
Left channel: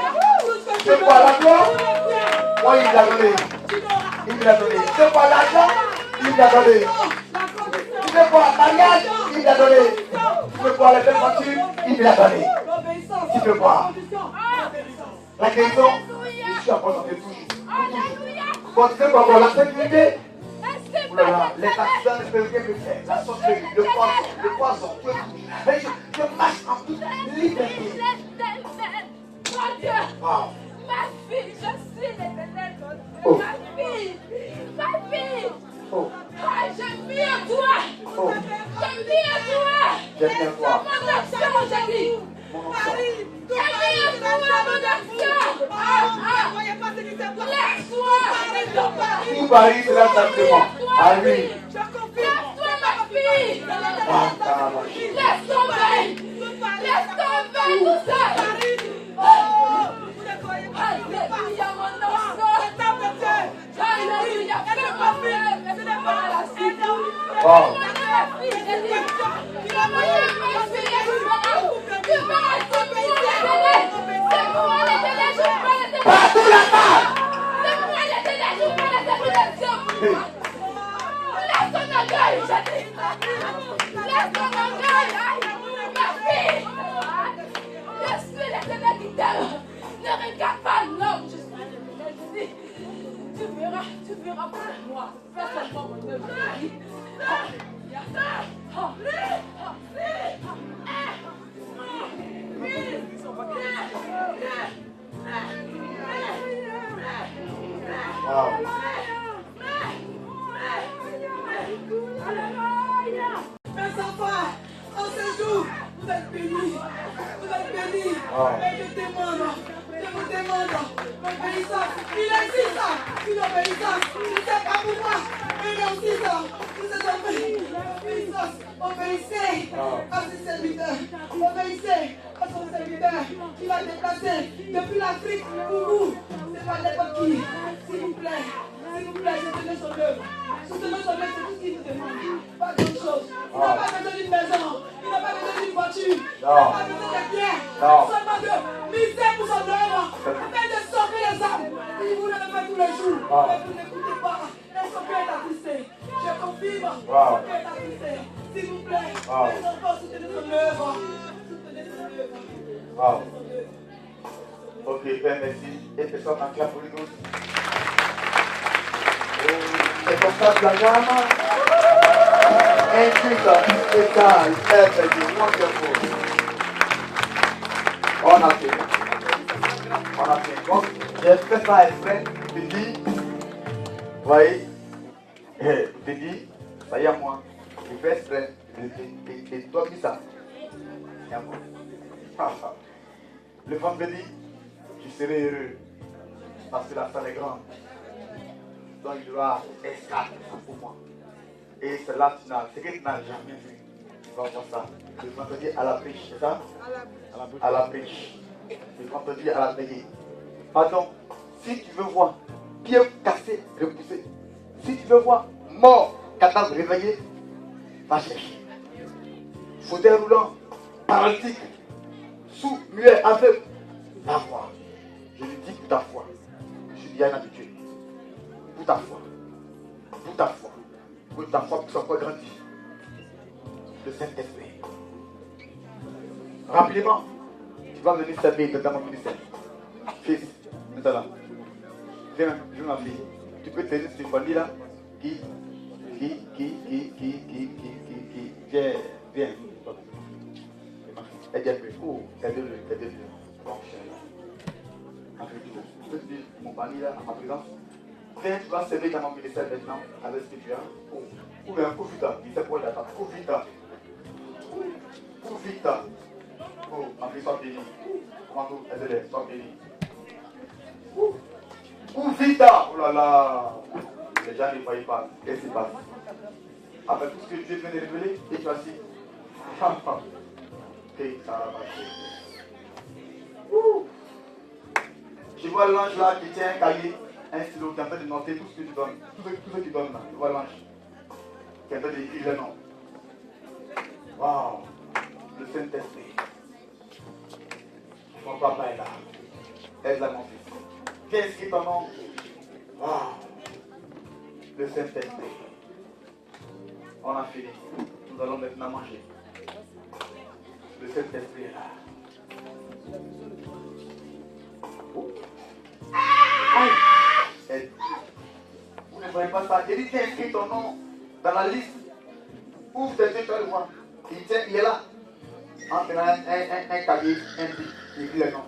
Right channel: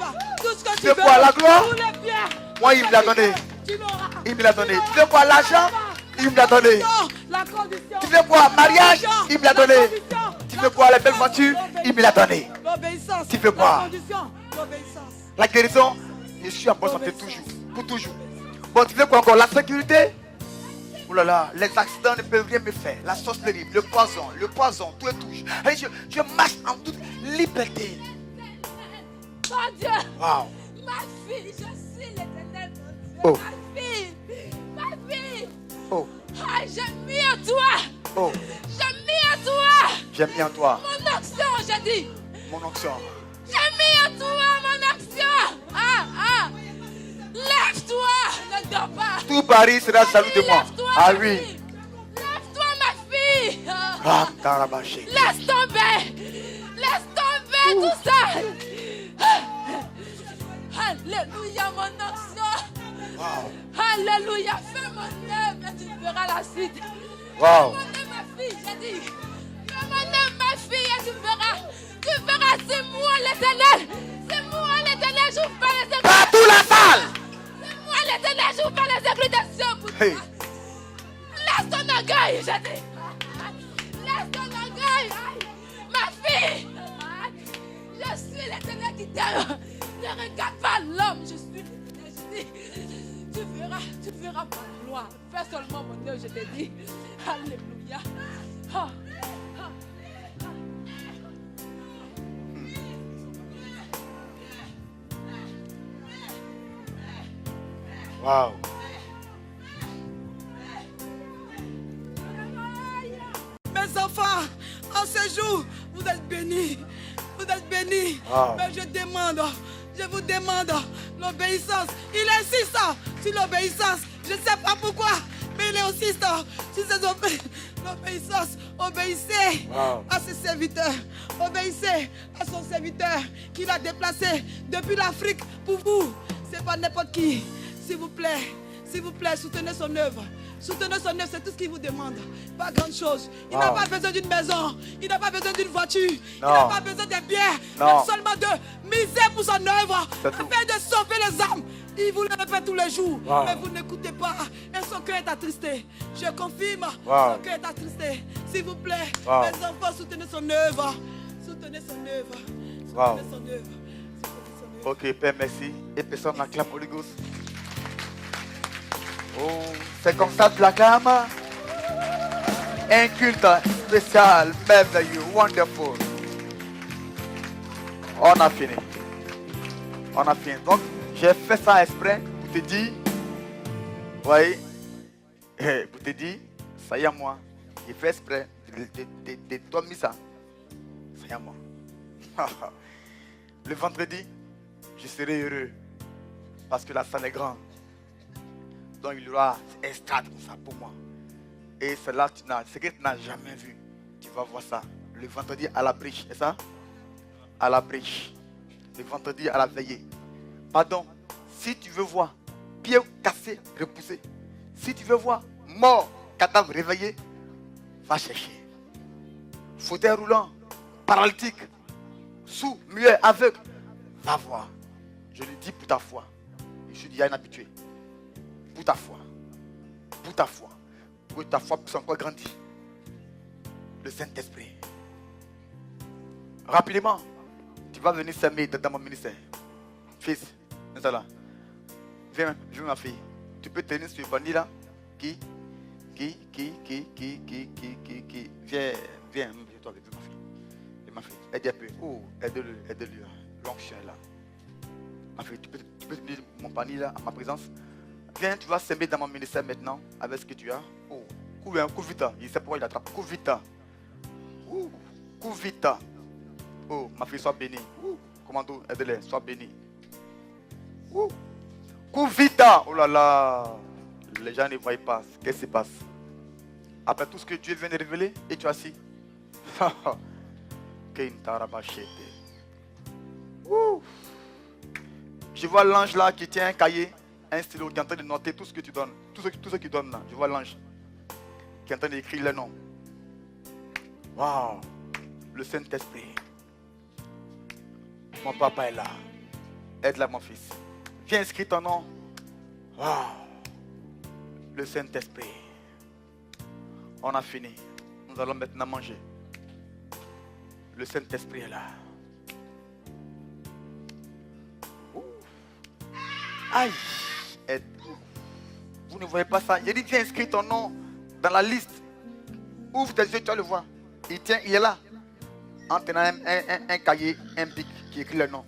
ce que tu Tu veux veux. voir la gloire? Tout le bien. Moi, il me l'a donné. Tu l'auras. Il me l'a donné. Tu veux voir l'argent? Il me l'a donné. La condition. Tu veux voir le mariage? Il me l'a donné. Tu veux voir les belles voitures? Il me l'a donné. Obéissance. Tu veux La voir condition. Obéissance. la guérison? Je suis en bonne santé tout juste. Tout pour toujours. Bon, tu sais quoi encore? La sécurité? Oh là là, les accidents ne peuvent rien me faire. La sorcellerie, le poison, tout et tout. Et je marche en toute liberté. Mon Dieu! Wow. Ma fille, je suis l'Éternel, mon Dieu! Oh. Ma fille! Oh, Ah, j'ai mis en toi! oh, J'ai mis en toi! j'ai mis en toi Mon action, j'ai dit! mon onction. J'ai mis en toi mon action! Lève-toi! Ne dors pas! Tout Paris sera salut de moi. Ah oui. Lève-toi, ma fille! Ah, Tarabaché. Laisse tomber! Laisse tomber tout ça! Alléluia, mon action! Alléluia, fais-moi rêve! Fais-moi la suite! Wow. Ma fille, j'ai dit! Ma fille, tu verras, c'est moi l'Éternel! C'est moi l'Éternel, je vous fais les Partout là-bas. c'est moi l'Éternel, je vous fais les explications pour Hey. toi! Laisse ton orgueil, j'ai dit! Laisse ton orgueil! Ma fille! Je suis l'Éternel qui t'aime! Ne regarde pas l'homme, je suis l'Éternel, je dis! Tu verras pour moi! Fais seulement mon Dieu, je te dis! Alléluia! Wow. Mes enfants, en ce jour, vous êtes bénis. Vous êtes bénis. Wow. Mais je vous demande l'obéissance. Il insiste sur l'obéissance. Je ne sais pas pourquoi, mais il insiste sur cette l'obéissance. Obéissez Wow. à ses serviteurs. Obéissez à son serviteur qui l'a déplacé depuis l'Afrique pour vous. C'est pas n'importe qui. S'il vous plaît, soutenez son œuvre. Soutenez son œuvre, c'est tout ce qu'il vous demande. Pas grand chose. Il n'a pas besoin d'une maison. Il n'a pas besoin d'une voiture. Il n'a pas besoin de biens. Non. Seulement de miser pour son œuvre. Afin de sauver les âmes. Il vous le fait tous les jours. Mais vous n'écoutez pas. Et son cœur est attristé. Je confirme. Son cœur est attristé. S'il vous plaît, mes enfants, soutenez son œuvre. Soutenez son œuvre. Wow. Soutenez son œuvre. Ok, Père, merci. Et personne n'a clap pour les gosses. Oh, c'est comme ça, Blagam. Un culte spécial, merveilleux, wonderful. On a fini. On a fini. Donc, j'ai fait ça exprès pour te dire, vous voyez, pour te dire, ça y est, moi, j'ai fait exprès de dormir ça. Ça y est, moi. Le vendredi, je serai heureux parce que la salle est grande. Donc il y aura un stade ça pour moi. Et c'est là ce que tu n'as jamais vu. Tu vas voir ça. Le vendredi à la brèche, c'est ça? À la brèche. Le vendredi à la veillée. Pardon, si tu veux voir bien cassé, repoussé, si tu veux voir mort, cadavre réveillé, va chercher. Fauteuil roulant, paralytique, sous, muet, aveugle, va voir. Je lui dis pour ta foi. Je suis bien habitué. Pour ta foi. Pour ta foi. Pour que ta foi puisse encore grandir. Le Saint-Esprit. Rapidement, tu vas venir s'aimer dans mon ministère. Fils, viens là. Viens, je veux ma fille. Tu peux tenir sur une famille là. Qui. Viens, viens. Toi, ma fille. Aide un peu. Oh, aide-le. L'onction là. Ma fille, tu peux tenir mon panier là, en ma présence. Viens, tu vas s'aimer dans mon ministère maintenant avec ce que tu as. Oh, ou bien, cours vite. Il sait pourquoi il attend. Cours vite. Cours vite. Oh, ma fille, sois bénie. Commando, aide-les, sois bénie. Cours vite. Oh là là. Les gens ne voient pas. Qu'est-ce qui se passe? Après tout ce que Dieu vient de révéler, et tu as assis. Ok, t'as ramassé. Je vois l'ange là qui tient un cahier, un stylo, qui est en train de noter tout ce que tu donnes. Tout ce qu'il donne là. Je vois l'ange qui est en train d'écrire les noms. Waouh! Le Saint-Esprit. Mon papa est là. Aide-la, mon fils. Viens inscrire ton nom. Waouh! Le Saint-Esprit. On a fini. Nous allons maintenant manger. Le Saint-Esprit est là. Aïe! voyais pas ça. J'ai dit, tiens, inscris ton nom dans la liste. Ouvre tes yeux, tu vas le voir. Il est là. En tenant un cahier, un bic qui écrit le nom.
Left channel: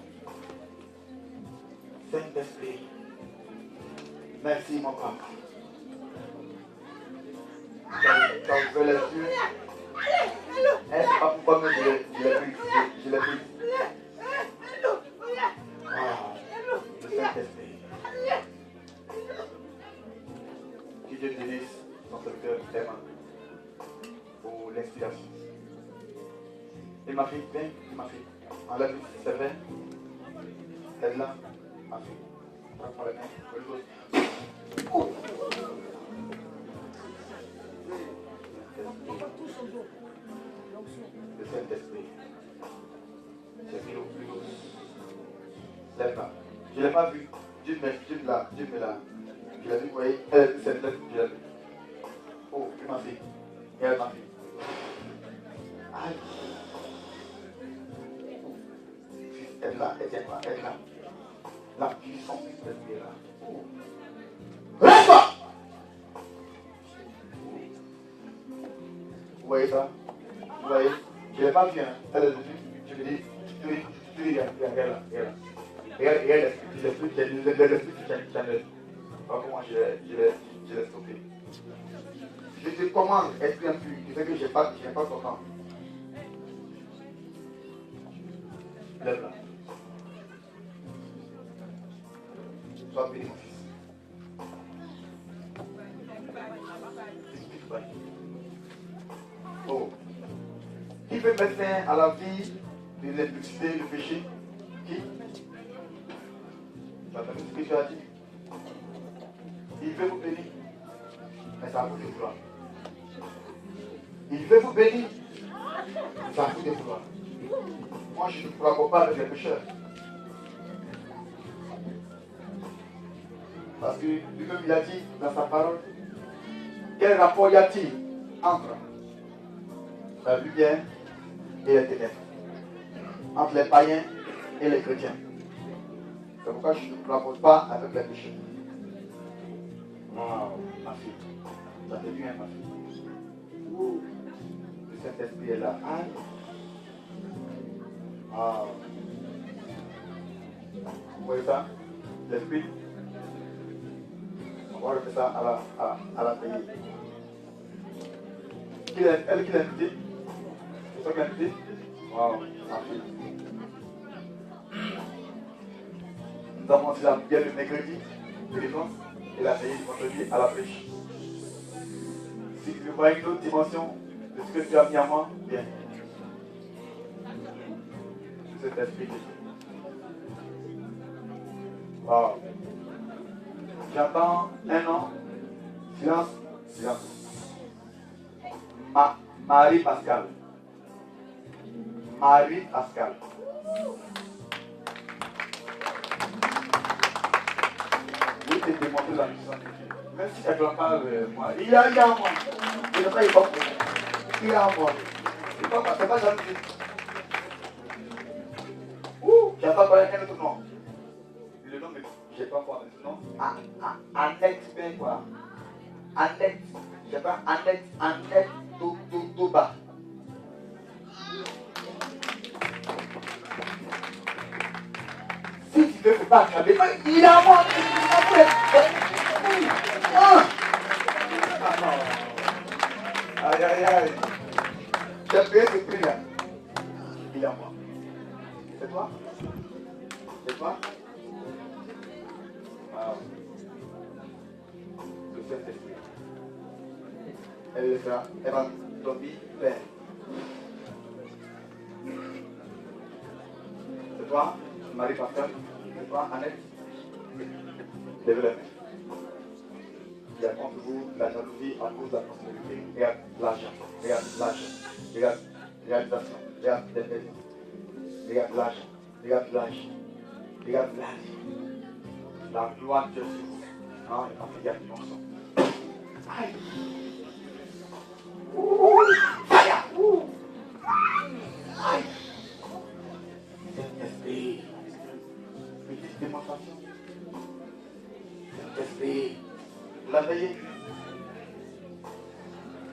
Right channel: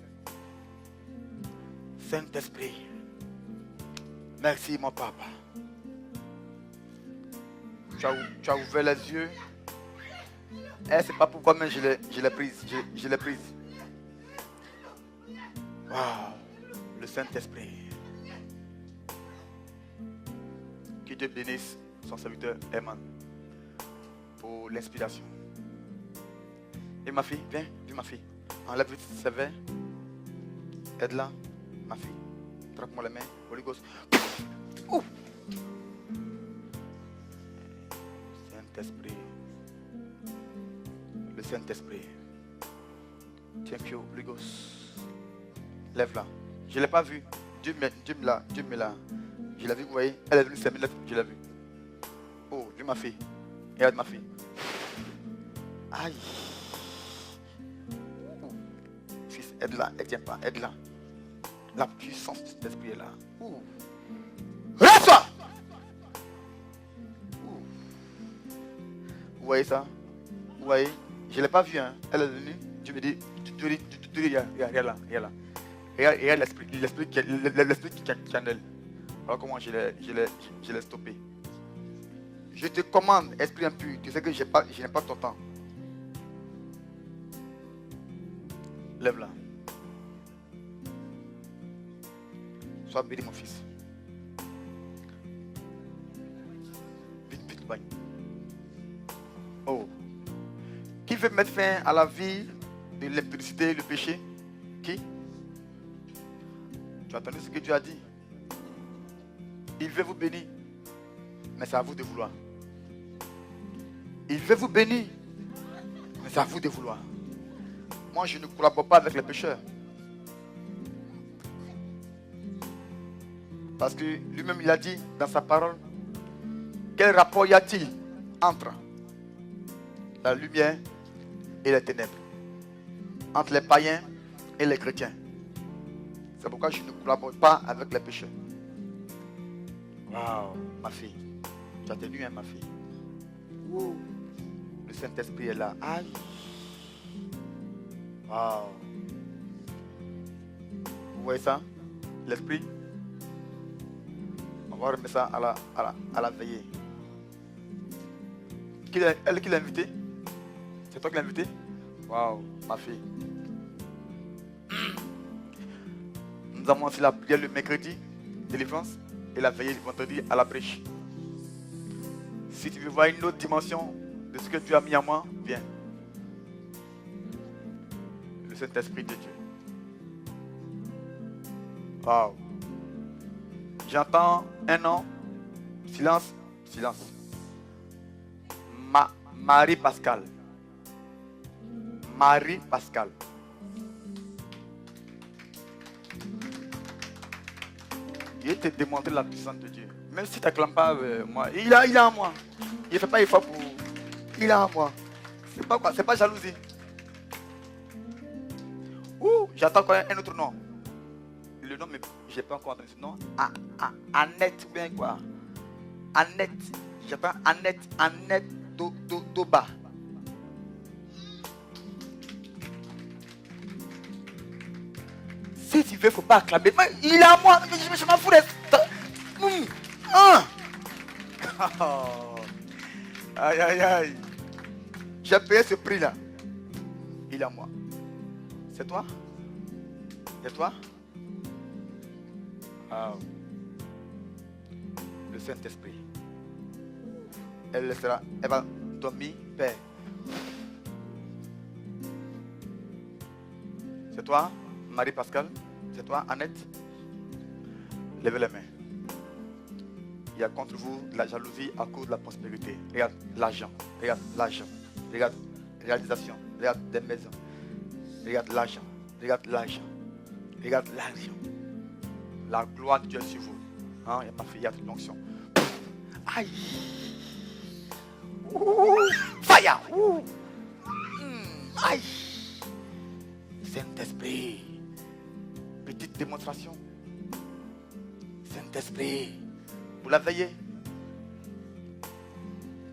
Saint-Esprit. Merci, mon papa. Tu as ouvert les yeux. Elle ne sait pas pourquoi, mais je l'ai prise. Je l'ai prise. Wow. Le Saint-Esprit. Que Dieu bénisse son serviteur Emma pour l'inspiration. Et ma fille, viens, ma fille. Enlève ses verres. Aide-la, ma fille. Traque-moi la main. Holy Ghost. Oh. Saint-Esprit. Le Saint-Esprit. Thank you, Holy Ghost. Lève-la. Je ne l'ai pas vu. Dieu me l'a. Je l'ai vu, vous voyez. Elle s'est lève, je l'ai vu. Oh, ma fille. Regarde ma fille. Aïe. Fils, aide-la, aide-la, aide-la. La puissance de cet esprit est là. Oh. Lève-toi! Vous voyez ça? Vous voyez? Je ne l'ai pas vu, hein. Elle est venue. Tu me dis, regarde là. Regarde l'esprit qui en elle. Voilà comment je l'ai stoppé. Je te commande, esprit impur. Tu sais que je n'ai pas ton temps. Lève-la. Sois béni, mon fils. Vite, va. Oh. Qui veut mettre fin à la vie de l'impudicité, le péché? Qui? Tu as entendu ce que Dieu a dit? Il veut vous bénir, mais c'est à vous de vouloir. Il veut vous bénir, mais c'est à vous de vouloir. Moi, je ne collabore pas avec les pécheurs. Parce que lui-même, il a dit dans sa parole, quel rapport y a-t-il entre la lumière et les ténèbres? Entre les païens et les chrétiens. C'est pourquoi je ne collabore pas avec les pécheurs. Waouh, ma fille. Tu as tenu, hein, ma fille. Le Saint-Esprit est là. Aïe. Waouh. Vous voyez ça? L'Esprit. On va refaire ça à la veillée. Elle qui l'a invité? C'est toi qui l'as invité? Waouh, ma fille. Nous avons aussi la prière le mercredi, délivrance, et la veillée du vendredi à la prêche. Si tu veux voir une autre dimension de ce que tu as mis en moi, viens. De cet esprit de Dieu. Wow. J'entends un nom. Silence. Marie-Pascal. Marie-Pascal. Je vais te démontrer la puissance de Dieu. Même si tu n'acclames pas moi, il a en moi. Il n'est pas effort pour moi. Il a en moi. C'est pas jalousie. J'attends pas un autre nom. Le nom, mais je n'ai pas encore ce nom. Annette, bien quoi. Annette. J'appelle Annette Doba. Si tu veux, il ne faut pas acclamer. Il est à moi. Je m'en fous. Aïe. J'ai payé ce prix-là. Il est à moi. C'est toi? C'est toi? Le Saint-Esprit. Elle le fera. Elle va dormir Père. C'est toi, Marie-Pascal? C'est toi, Annette? Levez les mains. Il y a contre vous de la jalousie à cause de la prospérité. Regarde l'argent. Regarde l'argent. Regarde réalisation. Regarde des maisons. Regarde l'argent. Regarde l'argent. Regarde l'argent. La gloire de Dieu sur vous. Non, il n'y a pas fait, il y a une onction. Aïe. Fire. Aïe. Saint-Esprit. Petite démonstration. Saint-Esprit. Vous la veillez.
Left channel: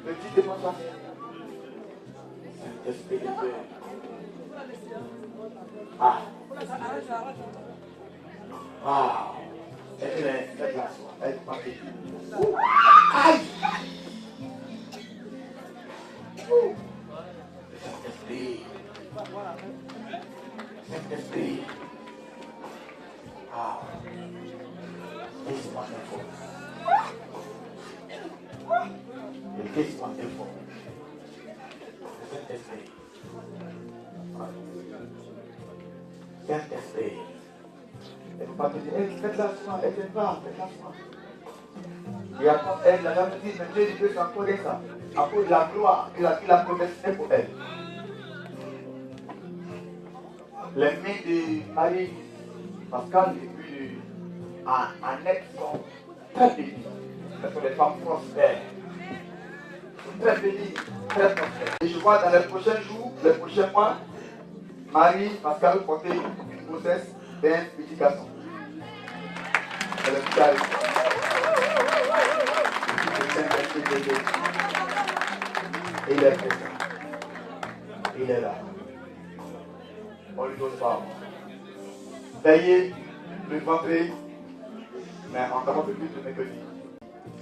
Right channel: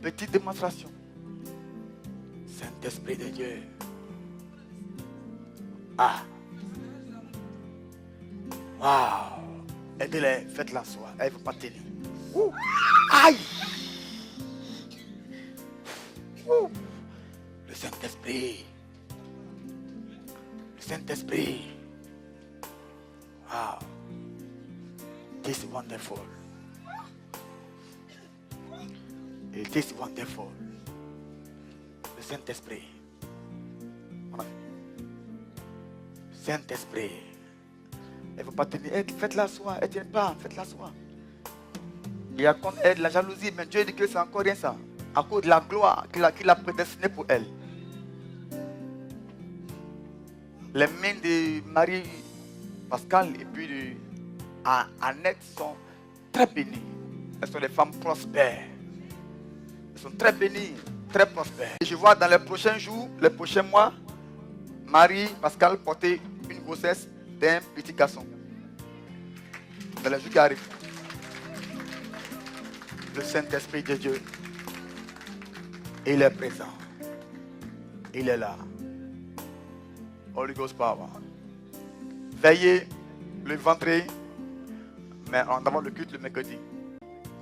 Petite démonstration. Saint-Esprit de Dieu. Ah. Waouh. Aidez-les, faites-la soir. Elle va pas tenir. Aïe. Le Saint-Esprit. Le Saint-Esprit. Wow. This is wonderful. It is wonderful. Le Saint-Esprit. Saint-Esprit. Elle ne veut pas tenir. Faites-la soir. Elle ne tient pas. Faites-la soir. Il y a pas elle, la jalousie, mais Dieu dit que c'est encore rien ça. À cause de la gloire qu'il a prédestinée pour elle. Les mains de Marie Pascal et puis de Annette sont très bénies. Elles sont des femmes prospères. Elles sont très bénies, très prospères. Et je vois dans les prochains jours, les prochains mois, Marie Pascal porter une grossesse d'un petit garçon. C'est le qui arrive. Le Saint-Esprit de Dieu. Il est présent. Il est là. Holy Ghost power. Veillez le ventre, mais en temps de culte le mercredi.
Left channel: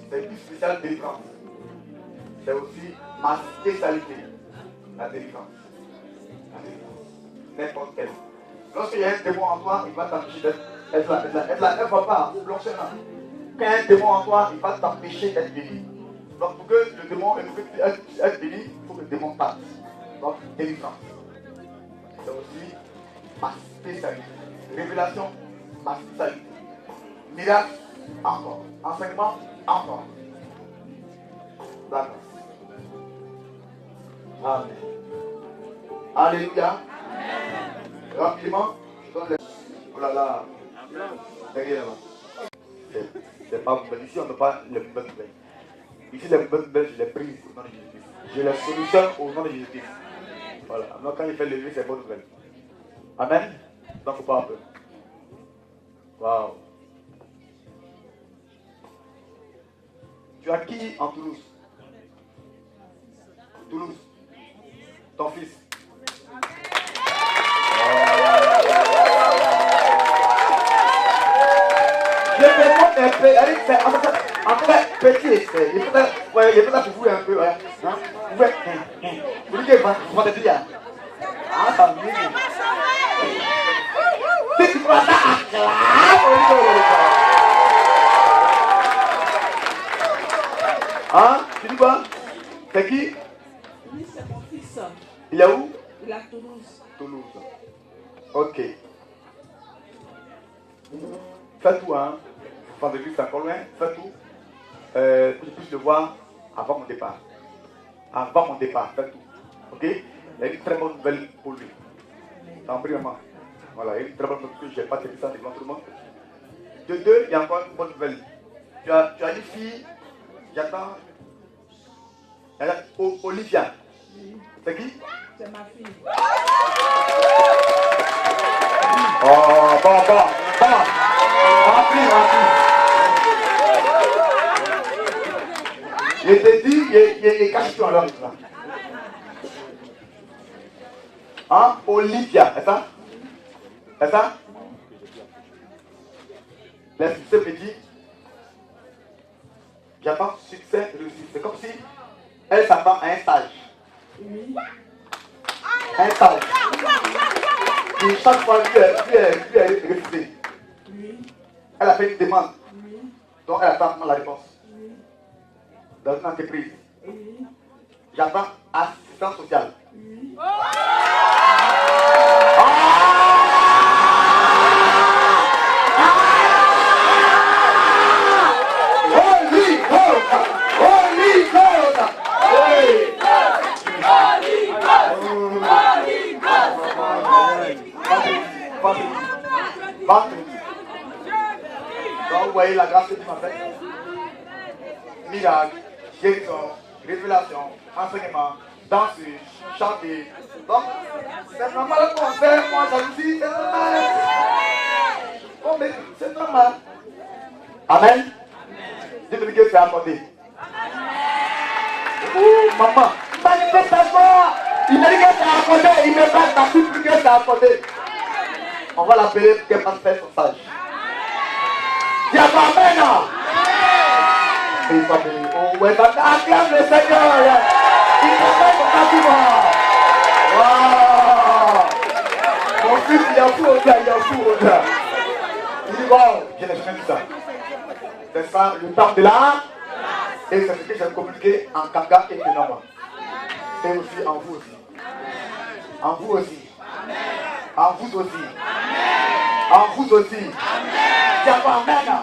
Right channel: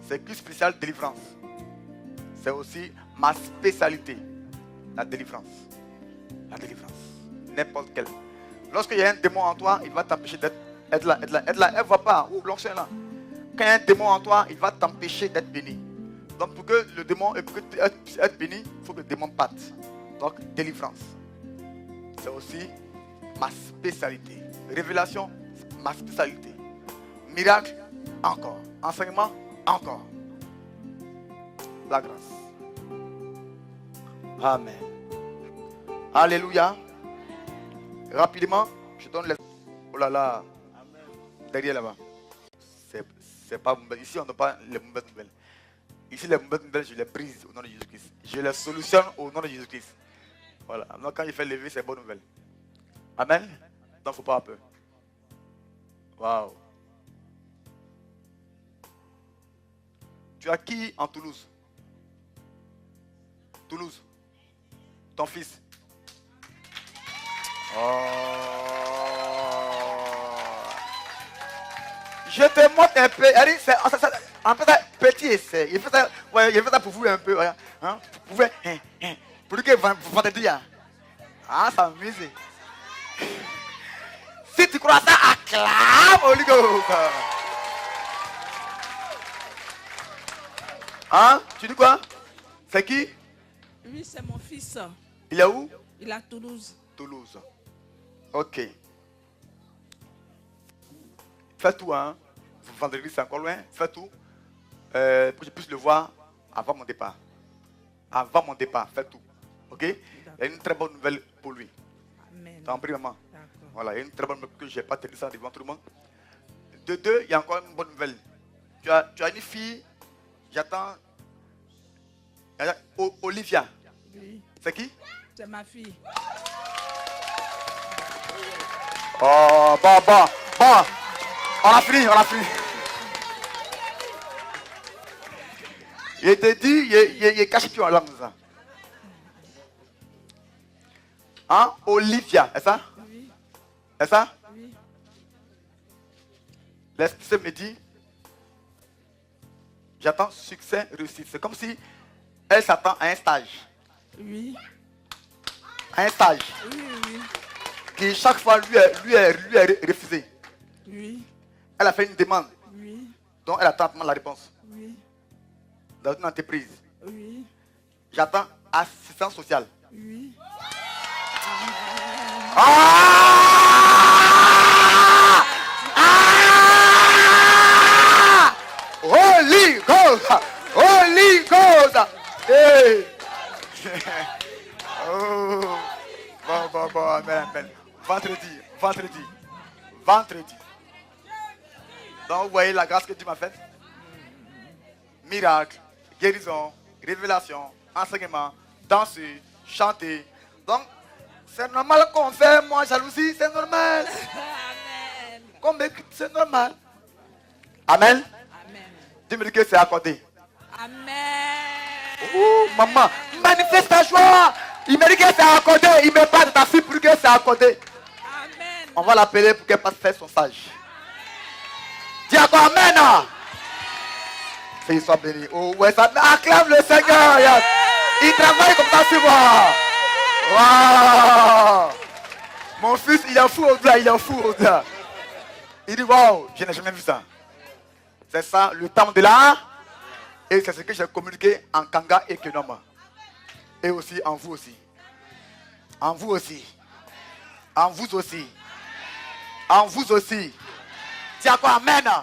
C'est plus spécial délivrance. C'est aussi ma spécialité. La délivrance. La délivrance. N'importe quelle. Lorsqu'il y a un démon en toi, il va t'empêcher d'être là. Elle ne va pas fonctionner. Quand il y a un démon en toi, il va t'empêcher d'être béni. Donc pour que le démon et pour que tu puisses être béni, il faut que le démon parte. Donc délivrance. C'est aussi ma spécialité. Révélation, ma spécialité. Miracle, encore. Enseignement, encore. La grâce. Amen. Alléluia. Amen. Rapidement, je donne les... Oh là là. Derrière là-bas. C'est pas mauvais. Ici, on n'a pas les mauvaises nouvelles. Ici, les mauvaises nouvelles, je les brise au nom de Jésus-Christ. Je les solutionne au nom de Jésus-Christ. Voilà. Donc, quand il fait lever, c'est bonne nouvelle. Amen. Non, il ne faut pas avoir peur. Waouh. Tu as qui en Toulouse? Toulouse. Ton fils. Je te montre un peu. Eric, c'est en tout cas petit essai. Il faut ça pour vous un peu. Ouais. Hein? Pour lui que vous vendez dire. Ah, ça m'amuse. Si tu crois ça, acclame au lieu. Hein? Tu dis quoi? C'est qui? Oui, c'est mon fils. Il est où? Il est à Toulouse. Toulouse. Ok. Fais tout, hein. Vendredi, c'est encore loin. Fais tout. Pour que je puisse le voir avant mon départ. Avant mon départ, fais tout. Ok? Il y a une très bonne nouvelle pour lui. T'en prie, maman. Voilà, il y a une très bonne nouvelle que je n'ai pas tenu ça devant tout le monde. De deux, il y a encore une bonne nouvelle. Tu as une fille, j'attends. Olivia. C'est qui? C'est ma fille. Bon. On a pris. Je te dis, il cache plus en langue, ça. Hein? Olivia, est-ce ça? Est-ce ça? L'Esprit me dit, j'attends succès réussi. C'est comme si elle s'attend à un stage. Oui. Un stage. Et chaque fois, lui est refusé. Oui. Elle a fait une demande. Oui. Donc elle attend la réponse. Oui. Dans une entreprise. Oui. J'attends assistance sociale. Oui. Holy Ghost! Holy Ghost! Hey! Vendredi. Donc, vous voyez la grâce que tu m'as faite. Miracle, guérison, révélation, enseignement, danser, chanter. Donc, c'est normal qu'on fait, moi, jalousie, c'est normal. C'est normal. Amen. Dis-moi que c'est accordé. Maman, manifeste ta joie. Il me dit que c'est accordé. Il me parle de ta fille pour que c'est accordé. On va l'appeler pour qu'elle passe faire son sage. Dis à toi, amen. Qu'il soit béni. Oh, ouais, ça acclame le Seigneur. Il travaille comme ça sur moi. Wow. Mon fils, il y a fou, il y a fou. Il dit, wow, je n'ai jamais vu ça. C'est ça, le temps de là. Et c'est ce que j'ai communiqué en Kanga et Kenoma. Et aussi en vous aussi. En vous aussi. En vous aussi. En vous aussi. Dis à moi, amen.